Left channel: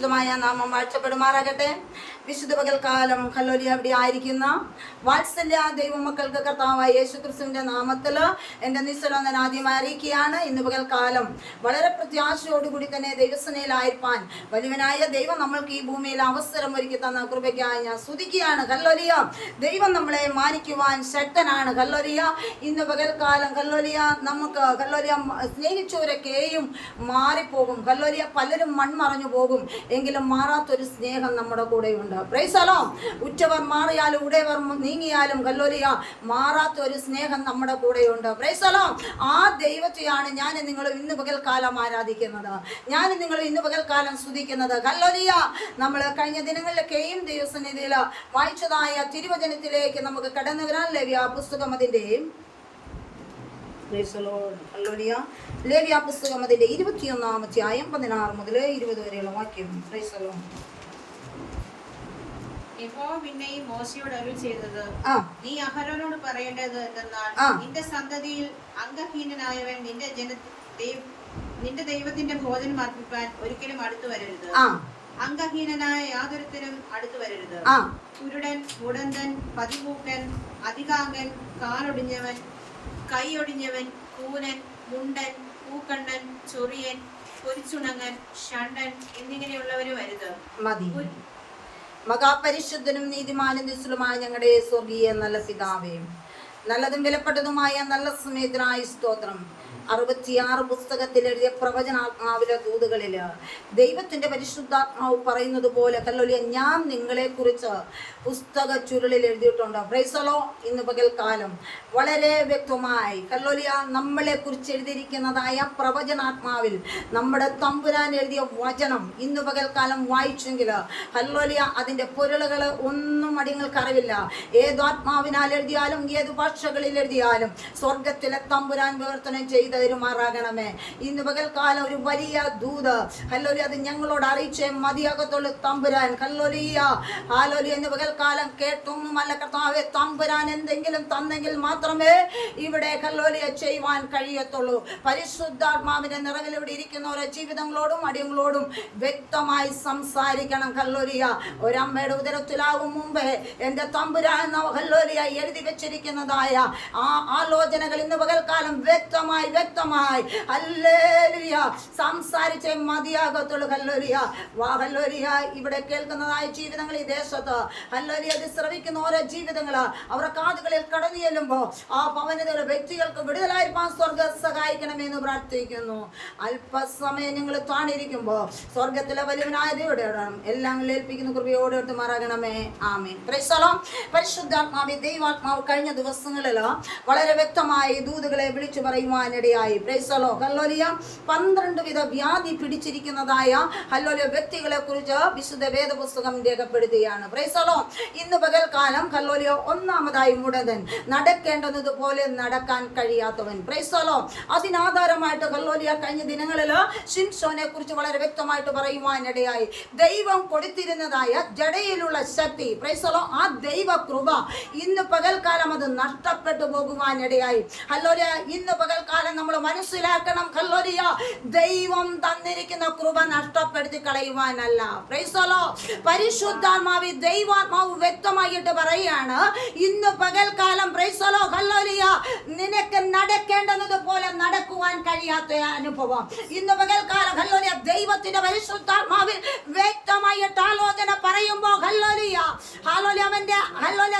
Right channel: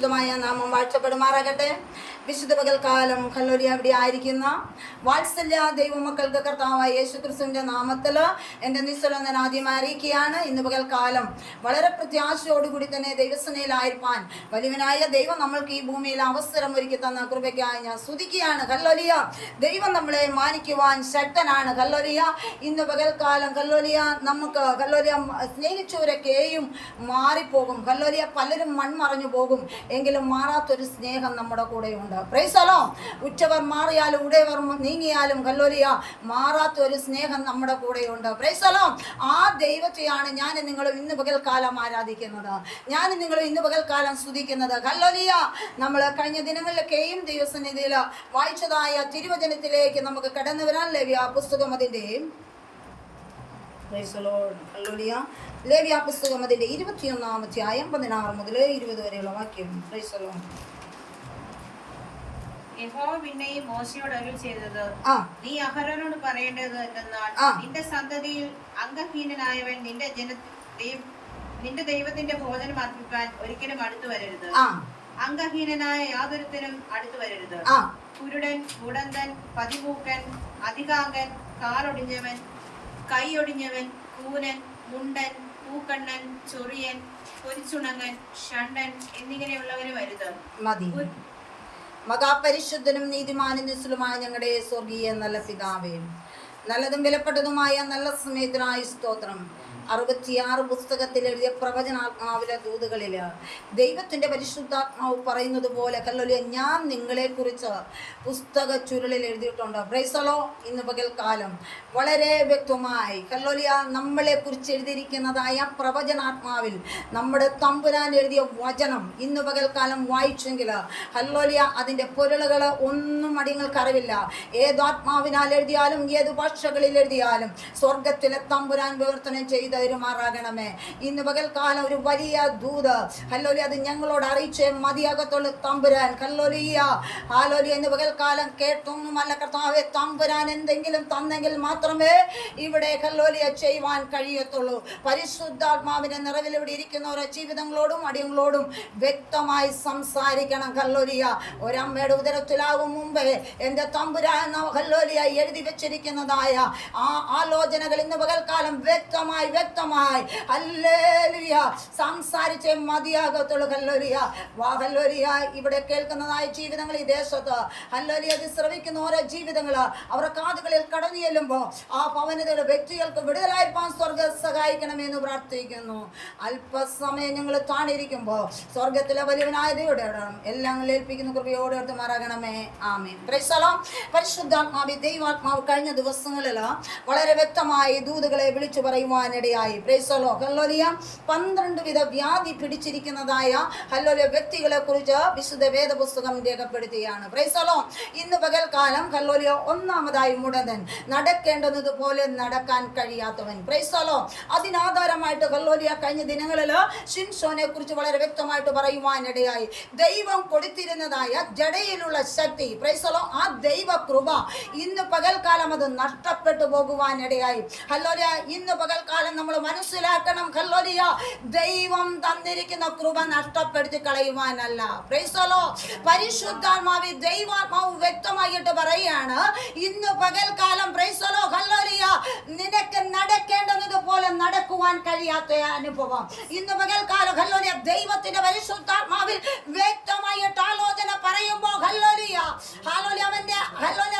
പരിശുദ്ധമായ നാമം വാഴ്ത്തപ്പെടുമാറാകട്ടെ. വിശുദ്ധ പകൽക്കാലം ഹല്ലേലൂയ ഇവിടെ ആയിരിക്കുന്ന വാത്സല്യ ദൈവമക്കൾക്ക് കർത്താവായ യേശുക്രിസ്തുവിന്റെ നാമത്തിൽ എൻ്റെ നിസ്സലൊന്നൻ ആദ്യമായി അറിയിക്കുകയാണ്. ഇന്ന് പകൽക്കാലം വളരെ പ്രത്യാശയോടുകൂടി തന്നെ ദൈവസേനയിലായിരിക്കാൻ വലിയവനായ ദൈവം നമ്മൾക്ക് ഈ ഭൂമിയിൽ അവസരം ഒരുക്കി തന്ന കൃപയ്ക്കായി ഞാൻ സ്തുതിക്കുകയാണ്. ഹല്ലേലൂയ. ദൈവം നമ്മളെ മാനിക്കുവാൻ ശക്തനാണ്. ഹല്ലേലൂയ. ഇന്ന് പകൽക്കാലം ഹല്ലേലൂയ നമുക്ക് ഹല്ലേലൂയ സ്നേഹിച്ചവരൊക്കെയും മാറിപ്പോകും. ഹല്ലേലൂയ. പലരും മൺമറഞ്ഞു പോകും, എങ്കിലും മാറാത്തൊരു സ്നേഹം നമ്മുടെ കൂടെയുണ്ട്. Price the Lord. ഉറ്റവർ മാറിയാലും ഉടയവർ നീങ്ങിയാലും ഹല്ലേലൂയ മാറാത്തൊരു സ്നേഹം നമ്മുടെ കൂടെയുണ്ട്. Price the lord. ആ ദൈവത്തെയാണ് ഞാൻ നിങ്ങളും ഇന്ന് പകൽക്കാലം ആരാധിക്കുന്നത്, ഞാൻ നിങ്ങളും ഇന്ന് പകൽക്കാലം സ്തുതിക്കുന്നത്. ഹല്ലേലൂയ. നമ്മൾ കഴിഞ്ഞ ദിനങ്ങളിലൊക്കെയും ദൈവസന്നിധിയിൽ വായിച്ചതായ തിരുവചനത്തിലേക്ക് നമുക്ക് കടന്നു വരാൻ ലേവ്യ പുസ്തകം അതിൻ്റെ ലേവ്യ പുസ്തകം അതിൻ്റെ 21-ാം അധ്യായം 16 മുതൽ 20 വരെയുള്ള വാക്യം. Price the Lord. യഹോവ പിന്നെയും മോശയോട് അരുളി ചെയ്തത്, നീ അഹരോനോട് പറയേണ്ടത് എന്തെന്നാൽ, നിന്റെ സന്തതിയിൽ അംഗഹീനനായവൻ നിന്റെ ദൈവത്തിന്റെ ഭോജനം അർപ്പിക്കാൻ ഒരിക്കലും അടുത്തു വരരുത്. അംഗഹീനനായ യാതൊരുത്തനും അടുത്തു വരരുത്. കുരുടൻ, മുടന്തൻ, പതിമൂക്കൻ, അധികാംഗൻ, കാലൊടിഞ്ഞവൻ, കൈയൊടിഞ്ഞവൻ, കൂനൻ, മുണ്ടൻ, പൂക്കണ്ണൻ, ചൊറിയൻ, പൊരിച്ചുണങ്ങൻ, ഷണ്ടൻ എന്നിങ്ങനെയുള്ളവരും വരുത്. മഹാപരിശുദ്ധനും നീതിമാനും നിസ്തുലമായ ഞങ്ങളുടെ സ്വർഗീയ നല്ല പിതാവേ, നല്ലതും വിലപ്പെട്ടതുമായ നല്ല സമയത്തിനായി സ്തോത്രം. 66 പുസ്തകത്തിൽ എഴുതിയ പ്രവചനാത്മാവിലെ ദൂതുകളിൽ ദൈവത്തിൻ്റെ പരിശുദ്ധാത്മാവ് പറയുന്നത് പോലെ ഹല്ലേലൂയ ഞാൻ നിങ്ങളെക്കുറിച്ച് പുസ്തക ചുരുളിൽ എഴുതിയിട്ടുണ്ട്. Price the lord. ഇന്ന് പകൽക്കാലം വളരെ വ്യക്തമായി ഹല്ലേലൂയ നമ്മളെക്കുറിച്ച് എഴുതിയിരിക്കുന്നതായ പ്രവചനാത്മാവിൽ നമ്മുടെ തമ്പുരാൻ എഴുതിയ വചനം ഇന്ന് പകൽക്കാലം വായിച്ചെങ്കിൽ ഹല്ലേലൂയ അതിൻ്റെ പൊരുളുകൾ ഒന്നും അടിയങ്ങൾക്ക് അറിവില്ല. ഏതാത്മാവിനാൽ എഴുതിയാലും ഏത് ഭാഷകളിൽ എഴുതിയാലും സ്വർഗത്തിലെ തമ്പുരാൻ വിവർത്തനം ചെയ്ത് തരുമാറാകണമേ. ഇന്ന് പകൽക്കാലം ഒരു വലിയ ദൂത് ഹല്ലേലൂയ അത് ഞങ്ങളോട് അറിയിച്ചേ മതിയാകത്തുള്ളൂ തമ്പുരാൻ. Hallelujah hallelujah. ഇന്ന് പകൽക്കാലം കേട്ടൊന്നുമല്ല കർത്താവേ, തമ്പുരാൻ എന്തെങ്കിലും തന്നെങ്കിൽ മാത്രമേ ഇവിടെ ഹല്ലേലൂയ ചെയ്യുവാൻ കഴിയത്തുള്ളൂ. പരിശുദ്ധാത്മാവിന്റെ നിറവിൽ ഇവിടെ ഇരിക്കുന്നവരെ ജീവിതങ്ങളോടും അടിയങ്ങളോടും വ്യക്തമായി സംസാരിക്കണം. ഹല്ലേലൂയ. ഒരമ്മയുടെ ഉദരത്തിലാകും മുമ്പേ എൻ്റെ തമ്പുരാൻ ഹല്ലേലൂയ എഴുതി വെച്ചിരിക്കുന്നതായ ആ ആലോചനകൾ ഇന്ന് പകൽക്കാലം വ്യക്തമായി ഹല്ലേലൂയ സംസാരിച്ചേ മതിയാകത്തുള്ളൂ. ഹല്ലേലൂയ. ഹല്ലേലൂയ. ഇവിടെ കേൾക്കുന്നതായ ജീവിതങ്ങൾ ഈ ദേശത്ത് ഹല്ലേലൂയ ഇത് ശ്രവിക്കുന്ന ഓരോ ജീവിതങ്ങൾ അവരുടെ കാതുകളിൽ കടന്നു ചെല്ലുമ്പോൾ ആ പവനതയുടെ വ്യക്തികൾക്ക് വിടുതലായിരിക്കാൻ സ്വർഗം സഹായിക്കണമെന്ന് പ്രാർത്ഥിക്കുന്നു. അല്പസമയം ഞങ്ങൾ താണിരിക്കുമ്പോൾ സ്വർഗത്തിലെ വലിയവനായ ദൈവയുടെ എല്ലാം ഏൽപ്പിക്കുന്ന കൃപയോടെ എടുത്തുമാറാകണമേ. ആമേൻ. Praise the lord. പരിശുദ്ധാത്മാവേ, ദൈവാത്മാവ് കഴിഞ്ഞ ദിവസങ്ങളിൽ വളരെ വ്യക്തമായി ദൂതുകളെ വിളിച്ചു പറയുവാനിടയായി. Praise the lord. ഹല്ലേലൂയ. 12 വിധ വ്യാധി പിടിച്ചിരിക്കുന്നതായ ഹല്ലേലൂയ വ്യക്തികളെ കുറിച്ച് വിശുദ്ധ വേദപുസ്തകം രേഖപ്പെടുത്തുകയാണ്. Praise the lord. ഇന്ന് പകൽക്കാലം ഹല്ലേലൂയ ഒന്നാമതായി മുടന്തൻ, നടക്കേണ്ടത് പോലെ നടക്കാൻ കഴിയാത്തവൻ. Praise the lord. അതിനാധാരമായിട്ട് ഹല്ലേലൂയ കഴിഞ്ഞ ദിനങ്ങളിൽ ശിംശോനെ കുറിച്ച് വളരെ വ്യക്തമായിട്ട് പറയുവാനിടയായി. ദൈവം കൊടുത്തിരുന്നതായ ജഡയിലുള്ള ശക്തി, പ്രൈസ് ദി ലോർഡ്, ആ ദൈവ കൃപ ഇന്ന് പകൽക്കാലം അത് നഷ്ടപ്പെട്ടു പോകുവാനിടയായി. ഹല്ലേലൂയ. ഇന്ന് പകൽക്കാലം നമ്മൾ മനസ്സിലാക്കണം ഹല്ലേലൂയ ദൈവം തന്നിരിക്കുന്ന കൃപ നഷ്ടപ്പെടുത്തി കളയുവാനല്ല. Praise the lord. പരിശുദ്ധാത്മാവി ദൈവാത്മാവ് വ്യക്തമായിട്ട് പറയുകയാണ് ഇന്ന് പകൽക്കാലം പ്രൈസ് ദി ലോർഡ് ഹല്ലേലൂയ നിനക്ക് നടക്കേണ്ടത് പോലെ നടക്കുവാൻ കഴിയാത്ത അനുഭവം ഇന്ന് പകൽക്കാലം ഹല്ലേലൂയ ദൈവത്തിന്റെ പരിശുദ്ധാത്മാവിൽ വ്യക്തമായിട്ട് ആലോചന പറയുമ്പോൾ ഹല്ലേലൂയ ഹല്ലേലൂയ അവന്റെ ഹല്ലേലൂയ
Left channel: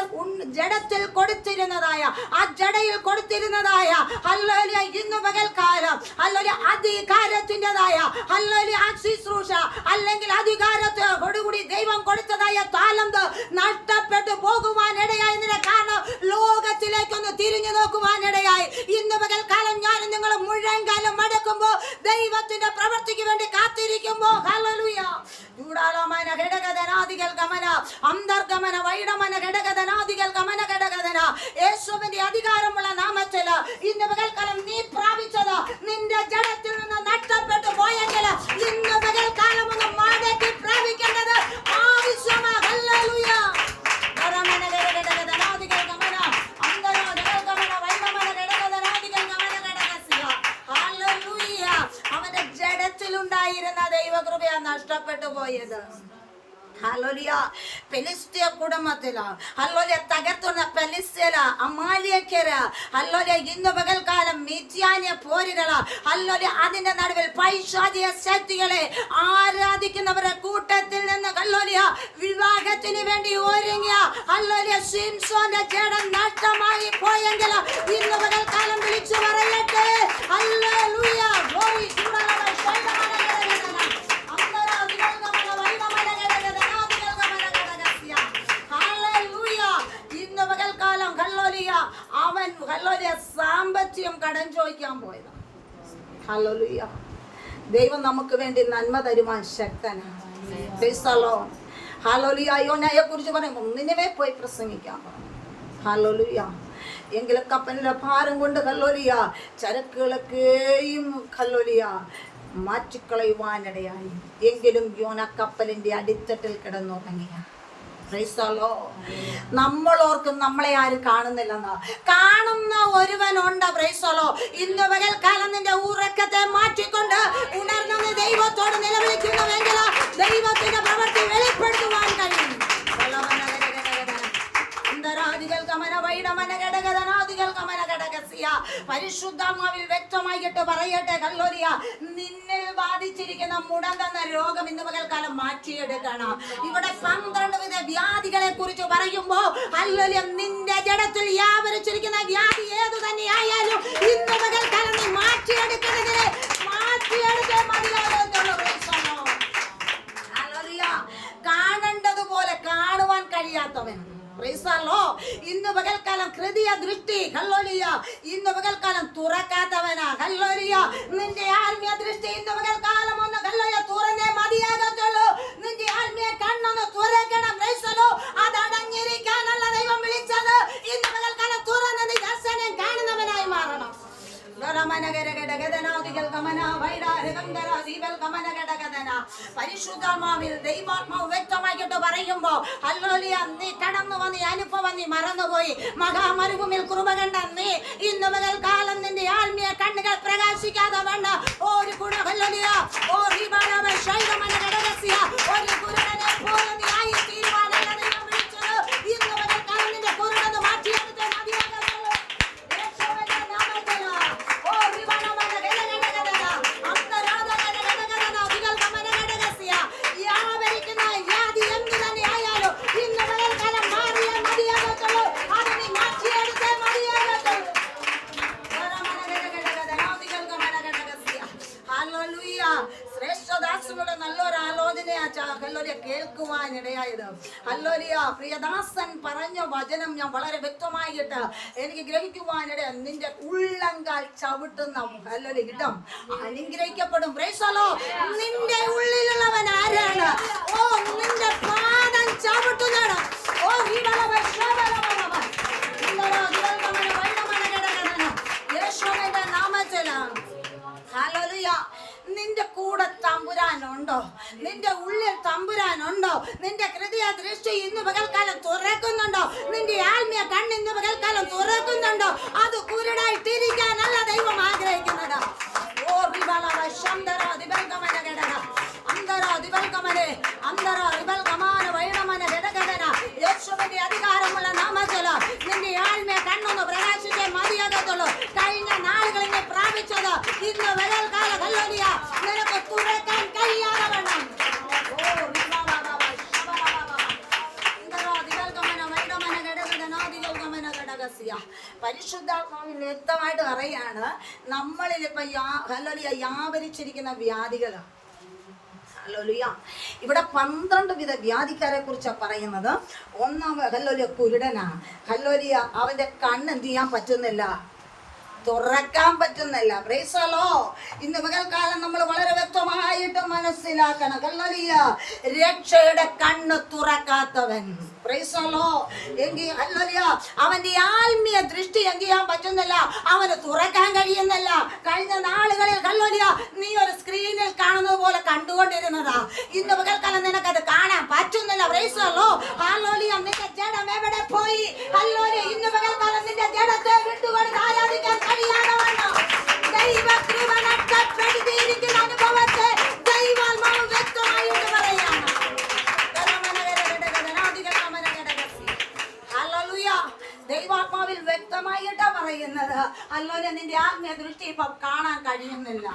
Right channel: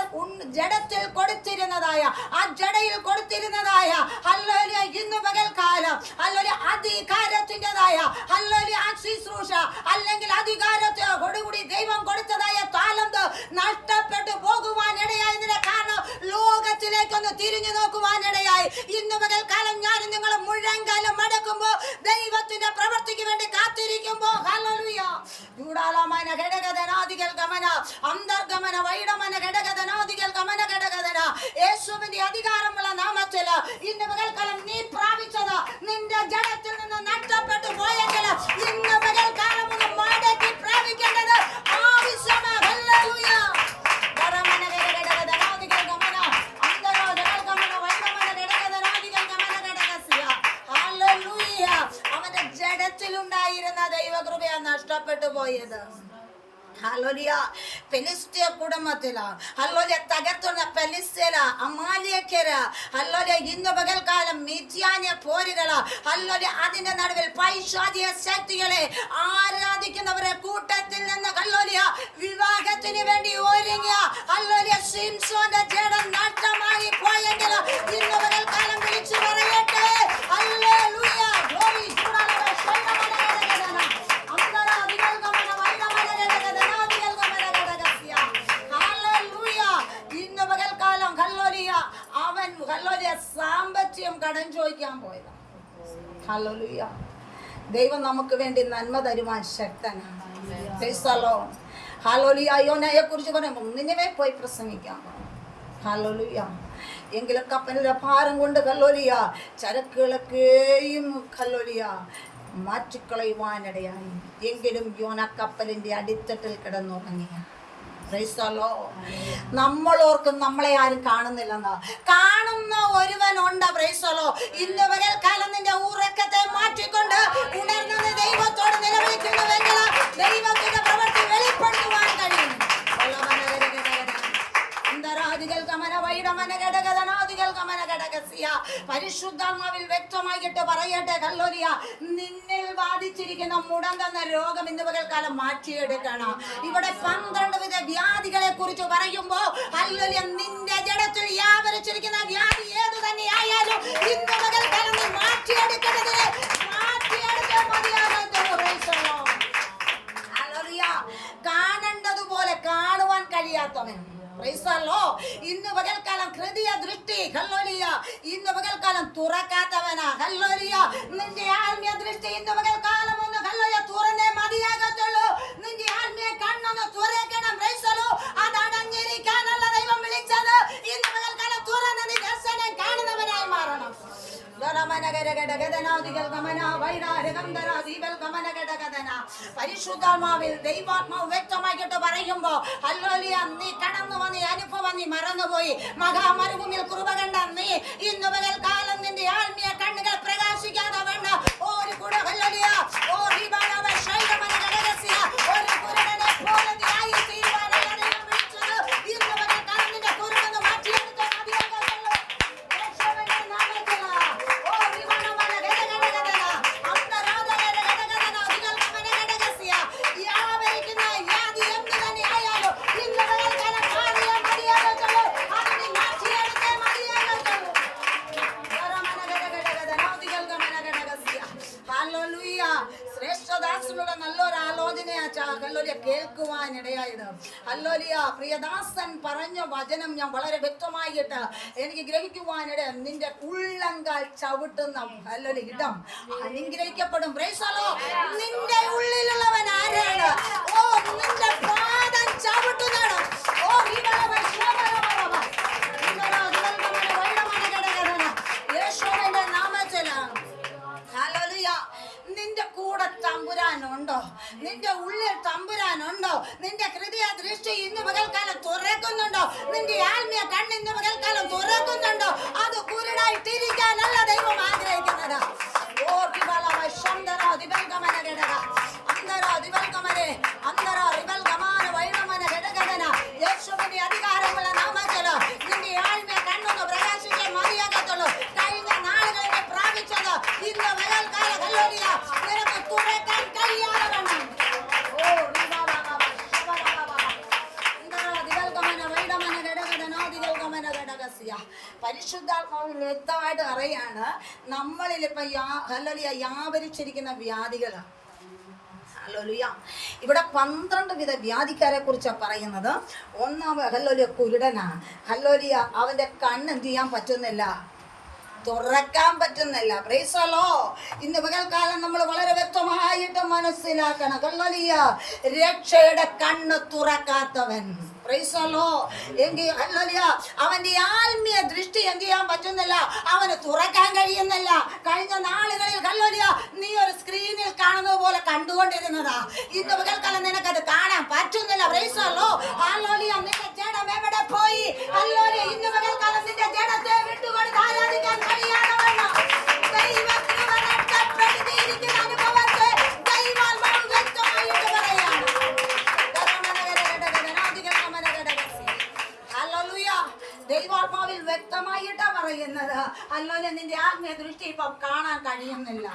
ജഡത്തിൽ കൊടുത്തിരുന്നതായ ആ ജഡയിൽ കൊടുത്തിരുന്നതായ ഹല്ലേലൂയ ഇന്ന് പകൽക്കാലം ഹല്ലേലൂയ അധികാരത്തിൻ്റെതായ ഹല്ലേലൂയ ആ ശുശ്രൂഷ അല്ലെങ്കിൽ അധികാരത്തോടുകൂടി ദൈവം കൊടുത്തതായ താലന്ത് നഷ്ടപ്പെട്ടു പോകുവാനിടയായി. കാരണം ലോകത്തിലേക്കൊന്ന് തിരിഞ്ഞു നോക്കുവാനിടയായി. ഇന്ന് പകൽക്കാലം ഞാൻ നിങ്ങൾ മുഴങ്കാലം മടക്കുമ്പോൾ ദൈവത്തിന്റെ പ്രവൃത്തിക്ക് വേണ്ടി കാത്തിരിക്കുമ്പോൾ ഹല്ലേലൂയ ദൂടാലമന ഘടകധനാദികൾ ഗമന അന്തർഗമന വൈഡമന ഘടകധനാദികൾ ഗമന ഘടകധന യേശുവിന്റെ അധികാരമുള്ള നാമത്തിൽ ഇന്ന് പകൽക്കാലം നീ പ്രാപിച്ചത് നിന്റെ ജഡത്തിൽ നിന്ന് നഷ്ടപ്പെട്ടു പോയെങ്കിൽ ഇന്ന് പകൽക്കാലം ഒന്ന് മടക്കി പ്രാപിക്കേണ്ടത് ആവശ്യമാണ്. ഹല്ലേലൂയ. അവന്റെ ജഡത്തിലുണ്ടായിരുന്ന ദൈവകൃപ നഷ്ടപ്പെട്ടു പോയി. പോയത്. ഹല്ലേലൂയ. ഫെലിസ്ത്യ കുടുംബത്തില് ഹല്ലേലൂയ തകർത്തുന്ന ഫെലിസ്ത്യര്, അമാലേക്യര്, ഹല്ലേലൂയ ഇന്ന് പകൽക്കാലം മിദ്യാന്യ പോരുകള്, ഹല്ലേലൂയ അതിന്റെ നടുവിൽ പൈശാചിക ശക്തികളെ ആരാധിക്കുന്നവരെ കൂട്ടത്തിൽ നിന്ന് ഹല്ലേലൂയ വിവാഹത്തിന് വേണ്ടി ഒരുങ്ങിയ ഹല്ലേലൂയ ശിംശോന്റെ ജഡം നഷ്ടമായി പോയെങ്കിൽ ഇന്ന് പകൽക്കാലം വിളിച്ചു പറയട്ടെ ഹല്ലേലൂയ. ഗ്ലോറി അവൻ ഹല്ലേലൂയ സാമ്പത്തികം കടം ചോദിക്കാൻ പോയതാണ്. ഹല്ലേലൂയ. ദൈവം നമുക്ക് വേണ്ടി നന്മ തരുവാൻ ശക്തനാണ്. Praise the lord. ഹല്ലേലൂയ. യോനയെ കുറിച്ച് പറയുമ്പോൾ നിന്നവേ പോയി പ്രസംഗിക്കാൻ പറഞ്ഞു. ഹല്ലേലൂയ. എങ്കിലും കപ്പലിന്റെ ഭാരം കൊണ്ട് ഹല്ലേലൂയ ചരക്കുകളൊക്കെയും ഹല്ലേലൂയ മാറ്റിക്കളയുവാനിടയായി. എങ്കിലും യോന കപ്പലിന്റെ അടിത്തട്ടിൽ കിടന്നുറങ്ങിയ. നമ്മളോർക്കും നമ്മളെ ആരും കാണുന്നില്ലെന്നാ. കാണുന്ന ഒരുവനുണ്ട്. പ്രൈസലോ. ഇന്ന് പകൽക്കാലം നിന്റെ ഉറക്കത്തെ മാറ്റിക്കൊണ്ട് ഉണർന്ന ദൈവത്തോട് നിലവിളിക്കുന്നുവെങ്കിൽ ദൈവത്തിന്റെ പ്രവൃത്തി വെളിപ്പെടുത്തുവാൻ കഴിയും. പരിശുദ്ധാത്മാവിൽ വ്യക്തമായിട്ട് പറയട്ടെ ഹല്ലേലൂയ, നിന്നിൽ ബാധിച്ചിരിക്കുന്ന മുടങ്ങുന്ന രോഗം ഇന്ന് പകൽക്കാലം മാറ്റിയെടുക്കണം. ഇവിടെ 12 വിധ വ്യാധികളെ കുറിച്ച് പറയുമ്പോ ഹല്ലേലൂയ നിന്റെ ജഡത്തിൽ വ്യാപരിച്ചിരിക്കുന്ന വ്യാധി ഏതു തന്നെയായാലും ഇന്ന് പകൽക്കാലം നീ മാറ്റിയെടുക്കേണ്ടതിന് മാറ്റിയെടുത്തേ മതിയാകത്തുള്ളൂ. ഹല്ലേലൂയ. കാണേണ്ടതുപോലെ കാണുവാൻ കഴിയാത്തവൻ ഇന്ന് പകൽക്കാലം ഹൃദയ ദൃഷ്ടി ഹല്ലേലൂയ ഇന്ന് പകൽക്കാലം തുറക്കാത്തവനാ. ഹല്ലേലൂയ. നിന്റെ ആത്മീയ ദൃഷ്ടി ഇന്ന് പകൽക്കാലം ഒന്ന് ഹല്ലേലൂയ തുറന്നേ മതിയാകത്തുള്ളൂ. നിന്റെ ആത്മീയ കണ്ണൊന്ന് തുറക്കണം. അതടഞ്ഞിരിക്കാനല്ല ദൈവം വിളിച്ചത്. ഇന്ന് പകൽക്കാലം തുറന്ന നീ ദർശനം കാണുന്നവനായി മാറണം. പരിശുദ്ധാത്മാവിൽ ദൈവാത്മാവ് വ്യക്തമാക്കിയിട്ട് പറയുമ്പോ ഹല്ലേലൂയ നീ കടന്നു വന്ന അനുഭവം നീ മറന്നുപോയി. മഹാമരുഭൂമിയിൽ കൃപ കണ്ട നീ ഇന്ന് പകൽക്കാലം നിന്റെ ആത്മീയ കണ്ണുകൾ പ്രകാശിക്കാതെ വേണ്ട ഒരു കുട ഹല്ലേലൂയ ഒരു കുരുടനെ പോലെ നീ ആയി തീരുവാനല്ല ദൈവം വിളിച്ചത്. ഇന്ന് പകൽക്കാലം നിന്റെ കുരുടന് മാറ്റിയെടുത്തേ മതിയാകത്തുള്ളൂ. ശ്രേഷ്ഠദാസനുടെ നല്ലൊരു ആലോചനയാ ഹല്ലേലൂയ കേൾക്കുവാനിടയായത്. ഹല്ലേലൂയ. പ്രിയദാസൻ പറഞ്ഞ വചനം ഞാൻ വളരെ വ്യക്തമായിട്ട് എനിക്ക് ഗ്രഹിക്കുവാനിട. നിന്റെ ഉള്ളങ്കാൽ ചവിട്ടുന്ന ഹല്ലേലൂയ ഇടം അനുഗ്രഹിക്കപ്പെടും. Praise the lord. നിന്റെ ഉള്ളിലുള്ളവൻ ആരാണ്? ഓ നിന്റെ പാദം ചവിട്ടുന്നതാണ്. ഓ യേശുവിന്റെ നാമത്തിലാണ്. ഹല്ലേലൂയ. നിന്റെ കൂടെ തമ്പുരാനുണ്ടോ? നിന്റെ ഉള്ളിൽ തമ്പുരാനുണ്ടോ? നിന്റെ ഹൃദയ ദൃഷ്ടി ഇന്ന് പകൽക്കാലം തുറക്കുന്നുണ്ടോ? നിന്റെ ആത്മീയ കണ്ണ് ഇന്ന് പകൽക്കാലം തുറക്കുന്നുണ്ടോ? അത് കുരുടായിട്ടിരിക്കാനല്ല ദൈവം ആഗ്രഹിക്കുന്നത്. ഓ യേശുവിന്റെ അധികാരമുള്ള നാമത്തില് നിന്റെ ആത്മീയ കണ്ണൊന്ന് പ്രകാശിക്കാൻ മതിയാകത്തുള്ളൂ. കഴിഞ്ഞ നാളുകളിൽ പ്രാപിച്ചത് ഇന്ന് പകൽക്കാലം ഹല്ലേലൂയ നിനക്ക് തുറക്കാൻ കഴിയാതെ വേണം. പരിശുദ്ധാത്മാവിൽ വ്യക്തമായിട്ട് പറയാണ് നമ്മളിൽ ഇപ്പൊ ഹല്ലേലൂയ വ്യാപരിച്ചിരിക്കുന്ന വ്യാധികള്. ഹല്ലേലൂയ. ഇവിടെ 12 വിധ വ്യാധിക്കാരെ കുറിച്ചാണ് പറയുന്നത്. ഒന്നാമത് ഹല്ലേലൂയ കുരുടനാ. ഹല്ലേലൂയ അവന്റെ കണ്ണ് എന്ത് ചെയ്യാൻ പറ്റുന്നില്ല, തുറക്കാൻ പറ്റുന്നില്ല. Praise the lord. ഇന്ന് പകൽക്കാലം നമ്മൾ വളരെ വ്യക്തമായിട്ട് മനസ്സിലാക്കണം. ഹല്ലേലൂയ രക്ഷയുടെ കണ്ണ് തുറക്കാത്തവൻ. Praise the lord. എങ്കിൽ ഹല്ലേലൂയ അവന്റെ ആത്മീയ ദൃഷ്ടി എന്ത് ചെയ്യാൻ പറ്റുന്നില്ല, അവന് തുറക്കാൻ കഴിയുന്നില്ല. കഴിഞ്ഞ നാളുകളിൽ ഹല്ലേലൂയ നീ ഒരു സ്ക്രീനിൽ കാണുന്നത് പോലെ കണ്ടുകൊണ്ടിരുന്നതാ. ഇന്ന് പകൽക്കാലം നിനക്കത് കാണാൻ പറ്റുന്നില്ല. Praise the lord. ഹല്ലേലൂയ നിന്റെ ജഡം എവിടെ പോയി? ഹല്ലേലൂയ ഇന്ന് പകൽക്കാലം നിന്റെ ജഡത്തെ വിട്ടുകൊണ്ട് ആരാധിക്കാൻ ദൈവകൃപ നഷ്ടപ്പെടുത്തിയിരിക്കുന്ന അനുഭവത്തെ ദൈവാത്മാവ് വ്യക്തമായിട്ട് പറയാണ്. ഹല്ലേലൂയ, നിന്റെ ആത്മീയ ദൃഷ്ടി ഇപ്പൊ കാണാൻ കഴിയുന്നില്ല.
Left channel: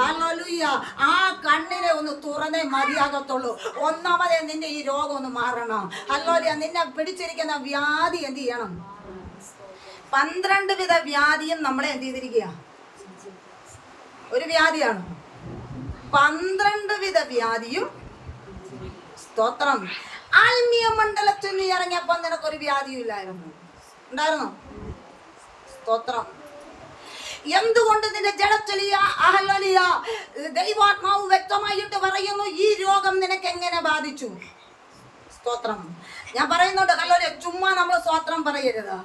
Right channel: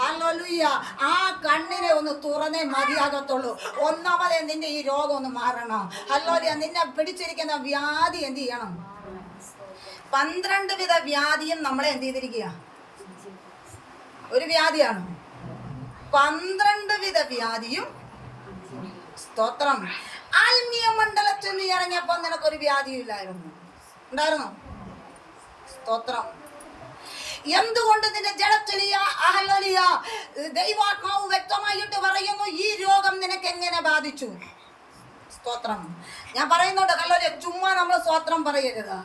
ഹല്ലേലൂയ, ആ കണ്ണിനെ ഒന്ന് തുറന്നേ മതിയാകത്തുള്ളൂ. ഒന്നാമതേ നിന്റെ ഈ രോഗം ഒന്ന് മാറണം. ഹല്ലേലൂയ, നിന്നെ പിടിച്ചിരിക്കുന്ന വ്യാധി എന്ത് ചെയ്യണം? 12 വിധ വ്യാധിയും നമ്മളെ എന്ത് ചെയ്തിരിക്കുക? ഒരു വ്യാധിയാണ്. 12 വിധ വ്യാധിയും. സ്തോത്രം. ആത്മീയ മണ്ഡലത്തിൽ നീ ഇറങ്ങിയപ്പോൾ നിനക്കൊരു വ്യാധിയും ഇല്ലായിരുന്നു, ഉണ്ടായിരുന്നോ? സ്തോത്രം. എന്തുകൊണ്ട് നിന്റെ ജഡത്തിൽ ദൈവാത്മാവ് വ്യക്തമായിട്ട് പറയുന്നു ഈ രോഗം നിനക്ക് എങ്ങനെ ബാധിച്ചു? സ്തോത്രം. ഞാൻ പറയുന്നുണ്ട്, ഹല്ലേലൂയ, ചുമ്മാ നമ്മൾ സ്തോത്രം പറയരുത്,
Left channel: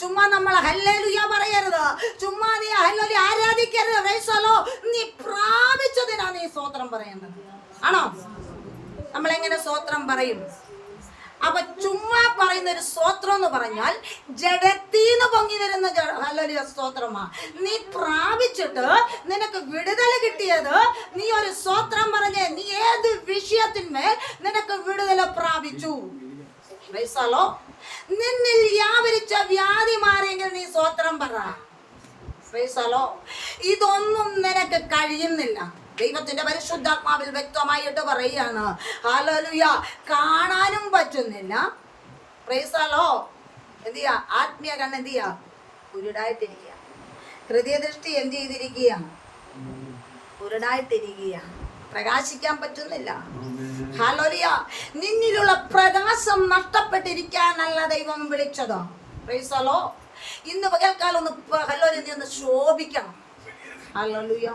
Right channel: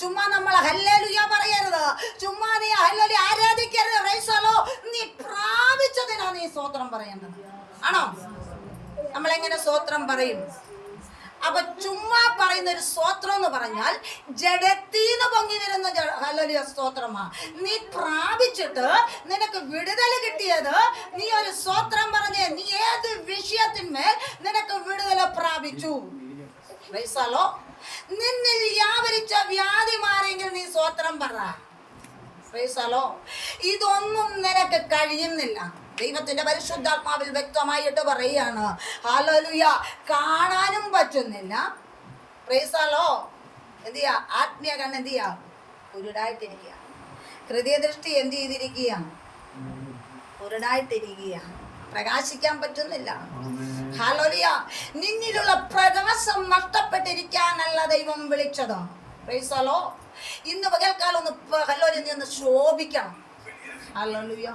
ചുമ്മാ നമ്മൾ ഹല്ലേലൂയ പറയരുത്, ചുമ്മാ നീ ഹല്ലേലൂയ ആരാധിക്കരുത്. Praise the lord. നീ പ്രാപിച്ചതിനാണ് നീ സ്തോത്രം പറയേണ്ടത്. ആണോ? നമ്മൾ എങ്ങനെ സ്തോത്രം പറയും? അപ്പൊ ചുമ്മാ പറയുന്ന ഒരു സ്തോത്രം എന്ന് പറഞ്ഞാൽ ജഡത്തീന്ന് പൊങ്ങി വരുന്ന ഹല്ലേലൂയ സ്തോത്രമാണ്. നീ പ്രാപിച്ചിട്ട് നിനക്ക് വിടുതൽ കിട്ടിയത് നീ ഒരു സ്തോത്രം പറഞ്ഞേ. നീ ഏത് വിഷയത്തിന്മേൽ നിനക്ക് വിടുതൽ പ്രാപിച്ചു? Price the Lord. നിന്നിൽ വ്യാപരിച്ച വ്യാധി മാറിയെങ്കിൽ നീ സ്തോത്രം പറ. Price the Lord. ഇതൊന്നും നിനക്ക് കഴിയുന്നില്ല. ദൈവത്തിന്റെ പരിശുദ്ധാത്മാവിൽ വ്യക്തമായിട്ട് പറയുകയാണ്. ഹല്ലേലൂയ, കാണാനും പറ്റുന്നില്ല. Praise the Lord. എന്ത് ചെയ്യാ? ആത്മീയ കണ്ണ് എന്ത് ചെയ്യാ? കുരുടായിട്ടിരിക്കുക. ഹൃദയദൃഷ്ടി എന്ത് ചെയ്തിരിക്കുക? കുരുടായിട്ടിരിക്കുക. പ്രകാശിക്കാൻ പറ്റുന്നില്ല. ഹല്ലേലൂയ, നിന്നിലുള്ള പ്രകാശം നഷ്ടപ്പെട്ടിരിക്കാനല്ല ദൈവം വിളിച്ചത്. Price the lord. ഇന്ന് പകൽക്കാലം ഒന്ന് ഹല്ലേലൂയ നീ ഒന്ന് ശോഭിക്കണം. ഹല്ലേലൂയ.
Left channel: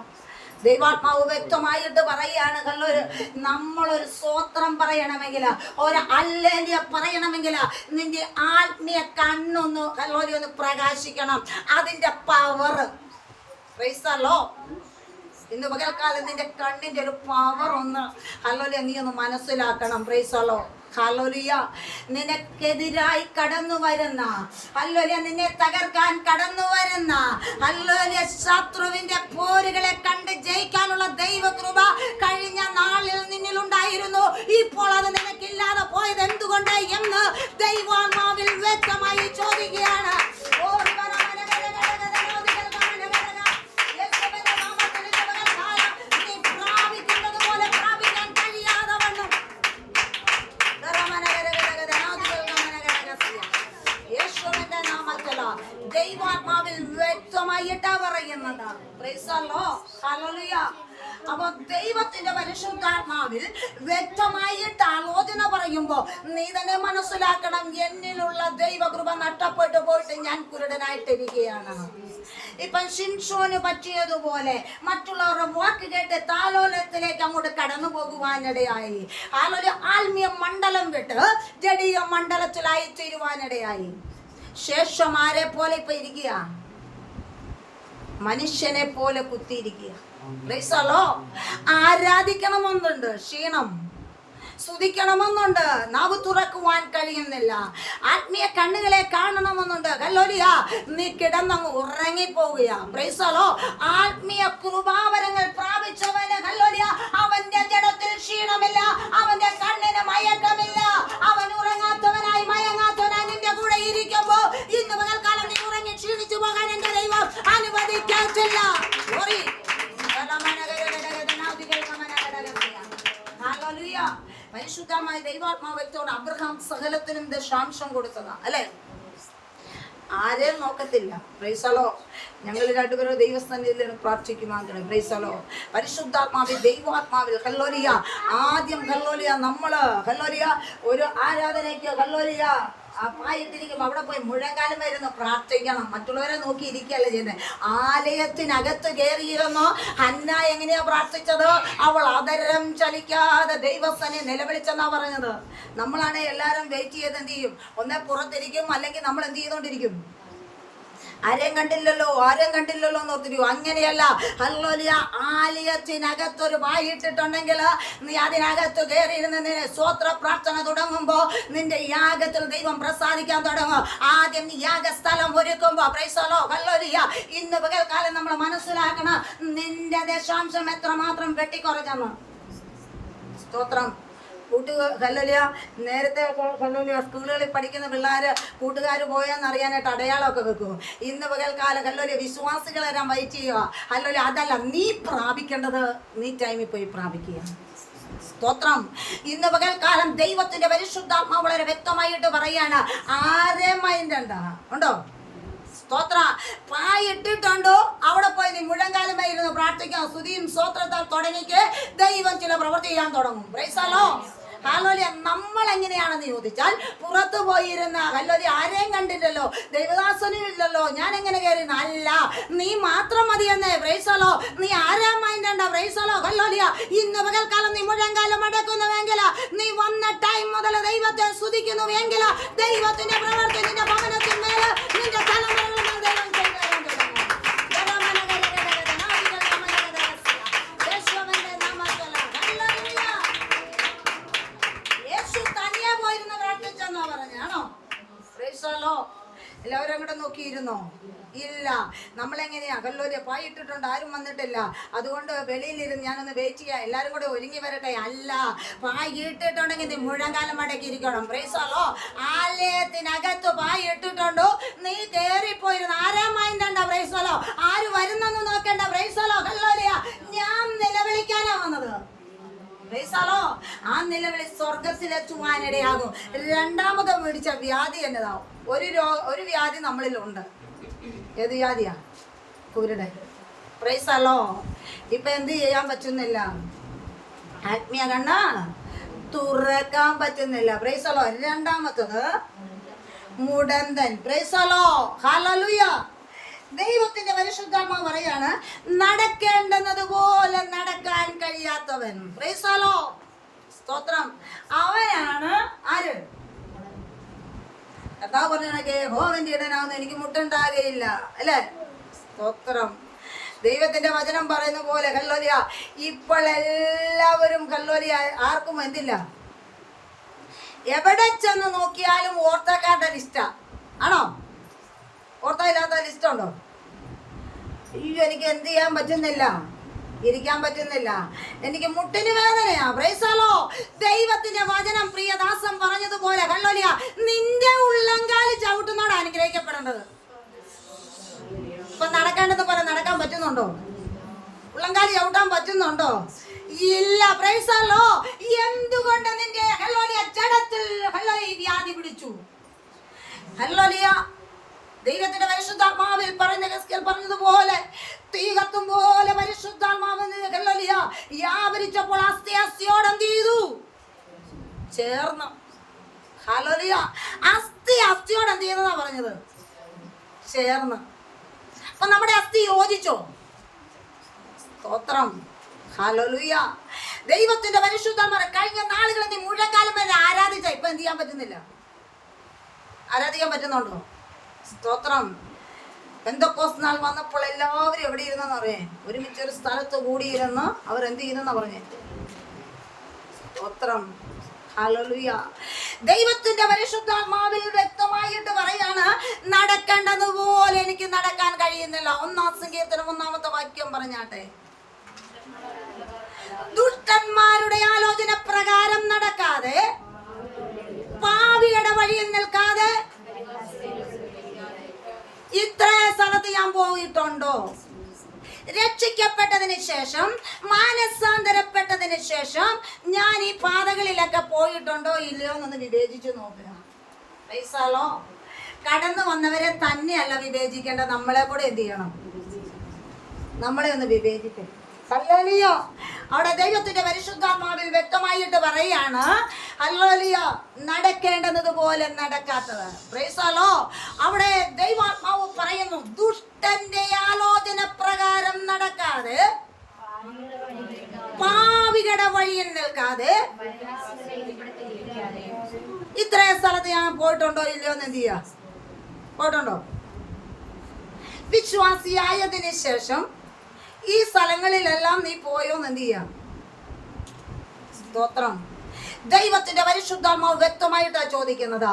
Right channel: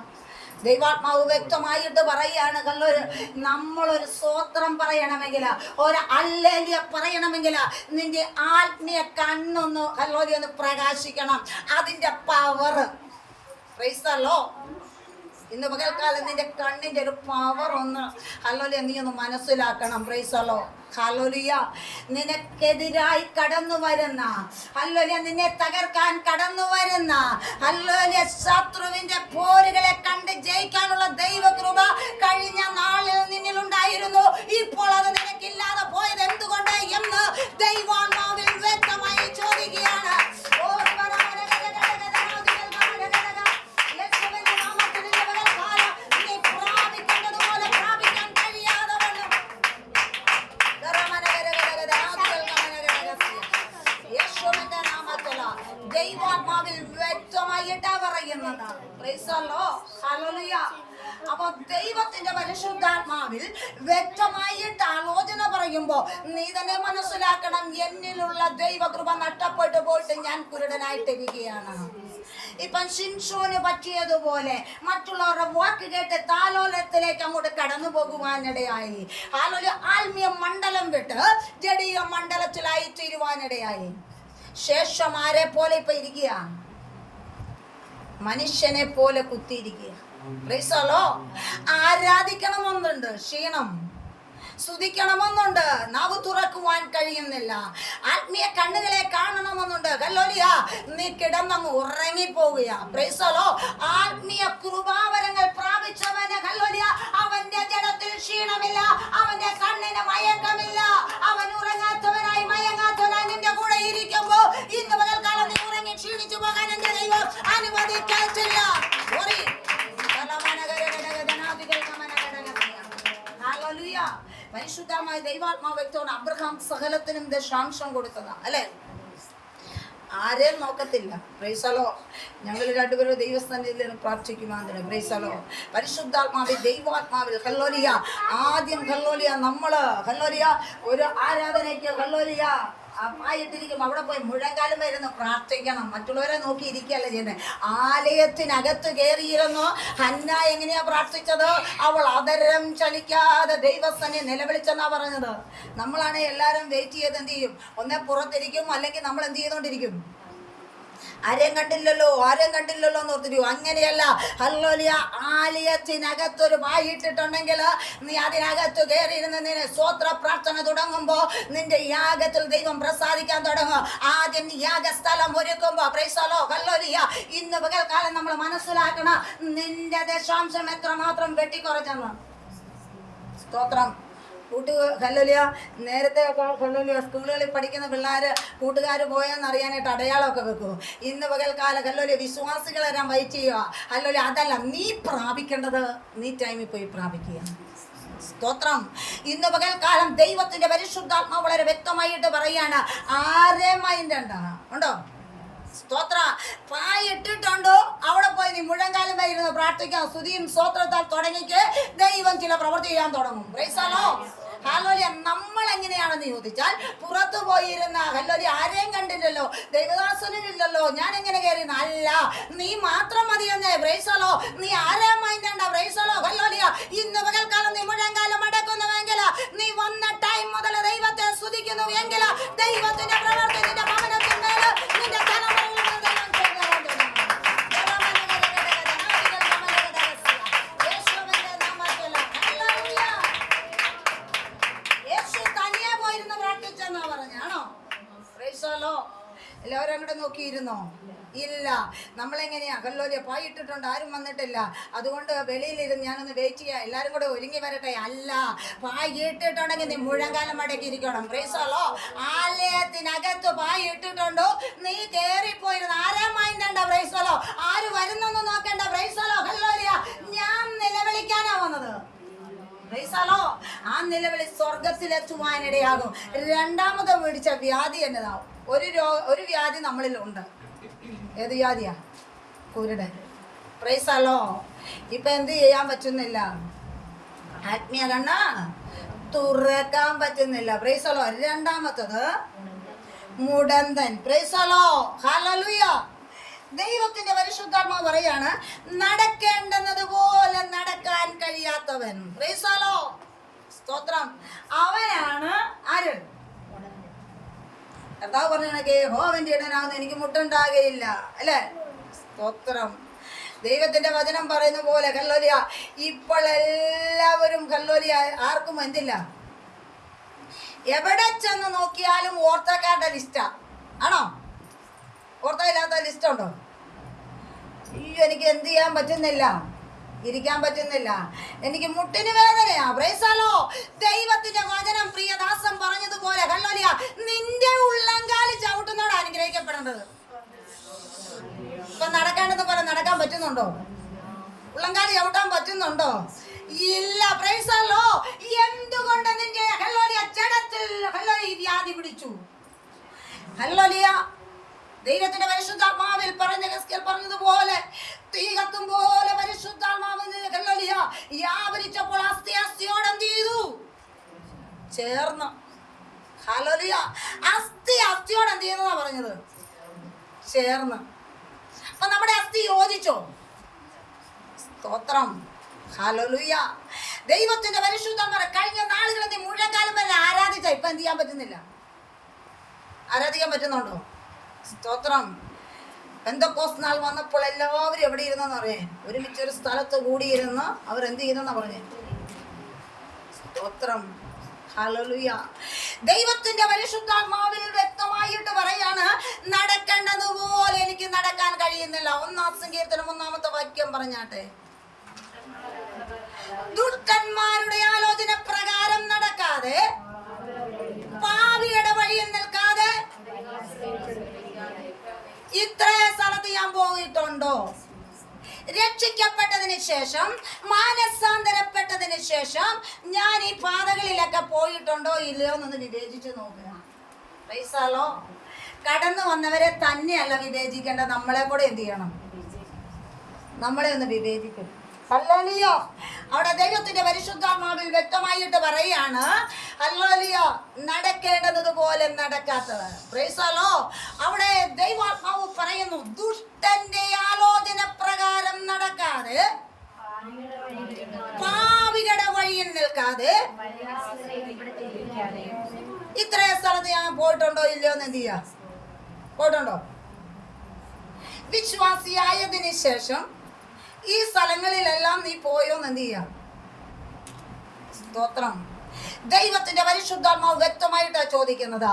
ദൈവാത്മാവ് വ്യക്തമായിട്ട് പറയാണ്, നമ്മളൊരു സ്തോത്രം പറയണമെങ്കിൽ, ഒരു ഹല്ലേലൂയ പറയണമെങ്കിൽ നിന്റെ ആത്മീയ കണ്ണൊന്ന് ഹല്ലേലൂയ ഒന്ന് പ്രകാശിക്കണം. അതിന്റെ പവർ. Price the lord. ഇന്ന് പകൽക്കാലം നിന്റെ കണ്ണിന്റെ ഒരു പവർ ഒന്ന് ഹല്ലേലൂയ നീ ഒന്ന് മനസ്സിലാക്കണം. Price the lord. ഹല്ലേലൂയ. നിനക്കെതിരായി കടന്നു വരുന്ന, ഹല്ലേലൂയ നിന്നെ തകർക്കാൻ കടന്നു വരുന്ന, ഹല്ലേലൂയ ശത്രുവിന്റെ പോരുകളെ കണ്ട് ജയിക്കാനുള്ള ദൈവകൃപ കഴിഞ്ഞ നാളിൽ നിന്നിലുണ്ടായിരുന്നു. ഇപ്പോൾ അത് നിനക്കില്ലാതെ പോയത് എന്തുകൊണ്ട് എന്ന് ദൈവാത്മാവിൽ വ്യക്തമായി ചോദിക്കുകയാണ്. ദൈവാത്മാവിൽ വ്യക്തമായിട്ടാ പറയുന്നത്. Price the lord. ഹല്ലേലൂയ. അപ്പൊ ദൈവത്തിന്റെ പരിശുദ്ധാത്മാവിൽ വ്യക്തമായിട്ട് ആലോചന പറയുമ്പോ നീ തന്നെ മനസ്സിലാക്കണം, എന്നിലുള്ള ദൈവകൃപ നഷ്ടപ്പെട്ടു പോയിട്ട് ഞാൻ കുരുടനായിട്ടിരിക്കുകയാണ്. ഇപ്പൊ ശിംശോന് പറ്റിയതുപോലെ മറ്റുള്ളവരുടെ വാക്ക് കേട്ട് താലോലത്തിലേക്ക് അങ്ങോട്ട് കടന്നു പോകുവാനിടയായി. ആത്മീയ മണ്ഡലം വിട്ട് ജഡീയ മണ്ഡലത്തിലായി തീരുവാനിടയായി. ശേഷം ആരെ പോലെ ഇപ്പൊ ഇരിക്കുക? മനുഷ്യനെ പോലെ കുത്തിയിരിക്കുക. Praise the lord. ആരാധിക്കണമെന്നുണ്ട്, ക്ഷീണം. സ്തുതിക്കണമെന്നുണ്ട്, നാവ് തുറക്കുവാൻ കഴിയുന്നില്ല. ആത്മീയ കണ്ണുകളെ കാണണമെന്നുണ്ട്, ഹല്ലേലൂയ നീ കിടന്നങ്ങ് ഉറങ്ങിപ്പോവുക. Praise the lord. ആത്മീയ കൃപാവരങ്ങൾ പ്രാപിച്ചവന് ഹല്ലേലൂയ അവന്റെ ജഡത്തിൽ ക്ഷീണമില്ല, അവന്റെ കണ്ണിന് മയക്കമില്ല. അവൻ ഉറങ്ങാത്തവനായി മയങ്ങാത്തവനായി നിന്റെ കൂടെ ഇരിക്കുമ്പോ ഇന്ന് പകൽക്കാലം നീ ഉറങ്ങി ക്ഷീണിച്ചു പോകാൻ എന്റെ ദൈവം അനുവദിച്ചില്ല. ഹല്ലേലൂയ. പരിശുദ്ധമായ ദൈവാത്മാവ് വ്യക്തമാണ്. അബ്രഹാം സകലത്തിനും ദശാംശം കൊടുത്തതാ, അല്ലെ? ആരെയും നോക്കത്തില്ല. Praise the lord. ഞങ്ങൾ രണ്ടുപേരും ദൈവസ്ഥാനത്തിൽ പ്രാർത്ഥിക്കുമാതിരി. Praise the lord. പരിശുദ്ധാത്മാവിൽ ദൈവാത്മാവിൽ ഹല്ലേലൂയ ആദ്യം ഹല്ലേലൂയ നമ്മള് ഹല്ലേലൂയ ഒരു ആരാധനയ്ക്ക് ഹല്ലേലൂയ ആയിട്ടിരിക്കും അവിടെ പോയി മുഴങ്കാലം വരുന്നു പ്രാർത്ഥിക്കണം. മറ്റുള്ളവരെ നോക്കി ഇരിക്കുകയല്ല ചെയ്യുന്നത്. ആലയത്തിനകത്ത് കയറിയിരുന്നു ഹന്ന. എങ്ങനെയാ പ്രാർത്ഥിച്ചത്? അവൾ അതരം ചലിക്കാതെ ദൈവസ്ഥനെ നിലവിളിച്ചെന്നാ പറഞ്ഞത്. നമ്മളാണ് എല്ലാവരും വെയിറ്റ് ചെയ്ത് എന്ത് ചെയ്യും? ഒന്നേ പുറത്തിരിക്കും, അല്ലെങ്കിൽ നമ്മൾ എന്ത് ചെയ്തോണ്ടിരിക്കും? ആരെയും കണ്ടില്ലല്ലോ എന്ന് ഓർത്തിരിക്കും. അങ്ങനെയല്ല. ഹല്ലേലൂയ. ആലയത്തിനകത്തൊരു വായിട്ടിട്ടുണ്ടെങ്കിൽ നീ അതിനകത്ത് കയറിയിരുന്ന് നിന്നെ സ്തോത്ര പ്രാർത്ഥന തുടങ്ങുമ്പോ നിന്റെ യാഗത്തിൽ ദൈവം പ്രസാദിക്കാൻ തുടങ്ങും. ആദ്യം നീ യാഗസ്ഥലം ഒരുക്കുമ്പോ പ്രൈസ് ദി ലോർഡ്. ഹല്ലേലൂയ. ഇന്ന് പകൽക്കാലം നമ്മൾ മനസ്സിലാക്കണം നിന്റെ ദശാംശം എത്രമാത്രം വെട്ടിക്കുറച്ചെന്ന്. സ്തോത്രം. ഹല്ലേലൂയ. നേരത്തെ ഹല്ലേലൂയ സ്കൂളുകളിൽ പഠിക്കുന്ന പിള്ളേർ കൂട്ടുകാർ പോയെന്ന് അറിയാനായിട്ട് അടയാളമൊക്കെ വെക്കും. ഇന്ന് പകൽക്കാലം ഹല്ലേലൂയ വിശ്വാസികളെ ഞാൻ വെയിറ്റ് ചെയ്യുക. ഹല്ലേലൂയ അതല്ല, നീ പ്രാപിക്കേണ്ടത് നീ ടൈമിൽ പോയി പ്രാപിക്കുക. സ്തോത്രം. ഇന്ന് പകൽക്കാലം ദൈവത്തിന്റെ പരിശുദ്ധാത്മാവ് വളരെ വ്യക്തമായിട്ട് പറയാണ്, ആരെ മൈൻഡ് ഉണ്ടോ? സ്തോത്ര. പായിട്ടിട്ടുണ്ടോ അവിടെ പോയി നീ മുഴങ്കാലമേ ഇരുന്ന് പ്രാർത്ഥിക്കാം. സ്തുതിയും സ്തോത്രത്താൽ തുടങ്ങിക്ക് ദൈവം ചില പ്രവൃത്തി ചെയ്യാൻ തുടങ്ങും. Price the lord. ഹല്ലേലൂയ. നമ്മൾ എങ്ങനെയാണെന്ന് ചോദിച്ചാൽ പുറത്തു പോയിരുന്ന ഹല്ലേലൂയ ആരെയും കണ്ടില്ലല്ലോ, ദൈവദാസനും ഇല്ലല്ലോ, ഞാൻ എങ്ങനെ കയറി? അല്ല, നീ മാത്രം മതിയെന്നേ. Price the lord. നീ ആരെയും മൈൻഡണ്ട. Praise the lord. ഹല്ലേലൂയ. ഇന്ന് പകൽക്കാലം നീ മുഴങ്കാലം അടക്കുന്നുവെങ്കിൽ, നീ വന്ന ടൈം മുതൽ ദൈവത്തെ സ്തുതിക്കുന്നുവെങ്കിൽ, ദൈവത്തിന്റെ പ്രവൃത്തി നിന്റെ ഭവനത്തിന്മേൽ നിന്റെ തലമുറകളിൽ ദൈവം ചെയ്തു തരാൻ തുടങ്ങും. യേശുവിന്റെ നാമത്തിൽ ഹല്ലേലൂയ. യേശു തനിയെ പോയിരുന്ന് പ്രാർത്ഥിച്ചെന്നാ പറഞ്ഞാണോ? Praise the lord. എല്ലാവരും അങ്ങോട്ട് നോക്കിയിരുന്നോ? ഇല്ല. നമ്മളെങ്ങനെയാ ഹല്ലേലൂയ പായിട്ടിട്ടുണ്ട്, ആരും വന്നിട്ടില്ല, അതുകൊണ്ട് വെളിയിലിരുന്ന് ഞാനൊന്ന് വെയിറ്റ് ചെയ്യാം, എല്ലാവരും കൂടെ ഒരുങ്ങി വരട്ടെ. അല്ല, പായിട്ടിട്ടുണ്ടെങ്കിൽ നീ മുഴങ്കാലം മടക്കിയിരിക്കണം. Praise the lord. ആലയത്തിനകത്ത് പായിട്ടിട്ടുണ്ടോ, നീ കയറിപ്പോയിരുന്നു ആരാ മൈൻഡണ്ട. Praise the Lord. ആര് വരുന്നെന്ന് നോക്കണ്ട. Price the lord. ഹല്ലേലൂയ. ഞാൻ നിലവിളിക്കാനാ വന്നത്. Price the lord. ആ നിലവിളി സ്വർഗത്തിലെത്തുവാനിടയാകും. രണ്ടാമത് പിടിച്ച വ്യാധി എന്നതാവും. ഒരു വ്യാധി നമ്മളിലുണ്ട്. ഏത് വ്യാധിയാ? കുരുടൻ. Praise the lord. ഇപ്പൊ എന്ത് ചെയ്യാൻ പറ്റുന്നില്ല? ആത്മീയ കണ്ണ തുറക്കാൻ പറ്റുന്നില്ല. Praise the lord. രണ്ടാമത്തത് മുടന്തൻ. Praise the lord. ഹല്ലേലൂയ. ദൈവത്തിന്റെ പരിശുദ്ധാത്മാവ് പറയാണ്, നടക്കേണ്ടുന്നത് പോലെ നടക്കാൻ കഴിയാത്തവൻ. Praise the Lord. സ്തോത്രം. അവനാണ് ആര്? കർത്താവ് പറഞ്ഞ യഹോവന്റെ ഇടനാവുന്ന എനിക്ക് മുട്ടുണ്ടാകുകയില്ല, അല്ലേ? സ്തോത്രം. ദൈവത്തിന്റെ വചനം പറയുന്ന പോലെ ഹല്ലേലൂയ ഇപ്പോൾ എല്ലാവരും ഹല്ലേലൂയ ആർക്കും എന്തില്ല, എവിടെ ചെന്ന് നോക്കിയാലും ഓർത്തക്കാരുടെ ലിസ്റ്റാ. ആണോ? ഓർത്ത ഇല്ലാത്ത ലിസ്റ്റ് ഉണ്ടോ? എനിക്ക് എന്ത് ചെയ്യാൻ പറ്റുന്നില്ല, ഇരിക്കാൻ പറ്റുന്നില്ല, എനിക്ക് മുട്ടിന് വേദനയാ. Praise the lord. ദൈവത്തിന്റെ വചനം പ്രിയദാസൻ പറഞ്ഞതുപോലെ ഹല്ലേലൂയ നിന്റെ ഉള്ളങ്കാല് ചവിട്ടുന്നോട് അനുഗ്രഹിക്കപ്പെടേണ്ടത്. ഇപ്പൊ നടക്കേണ്ടത് പോലെ നടക്കാൻ പറ്റുന്നുണ്ടോ? ഉള്ളങ്കാല് ചവിട്ടാൻ പറ്റുന്നുണ്ടോ? ഇല്ല. Price the Lord. എന്തുകൊണ്ട് നിന്റെ ഹല്ലേലൂയ ജഡത്തിൽ ഹല്ലേലൂയ വ്യാധി പിടിച്ചു? ഹല്ലേലൂയ. ദൈവത്തിന്റെ പരിശുദ്ധാത്മാവിൽ പറഞ്ഞതുപോലെ തീ കത്തും പോലെ പരിശുദ്ധാത്മാവിന് ഹല്ലേലൂയ വ്യാപരിച്ചപ്പോൾ അസ്ഥിയോട് എന്ത് ചെയ്തു? ചേർന്ന്. ഹല്ലേലൂയ. അസ്ഥിയോട് എന്ത് ചെയ്യുന്നതാ പറഞ്ഞത്? ചേർന്ന്. അപ്പൊ നമ്മുടെ അസ്ഥി യോജിച്ചോ? സ്തോത്രം. ഹല്ലേലൂയ. ദൈവത്തിന്റെ പരിശുദ്ധാത്മാവ് കഴിഞ്ഞ നാളുകളിൽ നീ മുഴങ്കാലം തന്നെ ആരാധിച്ച, ഇപ്പൊ എന്ത് ചെയ്യാൻ പറ്റുന്നില്ല? ആരാധിക്കാൻ പറ്റുന്നുണ്ടോ? സ്തോത്രം. പെന്തക്കോസ്ത് നാൾ വന്നപ്പോൾ എല്ലാവരും എവിടെ ഇരുന്നെന്ന് പറഞ്ഞേ? ഒരുമിച്ചൊരു സ്ഥലത്ത് കൂടിയിരുന്ന് അവർ എന്ത് ചെയ്യുന്നെന്നാ പറഞ്ഞേ? സ്തോത്രം. ഹല്ലേലൂയ. ദൈവത്തിന്റെ പരിശുദ്ധാത്മാവിൽ വ്യക്തമായിട്ട് പറയാണ്, നടക്കേണ്ടതുപോലെ എനിക്ക് നടക്കാൻ കഴിയുന്നില്ല. 1-ാം സങ്കീർത്തനം 1-ാമത്തെ വാക്യം പറഞ്ഞാട്ടെ. ദുഷ്ടന്മാരുടെ ആലോചന പ്രകാരം നടക്കാതെ, പാപിയുടെ വഴിയിൽ നിൽക്കാതെ ഇത്രേ സ്ഥലത്ത് ഞാൻ പോയിട്ടുണ്ടോ? രക്ഷിക്കപ്പെട്ടതിന് ശേഷം, മാനസാന്തരപ്പെട്ടതിന് ശേഷം ഞാൻ ഈ പാതകളിലൊക്കെ പോയിട്ടുണ്ടോ ഇല്ലയോ എന്നൊന്ന് വിവേചിച്ചു നോക്കുക. Price the Lord. കടന്നു വന്നവരെ തന്നെയല്ല വിവേചിക്കേണ്ടത്, നമ്മളെ കൂടെ എന്ത് ചെയ്യണം? നമ്മളെ ഒന്ന് വിവേചിക്കും. ഹല്ലേലൂയ. അവിടെ ദൈവത്തിന്റെ പരിശുദ്ധാത്മാവിൽ വ്യക്തമായിട്ട് പറയാണ്, ഹല്ലേലൂയ നടക്കേണ്ടത് പോലെ നടക്കാത്തത്. Price the Lord. അവിടെ ദൈവാത്മാവ് പറയുന്നു, ദുഷ്ടന്റെ ആലോചന പ്രകാരം നടക്കാതെ, പാപികളുടെ വഴിയിൽ നിൽക്കാതെ, ഇത്രയും സ്ഥലത്ത് ഞാൻ പോയിട്ടുണ്ടോ ഇല്ലയോ എന്ന് എന്ത് ചെയ്യാ? പോയിട്ടുണ്ടോ? വിശ്വാസിയായതിനു ശേഷം ഈ സ്ഥലങ്ങളിലെല്ലാം നീ പോയോന്ന് എന്ത് ചെയ്യാം? സ്തോത്രം. ദൈവത്തിന്റെ പരിശുദ്ധാത്മാവ് വ്യക്തമായിട്ടാണ് ചോദിക്കുന്നത്,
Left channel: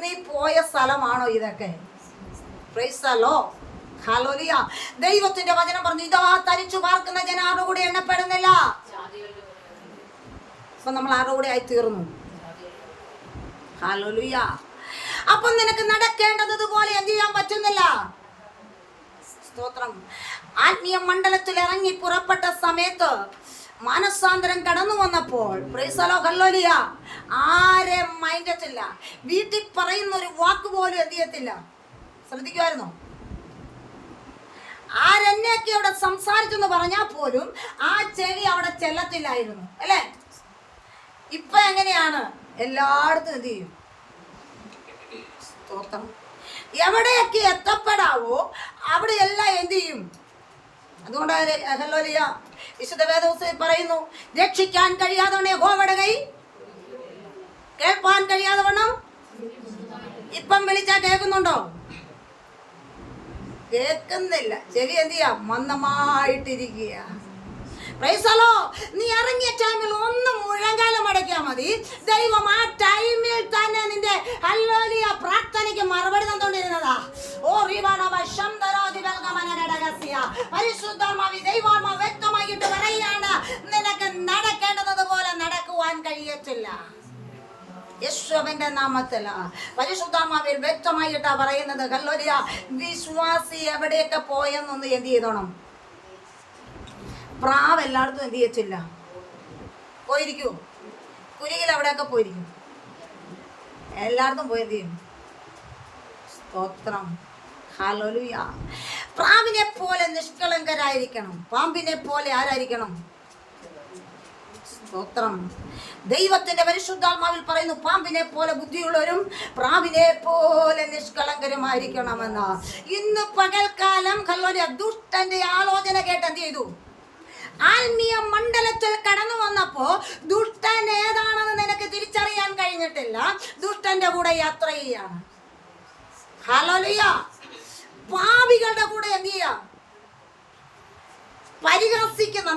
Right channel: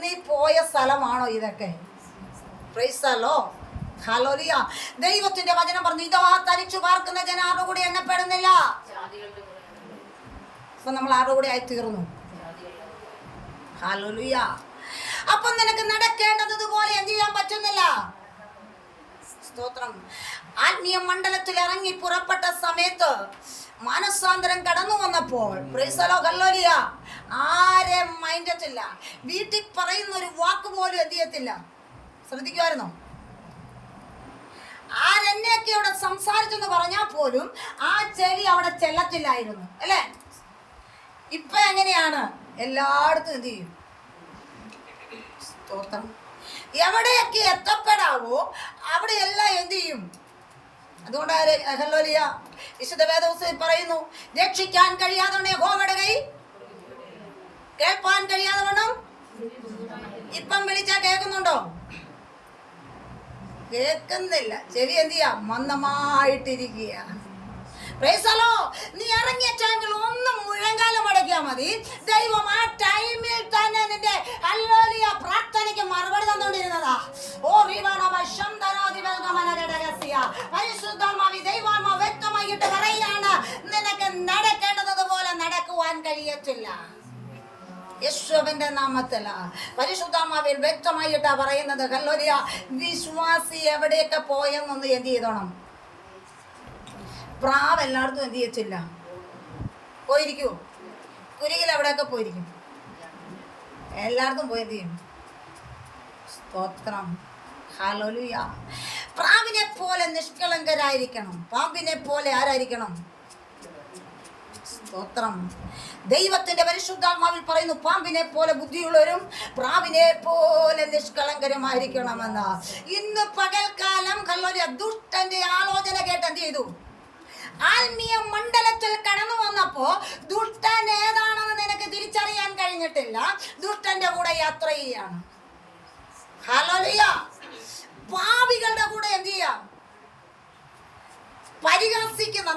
നീ പോയ സ്ഥലമാണോ ഇതൊക്കെ? Price the lord. ഹല്ലേലൂയ. ദൈവത്തിന്റെ വചനം പറഞ്ഞു, ഇതാ തനിച്ചു പാർക്കുന്ന ജനാരുടെ കൂടെ എണ്ണപ്പെടുന്നില്ല. ഇപ്പൊ നമ്മൾ ആരുടെ കൂടെ ആയി തീർന്നു? ഹല്ലേലൂയ. അപ്പൊ നിനക്ക് നടക്കേണ്ടതുപോലെ എന്ത് ചെയ്യാൻ പറ്റുന്നില്ല? സ്തോത്രം. ആത്മീയ മണ്ഡലത്തിൽ ഇറങ്ങി പുറപ്പെട്ട സമയത്ത് മാനസാന്തരം കടന്നു വന്നപ്പോൾ പ്രൈസ് ദി ലോർഡ്, ഹല്ലേലൂയ, ആരെ മൈൻഡത്തില്ല. വീട്ടിൽ പറയുന്ന ഒരു വാക്ക് പോലും എന്ത് ചെയ്യത്തില്ല. ശ്രദ്ധിക്കുമായിരുന്നോ? ആരെന്നെയൊക്കെ അവിടെ സംസാരിച്ചെന്ന് പറഞ്ഞാൽ പോലും ആ ചെവി അവിടെ ചെല്ലത്തില്ലായിരുന്നു, അല്ലേ? ഇപ്പൊ എങ്ങനെയാണ്? എല്ലായിടത്തും എന്ത് ചെയ്യും? സ്തോത്രം. എവിടെയൊക്കെ എത്തപ്പെടാവോ അവിടെയെല്ലാം എന്ത് ചെയ്യും? അതുകൊണ്ട് ഹല്ലേലൂയ, വിശുദ്ധ വേദപുസ്തകത്തിൽ പറയുന്നു, രക്ഷിക്കാൻ കഴിയാതെ യഹോവയുടെ കൈ, കേൾപ്പാൻ കഴിയാതെ വണ്ണം. ഇപ്പം വിളിച്ചാ കേൾക്കുന്നുണ്ടോ? കേൾക്കുന്നില്ല. ചെവി എന്ത് ചെയ്യാ? മന്ദമായിട്ടിരിക്കുക. Praise the lord. നീ ഇറങ്ങിയ ടൈമിൽ ഒന്ന് മുഴങ്കാലം മടക്കിയാൽ മതി. ദൈവം ആ ടൈമിൽ തന്നെ നിന്റെ ഹല്ലേലൂയ പ്രാർത്ഥനയ്ക്ക് മറുപടി തന്നുകൊണ്ടിരുന്നതാ. ഓ പരിശുദ്ധാത്മാവി ദൈവാത്മാ വ്യക്തമായിട്ട് പറയുകയാണ്, നിനക്ക് നടക്കേണ്ടതുപോലെ നടക്കുവാൻ കഴിയത്തില്ല. യേശുവിന്റെ നാമത്തില് പരിശുദ്ധാത്മാവിൽ വ്യക്തമായിട്ടാ പറയുന്നത്. ഹല്ലേലൂയ. വിശ്വാസി എവിടെയൊക്കെ പോയെന്നൊന്ന് എന്ത് ചെയ്തോണം? പ്രാവ് എല്ലായിടത്തും എന്ത് ചെയ്യത്തില്ല, പോയിരിക്കൂ. കുരികിൽ എവിടെയൊക്കെ പോയിരിക്കും, എല്ലായിടത്തും പോയി എന്ത് ചെയ്യും? സ്തോത്രം. ഹല്ലേലൂയ. പ്രാവിനെ പോലെ നിഷ്കളങ്കരായിരിക്കണം. പാമ്പിനെ പോലെ ആരായിരിക്കണം? സ്തോത്രം. ദൈവത്തിന്റെ പരിശുദ്ധാത്മാവിൽ പറയുന്നു, പാമ്പിനെ പോലെ ബുദ്ധിയുള്ളവരും പ്രാവിനെ പോലെ നിഷ്കളങ്കരുമായിരിക്കണമെന്ന്. ഇന്ന് പകൽക്കാലം ഹല്ലേലൂയ ദുഷ്ടന്റെ ആലോചന കേട്ട് എന്ത് ചെയ്തു? ആത്മീയ മണ്ഡലത്തിൽ കടന്നു വന്നപ്പോ ദുഷ്ടൻ ഏതാണെന്ന് നിനക്ക് തിരിച്ചറിയാൻ കഴിഞ്ഞിട്ടില്ല. ദുഷ്ടന്റെ കൂടെ യാത്ര ചെയ്യാണ്. ഹല്ലേലൂയ. പാപികളുടെ കൂടെ എന്ത് ചെയ്യാ?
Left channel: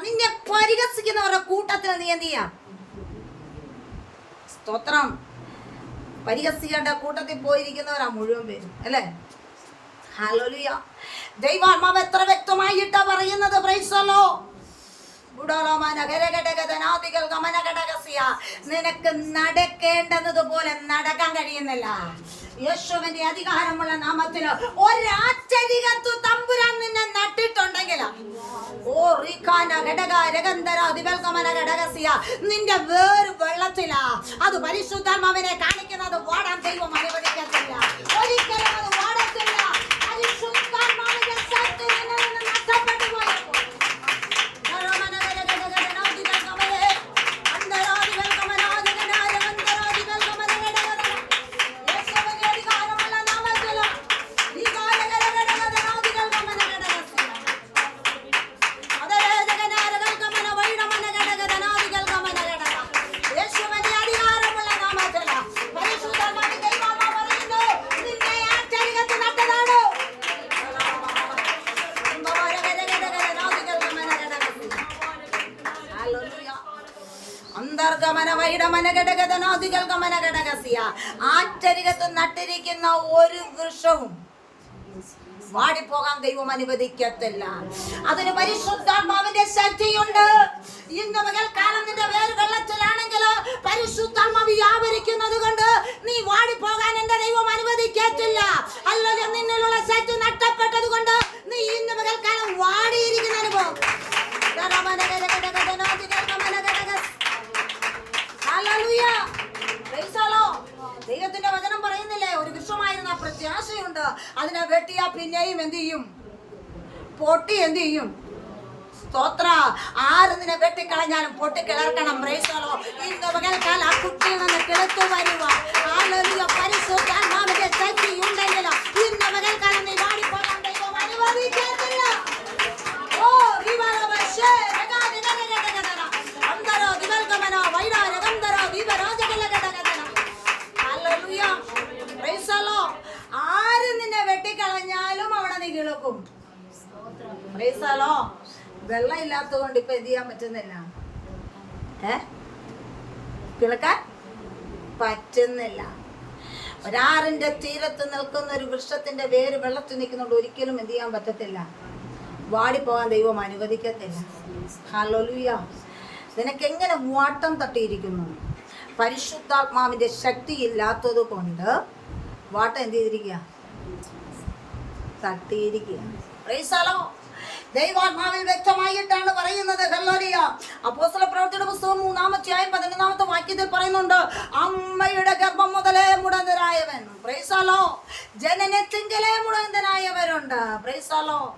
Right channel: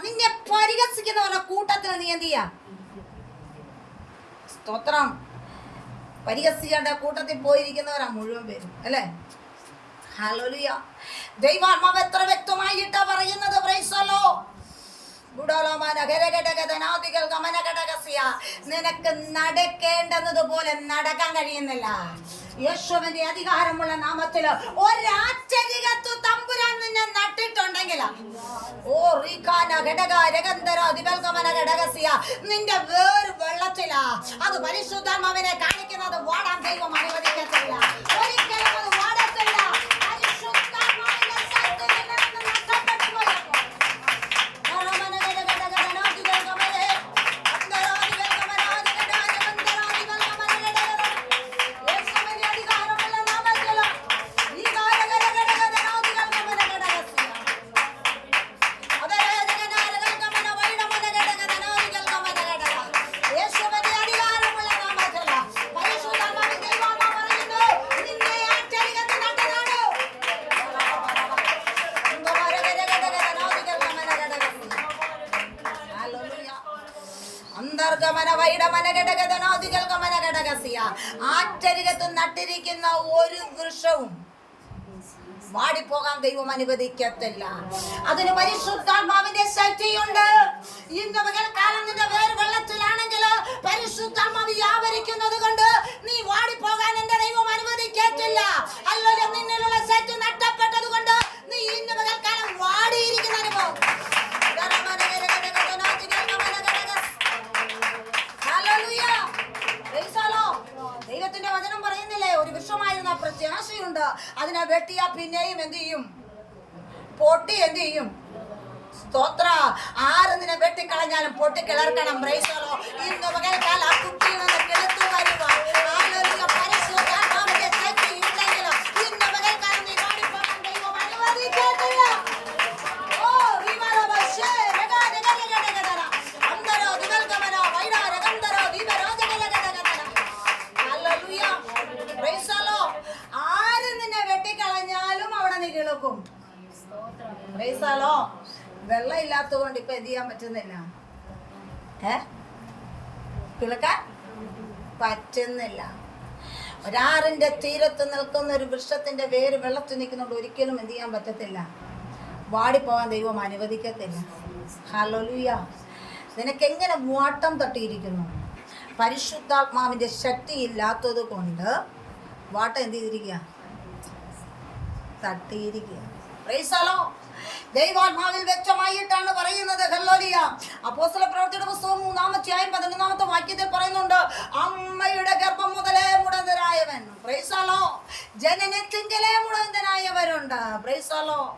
നിന്നെ പരിഹസിക്കുന്നവരുടെ കൂട്ടത്തിൽ നീ എന്ത് ചെയ്യാ? സ്തോത്രം. പരിഹസികളുടെ കൂട്ടത്തിൽ പോയിരിക്കുന്നവരാ മുഴുവൻ പേരും, അല്ലേ? ഹല്ലേലൂയ. ദൈവാത്മാവ് എത്ര വ്യക്തമായിട്ടാ പറയുന്നത്. Price the Lord. നിനക്ക് നടക്കേണ്ടതുപോലെ നടക്കാൻ കഴിയുന്നില്ല. യേശുവിന്റെ അധികാരമുള്ള നാമത്തിൽ ഒരാച്ചരികത്തു തമ്പുരാൻ നിന്നെ നട്ടിട്ടുണ്ടെങ്കിൽ നിന്റെ വേർ വെള്ളത്തിലാ. അത് പരിശുദ്ധാത്മാവിനെ കാണിക്കുന്നത്. വാടാൻ ദൈവം അനുവദിക്കത്തില്ല. ഒരിക്കലും അത് വാടത്തില്ല. പരിശുദ്ധാത്മാവിന്റെ ശക്തി നിന്നിൽ നിന്ന് നഷ്ടപ്പെട്ടു പോയപ്പോൾ ആറ്റരികത്ത് നട്ടിരിക്കുന്ന ഒരു വൃക്ഷവും വാടിപ്പോകാൻ ദൈവം അനുവദിക്കത്തില്ല. അതിന് പരിശുദ്ധാത്മാവിന്റെ ശക്തിയുണ്ട്. ഇന്ന് പകൽക്കാലം നിന്റെ വേര് വെള്ളത്തിലാണെങ്കിൽ പരിശുദ്ധാത്മാവ് വ്യാപരിക്കുന്നത് കൊണ്ട് നീ വാടിപ്പോകാൻ എന്റെ ദൈവം അനുവദിക്കത്തില്ല. അല്ലെങ്കിൽ നിന്നിലുള്ള ശക്തി നഷ്ടപ്പെട്ടത് കൊണ്ട് നീ ഇന്ന് പകൽക്കാലം വാടിയിരിക്കുന്ന അനുഭവം. ഹല്ലേലൂയ. Price the lord. ദൈവത്തിന്റെ വചനം പറയുന്നില്ലേ, ഒരു വൃക്ഷമായിരുന്ന പ്രത്യാശയുണ്ട്. അതിനെ വെട്ടിയാ പിന്നെയും എന്ത് ചെയ്യും? പൊട്ടി എന്ത് ചെയ്യും? സ്തോത്ര. ആര് നിന്നെ വെട്ടിക്കളഞ്ഞാലും പൊട്ടി കിളർക്കണം. Price the lord. ഇന്ന് പകൽക്കാലം ആ കുട്ടിയിൽ നിന്ന് കിളർത്തു വരുവാൻ ഹല്ലേലൂയ പരിശുദ്ധാത്മാവിന്റെ ശക്തി ഉണ്ടെങ്കിൽ ഇന്ന് പകൽക്കാലം നീ വാടിപ്പോകാൻ ദൈവം അനുവദിക്കത്തില്ല. ഓ ദീപലോകശേ അന്തരോ ദിവൽഗമനോ വൈഡാരഗന്ധരോ ദീപരാജകലഗടഗട. ഹല്ലേലൂയ. Price the Lord. ആര് നിന്നെ വെട്ടിക്കളഞ്ഞാലും അവിടെ നീ കിളക്കും. Price the Lord. വെള്ളം ഇല്ലാത്തതുകൊണ്ട് ഇപ്പൊ എന്ത് ചെയ്യാൻ പറ്റുന്നില്ല? കിളക്കാൻ പറ്റുന്നില്ല. ഒരാറിന്റെ തീരത്ത് നിൽക്കുന്ന ഒരു വൃക്ഷത്തിന്റെ വേര് വെള്ളത്തിൽ നിൽക്കുന്നുണ്ട്. ഒരിക്കലും എന്ത് ചെയ്യാൻ പറ്റത്തില്ല? വാടിപ്പോകാൻ ദൈവം അനുവദിക്കത്തില്ല. ഹല്ലേലൂയ. നിനക്കെങ്ങനെ വാട്ടം തട്ടിയിരിക്കുന്നു? പരിശുദ്ധാത്മാവിൻ്റെ ശക്തി ഇല്ലാത്തത് കൊണ്ട് വാട്ടം എന്ത് ചെയ്തിരിക്കുക? തട്ടിയിരിക്കുക. Praise the lord. ദൈവാത്മാവിൽ വ്യക്തമായിട്ടാണ് പറയുന്നത്. ഹല്ലേലൂയ. അപ്പോസ്തലപ്രവൃത്തിയുടെ പുസ്തകം 3-ാം അധ്യായം 11-ാമത്തെ വാക്യത്തിൽ പറയുന്നുണ്ട്, അമ്മയുടെ ഗർഭം മുതലേ മുടന്തനായവൻ. Praise the lord. ജനനത്തിങ്കലേ മുടന്തനായവരുണ്ട്. Praise the lord.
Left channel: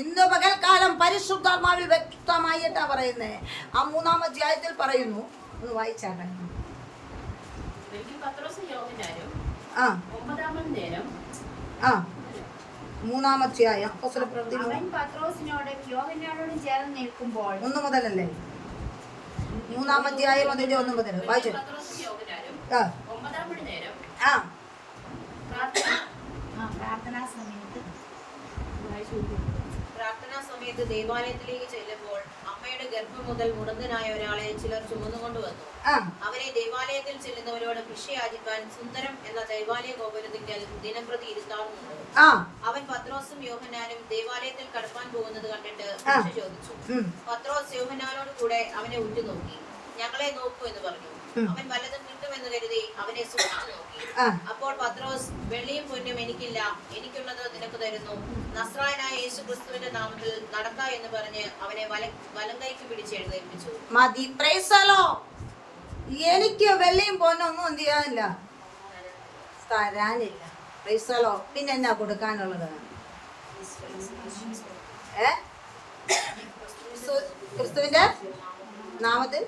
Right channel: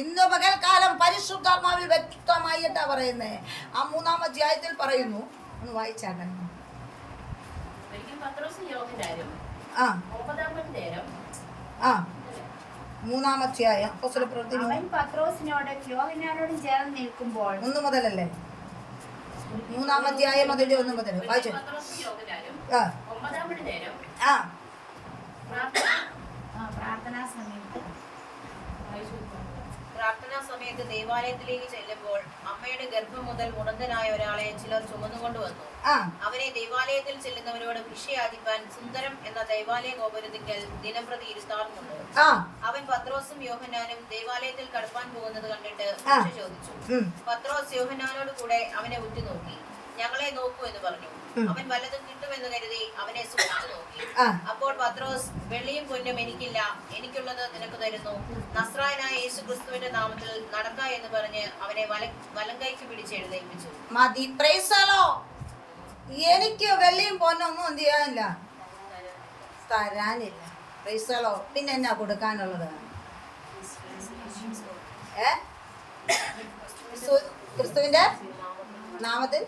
ഇന്ന് പകൽക്കാലം പരിശുദ്ധാത്മാവിൽ വ്യക്തമായിട്ടാ പറയുന്നേ. ആ 3-ാം അധ്യായത്തിൽ പറയുന്നു, ഒന്ന് വായിച്ചാട്ടെ. ആ 3-ാം അധ്യായം അപ്പോസ്തലപ്രവൃത്തി 1 മുതലല്ലേ? 3-ാം അധ്യായം അതിന്റെ 1 മുതൽ വായിച്ചു. പ്രാർത്ഥനാ സമയത്ത് ദേവാലയത്തിലേക്ക് ചെല്ലുമ്പോൾ അമ്മയുടെ ഗർഭം മുതൽ മുടന്തനായ ഒരാളെ ചിലർ ചുമന്നുകൊണ്ടുവന്നു. അവനെ ദേവാലയത്തിൽ ചെല്ലുന്നവരോട് ഭിക്ഷയാചിപ്പാൻ സുന്ദരം എന്ന ദേവാലയ ഗോപുരത്തിക്കൽ ദിനംപ്രതി ഇരുത്താറുമുണ്ട്. അവൻ പത്രോസും യോഹന്നാനും ദേവാലയത്തിൽ കടപ്പാൻ പോകുന്നത് കണ്ടിട്ട് ഭിക്ഷ ചോദിച്ചു. പത്രോസ് യോഹന്നാനോട് കൂടെ അവനെ ഉറ്റുനോക്കി. ഞങ്ങളെ നോക്കൂ എന്ന് പറഞ്ഞു. അവൻ വല്ലതും കിട്ടുമെന്ന് കരുതി അവനെ സൂക്ഷിച്ചു നോക്കി. അപ്പോൾ പത്രോസ്, വെള്ളിയും പൊന്നും എനിക്കില്ല, എനിക്കുള്ളത് നിനക്ക് തരുന്നു. നസ്രായനായ യേശു ക്രിസ്തുവിന്റെ നാമത്തിൽ നടക്ക എന്ന് പറഞ്ഞ് അവനെ വലങ്കൈക്ക് പിടിച്ച് എഴുന്നേൽപ്പിച്ചു. മതി. Price the Lord. എനിക്ക് വെള്ളിയും പൊന്നൊന്നും എന്ത് ചെയ്യാനില്ല, തരാനില്ല. Price the lord. പിന്നെ എന്നാ കൊടുക്കാനുള്ളത്? ക്രിസ്തുവിന്റെ നാമത്തിൽ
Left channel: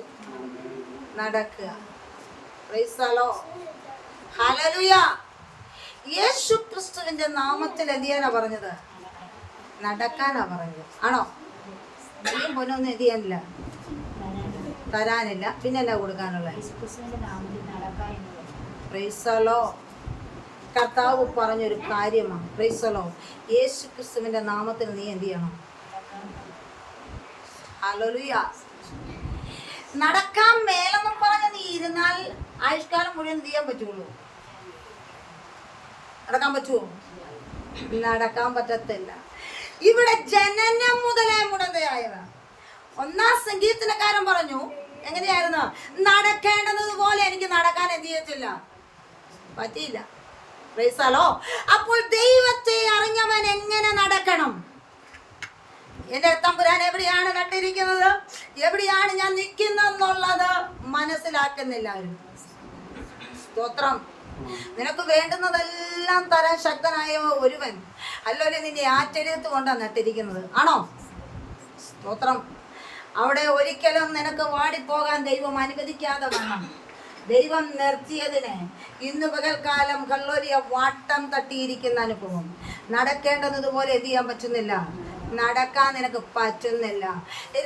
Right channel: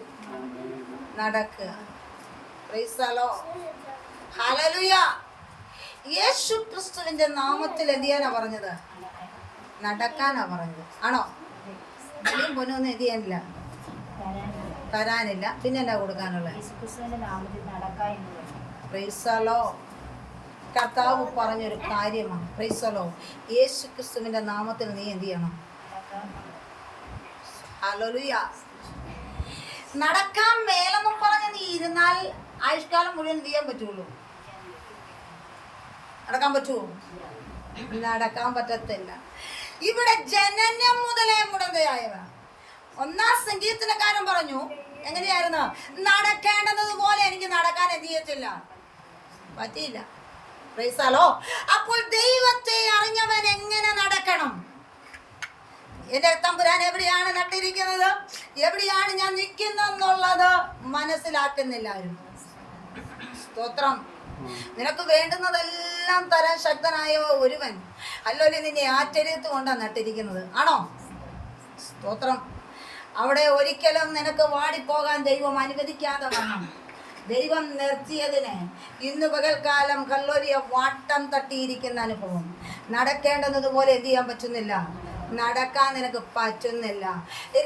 നടക്കുക. Price the lord. ഹല്ലേലൂയ. യേശു ക്രിസ്തുവിന്റെ നാമത്തിൽ എന്ത് ചെയ്യാനാ പറഞ്ഞത്? നടക്കാനാ പറഞ്ഞത്. ആണോ? വെള്ളിയും പൊന്നൊന്നും എന്ത് ചെയ്യാനില്ല, തരാനില്ല. പിന്നെ എന്നാ കൊടുക്കാനുള്ളത്? Price the Lord. കർത്താവ് പറഞ്ഞൊരു കാര്യമാണ്. Price the Lord. യേശു ക്രിസ്തുവിന്റെ നാമത്തിൽ നീ എന്ത് ചെയ്യണം? ഹല്ലേലൂയ. നടക്കാൻ മേലെന്നും പറഞ്ഞ് നീ ഇരുന്നാൽ ആയുഷ്കാലം മുഴുവൻ എന്ത് ചെയ്യാൻ പറ്റുള്ളൂ? നടക്കാൻ പറ്റുമോ? നടക്കാൻ പറ്റത്തില്ല. ഇവിടെ ജനനം മുതലേ മുടന്തയായവ. 1-ാം സംഗീതക്കാരൻ പറഞ്ഞു, എങ്ങനെയായിരുന്നു? നടക്കേണ്ടത് പോലെ എനിക്ക് നടക്കാൻ എന്ത് ചെയ്യത്തില്ല, പറ്റിയില്ല. Price the lord. അപ്പോൾ ദൈവത്തെ അറിഞ്ഞവൻ എങ്ങനെ നടക്കണം? എന്റെ തമ്പുരാൻ എവിടെയാണ് നട്ടിരിക്കുന്നത്, എവിടെയാണ് ഞാൻ നിൽക്കുന്നെന്നുള്ളത് മനസ്സിലാക്കുന്നില്ല. സ്തോത്രം. നിനക്ക് വേണ്ടുന്നതെല്ലാം തരാൻ ശക്തനായ ഒരുവൻ അല്ലോലെ നിന്നെ ആറ്റെടുത്ത് കൊണ്ടാണ് നട്ടിരിക്കുന്നത്. ആണോ? സ്തോത്രം. അവിടെ ഒരിക്കലും നിനക്ക് വാടിപ്പോകാൻ ദൈവം അനുവദിക്കാതെ വണ്ണം ദൈവം നിർത്തിയതിന് ഇന്ന് പകൽക്കാലം കല്ലോലിയ വാട്ടം തട്ടിയിരിക്കുന്ന അനുഭവം. നടക്കേണ്ടതുപോലെ എന്ത് ചെയ്യാൻ പറ്റുന്നില്ല, നടക്കാൻ നിനക്ക് പറ്റുന്നില്ല.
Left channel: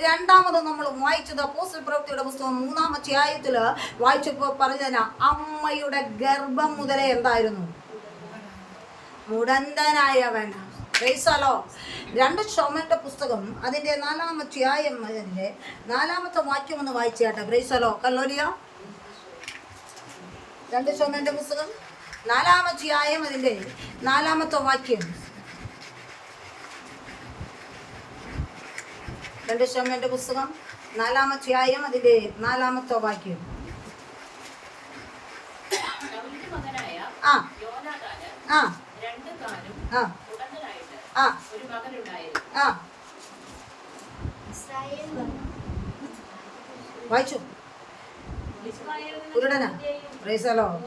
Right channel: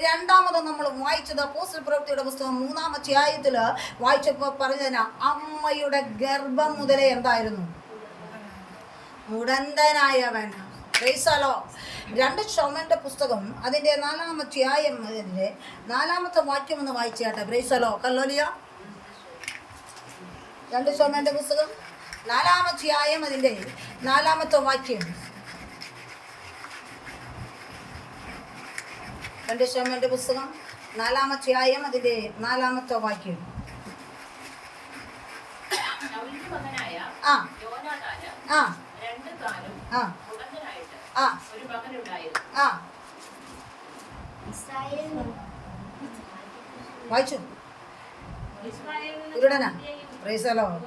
രണ്ടാമത് നമ്മൾ വായിച്ചത് അപ്പോസ്തലപ്രവൃത്തിയുടെ പുസ്തകം 3-ാം അധ്യായത്തിൽ വായിച്ചപ്പോൾ പറഞ്ഞതിന് അമ്മയുടെ ഗർഭം മുതലേ എന്തായിരുന്നു? മുടന്തനായവൻ. Praise the lord. 2 ശമൂവേലിന്റെ പുസ്തകം അതിന്റെ 4-ാം അധ്യായം അതിന്റെ 4-ാമത്തെ വാക്യം ഒന്ന് വായിച്ചാട്ടെ. Praise the lord. കല്ലോലിയ 2 ശമൂവേലിന്റെ പുസ്തകം 4-ാം അധ്യായം അതിന്റെ 4-ാമത്തെ വാക്യം. 2 ശമൂവേലിന്റെ പുസ്തകം 4-ാം അധ്യായം അതിന്റെ 4-ാമത്തെ വാക്യം. വായിച്ചു. കുരുടനാ. Praise the lord.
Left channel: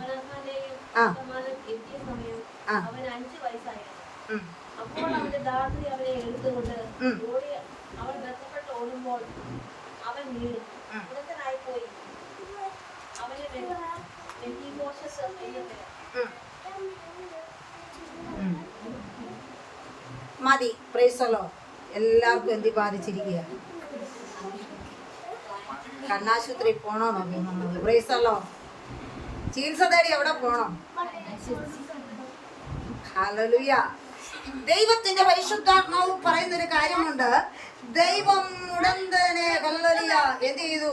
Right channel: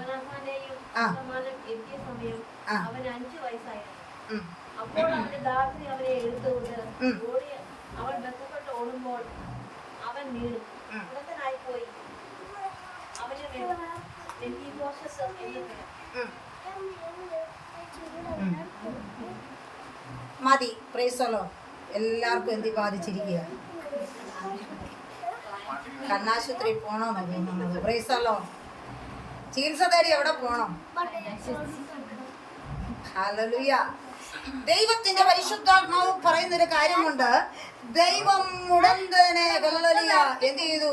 അപ്പോൾ അവന്റെ ദാസി അവനെ എടുത്തുകൊണ്ട് ഓടി. അവൻ ബന്ധപ്പെട്ട് ഓടുമ്പോൾ അവൻ വീണു മുടന്തനായി പോയി. അവനെ മതി. Price the Lord. എല്ലാവർക്കും എന്തി ബാധിച്ചിരിക്കുക? കണ്ണാശുപത്രി പോണോന്നോ തോന്നുന്നത്? Price the Lord. ചികിത്സ തേടി എവിടെ പോണം? ഹല്ലേലൂയ. ദൈവത്തിന്റെ പരിശുദ്ധാത്മാവ് പറയുന്നൊരു കാര്യമുണ്ട്. ദൈവം മുടന്തനെ ഹല്ലേലൂയ എന്ത് ചെയ്തു?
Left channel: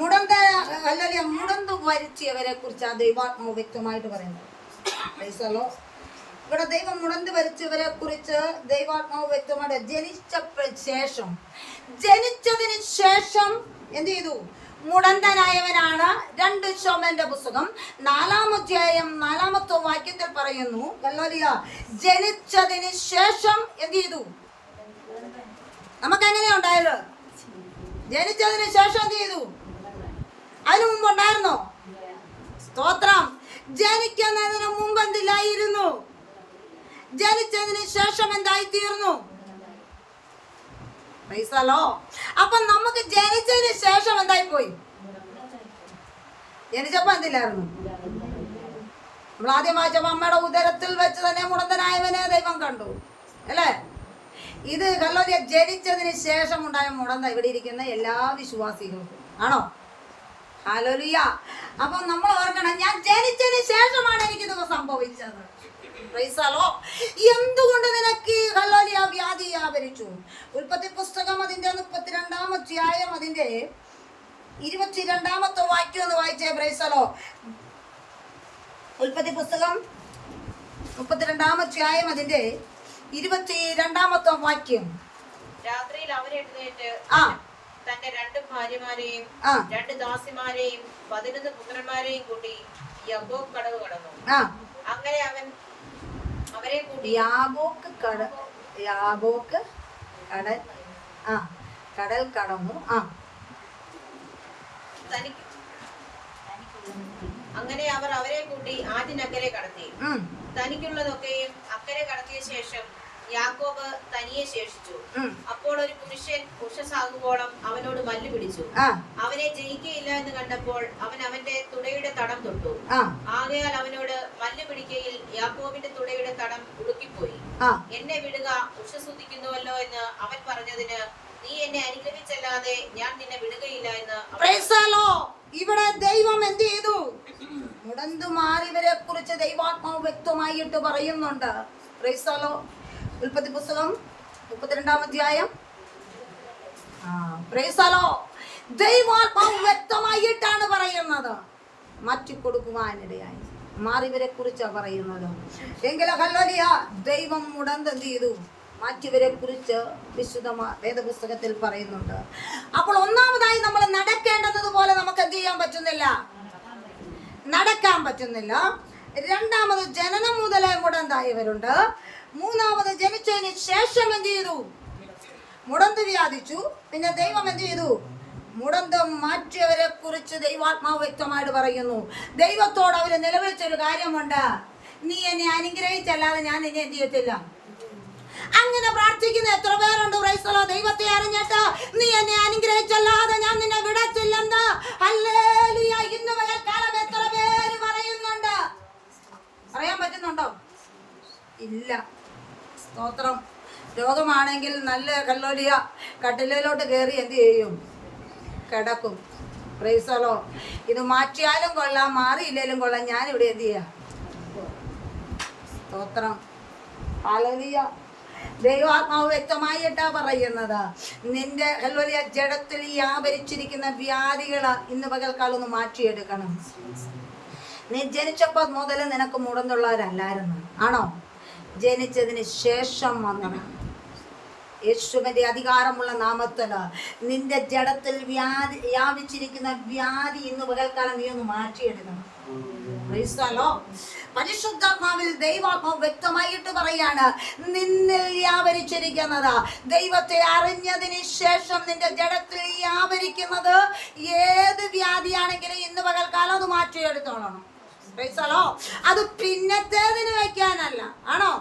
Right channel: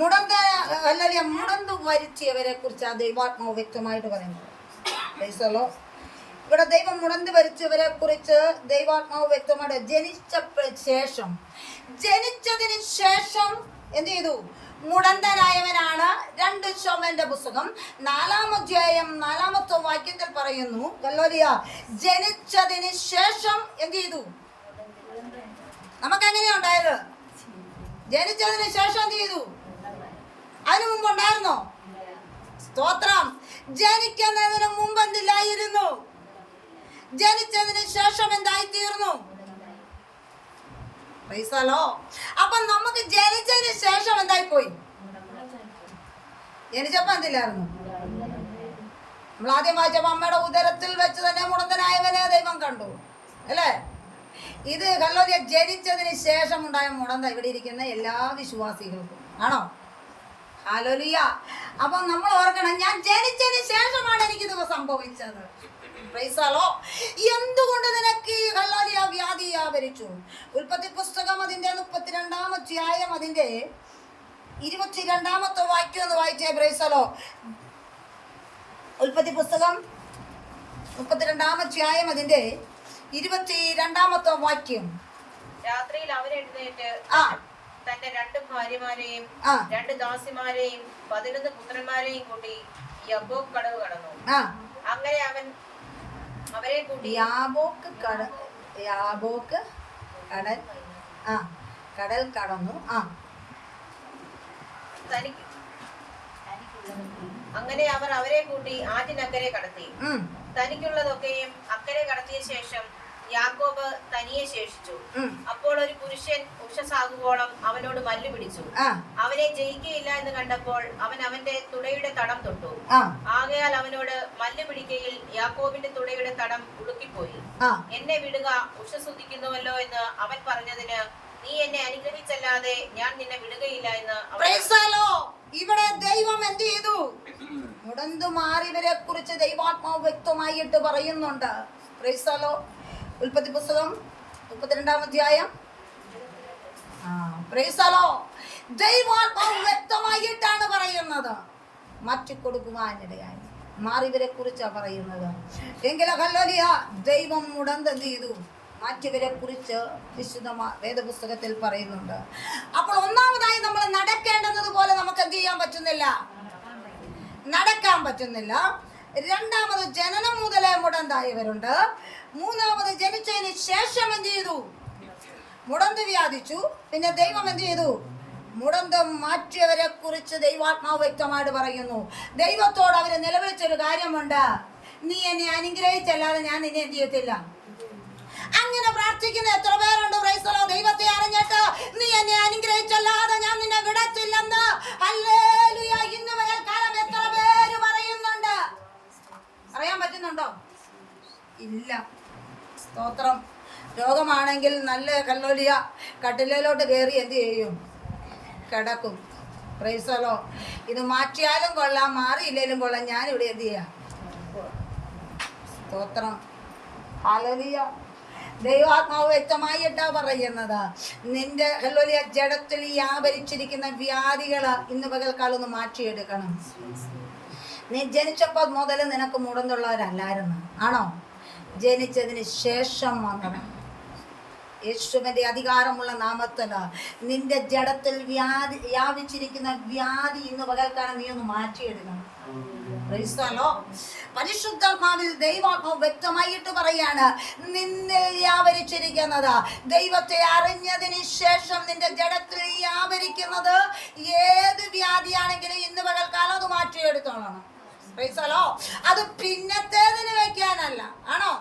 മുടന്ത് വരുത്തിയവരെ കുറിച്ച് ആ ദൈവാത്മാവ് വ്യക്തമായിട്ട് പറയുന്നത്. Price the Lord. ഇവിടെ ദൈവം മുടന്തി വരിച്ചവരെ കുറിച്ച് ദൈവാത്മാവ് വ്യക്തമായിട്ട് ജനിച്ചതിന് ശേഷം എന്ത് ചെയ്തു? മുടന്തനായവനാണ്. 2 ശമൂവേലിന്റെ പുസ്തകം 4-ാം അധ്യായം 4-ാമത്തെ വാക്യത്തിൽ പറയുന്നു, ഹല്ലേലൂയ, ജനിച്ചതിന് ശേഷം എന്ത് ചെയ്തു? നമുക്ക് എങ്ങനെയാ ഉണ്ടായത്? ജനിച്ചതിന് ശേഷം എന്ത് ചെയ്തു? അതിനു മുമ്പ് ഉണ്ടായിരുന്നോ? സ്തോത്രം. ജനിക്കുന്നതിന് മുമ്പ് എന്തില്ലായിരുന്നു? ജനിച്ചതിന് ശേഷം എന്തായിത്തീർന്നു? പൈസലോ. അപ്പൊ നമുക്ക് ജനിച്ചതിന് ശേഷം എന്തായി പോയി? ജനിച്ചപ്പോ എന്തില്ലായിരുന്നു? നമ്മൾ ആദ്യം വായിച്ചപ്പോ അമ്മയുടെ ഉദരത്തിൽ വെച്ച് തന്നെ മുടന്തനായവനെ ദൈവം കണ്ടു, അല്ലേ? ഇത് ഹല്ലേലൂയ, ജനിച്ചതിന് ശേഷം ഉണ്ടായ മുടന്ത ഇവിടെ ഇരിക്കുന്ന എല്ലാ വിശ്വാസികൾക്കും ആണോ? ഹല്ലേലൂയ. അപ്പൊ നമ്മൾ ഓർക്കണം, ഞാൻ ജനിച്ചതിന് ശേഷമാണ് എനിക്കിത് സംഭവിച്ചത്. പ്രൈസലോ. എന്തുകൊണ്ട് നിനക്ക് ഹല്ലേലൂയ വ്യാധി വ്യാപരിച്ചു? ഉൽപ്പത്തി പുസ്തകം അതിന്റെ 32-ാം അധ്യായം അതിന്റെ 22-ാമത്തെ വാക്യം ഒന്ന് വായിച്ചേ. പ്രൈസലോ. ഉൽപ്പത്തി പുസ്തകം 32-ാം അധ്യായം അതിന്റെ 22-ാമത്തെ വാക്യം. രാത്രിയിൽ അവൻ എഴുന്നേറ്റ് തന്റെ 2 ഭാര്യമാരെയും 2 ദാസിമാരെയും 11 പുത്രന്മാരെയും കൂട്ടി യബ്ബോക്ക് കടവ് കടന്നു. അങ്ങനെ അവൻ അവരെ കൂട്ടി യാബോക്ക് കടൽ കടന്നു. അങ്ങനെ അവർ അവരെ കൂട്ടി ആറ്റിനക്കരെ കടത്തി. തനിക്കുള്ളതൊക്കെയും അക്കരെ കടത്തിയ ശേഷം യാക്കോബ് തനിയെ ശേഷിച്ചു. അപ്പോൾ ഒരു പുരുഷൻ ഉഷസാകുവോളം അവനോട് മല്ലു പിടിച്ചു. അവനെ ജയിക്കയില്ല എന്ന് കണ്ടപ്പോൾ അവൻ അവന്റെ തുടയുടെ തടം തൊട്ടു. ആകയാൽ അവനോട് മല്ലു പിടിക്കയിൽ യാക്കോബിന്റെ തുടയുടെ തടം ഉളുക്കിപ്പോയി. എന്നെ വിടുക, ഉഷസുദിക്കുന്നുവല്ലോ എന്ന് അവൻ പറഞ്ഞതിന്, നീ എന്നെ അനുഗ്രഹിച്ചല്ലാതെ ഞാൻ നിന്നെ വിടുകയില്ല എന്ന്. ഇവിടെ ദൈവം എന്ത് ചെയ്തു? മുടന്തുമാറിവരെ കുറിച്ച് ദൈവാത്മാവ് വ്യക്തമായിട്ട് പറയുന്നുണ്ട്. പ്രൈസലോ. ഉൽപ്പത്തി പുസ്തകം 32-ാം അധ്യായം. പ്രൈസലോ. ദൈവാത്മാവ് വ്യക്തമായിട്ടാണ് പറയുന്നത്. മാറ്റി കൊടുക്കുവാനിടയായി മാറിവരെ കുറിച്ചാണ് പറയുന്നത്. എങ്കിലും ഹല്ലേലൂയ, ദൈവം മുടന്ത് എന്ത് ചെയ്തു? മാറ്റിവരെ കുറിച്ച് വിശുദ്ധ വേദപുസ്തകത്തിൽ പറയുന്നുണ്ട്. അപ്പോൾ ഒന്നാമതായി നമ്മൾ നടക്കേണ്ടത് പോലെ നമുക്ക് എന്ത് ചെയ്യാൻ പറ്റുന്നില്ല? നടക്കാൻ പറ്റുന്നില്ല. രണ്ടാമത് ജനനം മുതലേ മുടന്തായവരുണ്ട്. മൂന്നാമത് ജനിച്ചതിന് ശേഷം എന്ത് ചെയ്തു? മുടന്ത് വ്യാധിച്ചു. പിന്നെ ദൈവം എന്ത് ചെയ്തു? മുടന്തം മാറ്റിയവരെ കുറിച്ച് ദൈവാത്മാവ് വ്യക്തമായിട്ട് പറയുന്നു. ദൈവത്തോട് അവര് നിലവിളിച്ചൊരു കാര്യമുണ്ട്, നീ എന്നെ അനുഗ്രഹിച്ചല്ലാതെ ഞാൻ നിന്നെ എന്ത് ചെയ്യത്തില്ല. അങ്ങനെ പ്രാർത്ഥിക്കുന്ന എത്ര പേരുണ്ട്? പ്രൈസലോ. ദൈവത്തെ അറിഞ്ഞിട്ട് നീ എന്നെ അനുഗ്രഹിച്ചല്ലാതെ ഞാൻ നിന്നെ വിടത്തില്ലെന്ന് ഹല്ലേലൂയ ഇന്ന് പകൽക്കാലം എത്ര പേര് പറയുന്നുണ്ട്? പറയാൻ പറ്റുന്നുണ്ടോ? ഇല്ല. സ്തോത്രം. രോഗമാണെങ്കിൽ നല്ല ഹല്ലേലൂയ കട്ടിലോട്ട് കയറി എന്ത് ചെയ്യും? കിടക്കും. പ്രൈസലോ. ഇത് മാറ്റിയാലും കൊള്ളാം, മാറിയില്ലേലും കൊള്ളാം, ഞാനിവിടെ എന്ത് ചെയ്യാം? സ്തോത്രം. ഹല്ലേലൂയ. ദൈവാത്മാവ് വ്യക്തമായിട്ടാ പറയുന്നത്, നിന്റെ ഹല്ലേലൂയ ജഡത്തിൽ വ്യാപരിച്ചിരിക്കുന്ന വ്യാധികള് ഇന്ന് പകൽക്കാലം ഒന്ന് മാറ്റിയെടുക്കണം. നീ ജനിച്ചപ്പോൾ മുതൽ നിനക്ക് മുടന്നുള്ളവരല്ലായിരുന്നു, ആണോ? ജനിച്ചതിന് ശേഷം വന്നതാണ്. യേശുവിന്റെ അധികാരമുള്ള നാമത്തില് നിന്റെ ജഡത്തിൽ വ്യാപിച്ചിരിക്കുന്ന വ്യാധി ഇന്ന് പകൽക്കാലം നീ ഒന്ന് മാറ്റിയെടുക്കണം. പരിശുദ്ധാത്മാവിൽ ദൈവാത്മാവ് വ്യക്തമായിട്ട് പറയാണ്, നിന്നിൽ വ്യാപരിച്ചിരിക്കുന്നത്, ദൈവത്തെ അറിഞ്ഞതിന് ശേഷം നിന്റെ ജഡത്തിൽ വ്യാപരിക്കുന്നത് ഏത് വ്യാധിയാണെങ്കിലും ഇന്ന് പകൽക്കാലം അത് മാറ്റിയെടുത്തോളണം. അത് പിന്നത്തേതിന് വയ്ക്കാനല്ല, ആണോ?